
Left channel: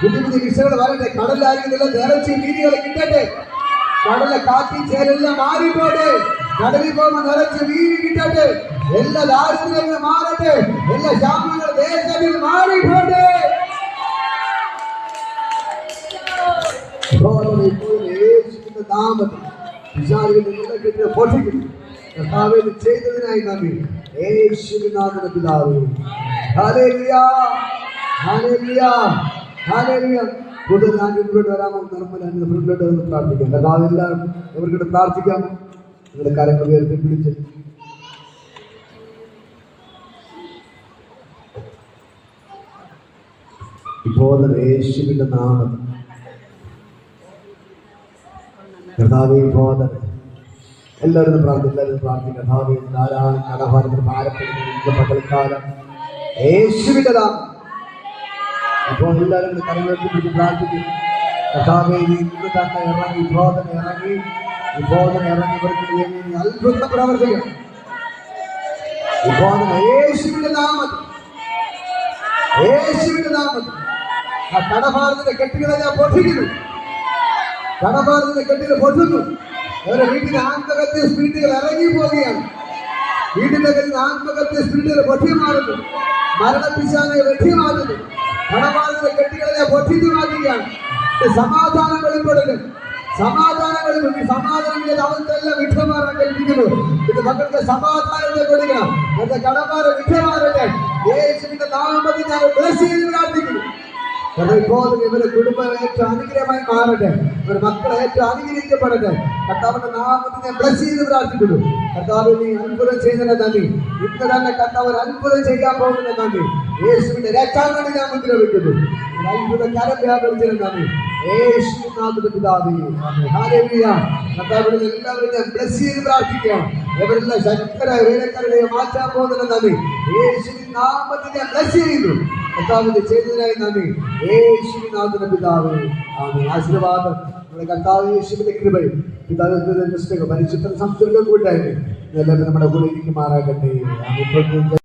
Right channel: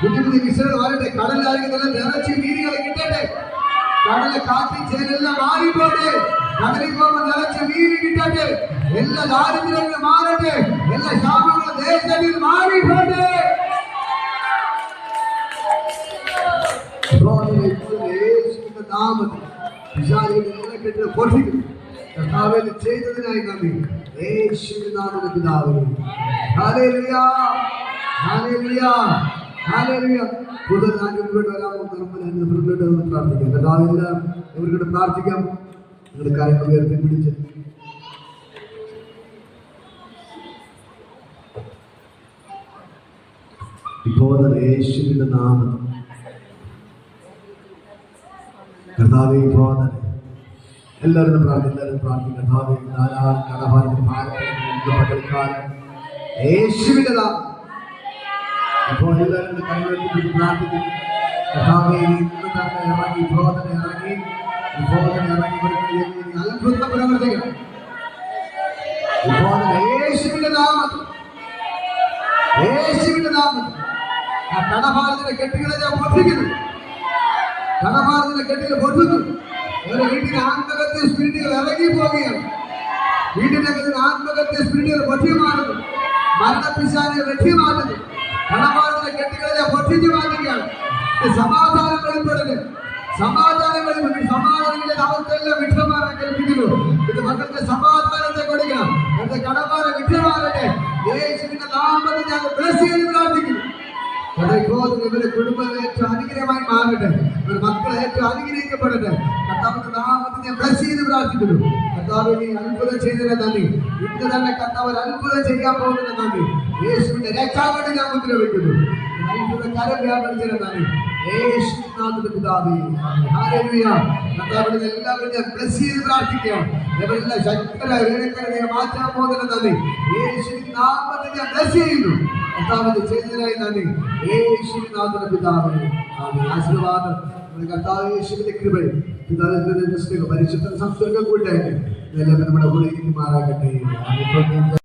പുതിയ പുതിയ വിസകൾ വരട്ടെ. കടലായിരിക്കുന്നില്ല നിറച്ച് വീതികളെ കിട്ടട്ടെ. കടലെ കാറ്റി ചേരെല്ലാം മാറിപ്പോട്ടെ. കടലിൽ പോകുമ്പോൾ നിറച്ച് വീതി കിട്ടട്ടെ. എല്ലാ ദാരിദ്ര്യങ്ങളും മാറട്ടെ. എല്ലാ ശാപങ്ങളും ദേശത്തിൽ മാറിപ്പോട്ടെ. യേശുവിന്റെ നാമത്തിൽ പിശാചിന്റെ എല്ലാ കെട്ടുകളെ പൊട്ടിക്കുന്നു. കർത്താവേ ചെയ്തതിനായി നന്ദി. യേശുവിന്റെ നാമത്തിൽ പിതാവേ. Hallelujah, hallelujah, hallelujah. കൂടുതൽ ഞാൻ മുന്നോട്ട് വരാമോ? മുന്നോട്ട് വന്ന് പ്രാർത്ഥിക്കാം. കർത്താവെല്ലാം ഇവർക്കിട്ട് പ്രാർത്ഥിക്കാം. നിങ്ങളുടെ കാര്യങ്ങൾ ഉയർത്തി പിടിച്ച് ഇപ്പോൾ യേശുവിന്റെ നാമം കർത്താവേ ഇപ്പോൾ തന്നെ എല്ലാവരും പ്രാർത്ഥിക്കാം. കർത്താവേ ധാരാളം കടഭാരത്തിന് ഭാരപ്പെടുന്ന പകൽക്കാലം യേശുവിന്റെ നാമം ഇപ്പോൾ എല്ലാവരും കരങ്ങളിലേക്ക് പിടിച്ച് പ്രാർത്ഥിക്കും. കർത്താവേ ഇന്ന് തന്നെ ഇറങ്ങി ഇപ്പോൾ തന്നെ ഇറങ്ങി ഇവർക്ക് അത്ഭുതം പ്രവർത്തിക്കണം. ഇപ്പോൾ യേശുവിന്റെ നാമത്തിൽ ആ കടഭാരത്തിന്റെ കെട്ടുകളെ ഞാൻ പൊട്ടിക്കുന്നു. കടഭാരത്തിന്റെ കെട്ടുകൾ പൊട്ടുന്നു. അവരുടെ വീട്ടിലെ ആത്മഹത്യ സ്പിരിറ്റുകൾ ഇറങ്ങി പോവുകയാണ്. വീട്ടിന്റെ ആത്മഹത്യ സ്പിരിറ്റുകൾ പൊട്ടിമാറുന്നു. മരണപ്പിശാചിനെ വെട്ടിമാറ്റുന്നു. കടഭാരത്തിന്റെ കെട്ടുകളെ പൊട്ടിച്ചു മാറ്റുകയാണ്. സമാധാനം വെളിപ്പെടല്. സമാധാനങ്ങളിലെ അവസ്ഥയെല്ലാം വിട്ടുമാറാൻ കൽപ്പിക്കുന്നു. ഇത് മക്കൾക്ക് സമാധാനത്തെ കൊടുക്കണം. എന്റെ കടമാരെ വിട്ടുമാറട്ടെ. യേശുവിന്റെ നാമത്തിൽ ഞാൻ ബ്ലസ് ചെയ്ത് പ്രാർത്ഥിക്കുന്നു. ഇപ്പോൾ ഇവരുടെ കുടുംബം ഏറ്റവും അനുഗ്രഹമായി മാറട്ടെ. ഇവരുടെ മക്കൾ ഏറ്റവും അനുഗ്രഹിക്കപ്പെടട്ടെ. കർത്താവിന്റെ നാമത്തിൽ ഞാൻ ബ്ലസ് ചെയ്ത് പ്രാർത്ഥിക്കുന്നു. കർത്താവ് നീ അത്ഭുതം ചെയ്തതിനെ നന്ദി. ഇന്ന് തന്നെ കർത്താവ് അത്ഭുതം ചെയ്യാൻ പോകുന്ന നന്ദി. യേശുവിന്റെ രക്ഷാകണ്ടി ഞാൻ മുദ്ര വയ്ക്കുന്നു. അത്ഭുത കരം വ്യാപരിച്ചതിനെ നന്ദി. യേശുവിൻ നാമത്തിൽ പിതാവേ. ഹല്ലേലൂയ. കർത്താവിനെ എല്ലാവരെയും ബ്ലസ് ചെയ്ത് പ്രാർത്ഥിക്കാം. എവരെല്ലാം ശക്തര വേലക്കാരെ മാറ്റാൻ പോകുന്ന നന്ദി യേശുവിൻ നാമത്തിൽ ഞാൻ ബ്ലസ് ചെയ്യുന്നു. കർത്താവിന്റെ ചെയ്തതിനായി നന്ദി യേശുവിൻ നാമത്തിൽ പിതാവേ. ആമേൻ. ആശീർവാദം കർത്താവ് യേശുവിന്റെ കൃപയും പിതാവിന്റെ പരിശുദ്ധ സംസർഗം കൂട്ടായിട്ട് എല്ലാവരും നമ്മുടെ കൂടെ ഇരിക്കുമാറാകട്ടെ.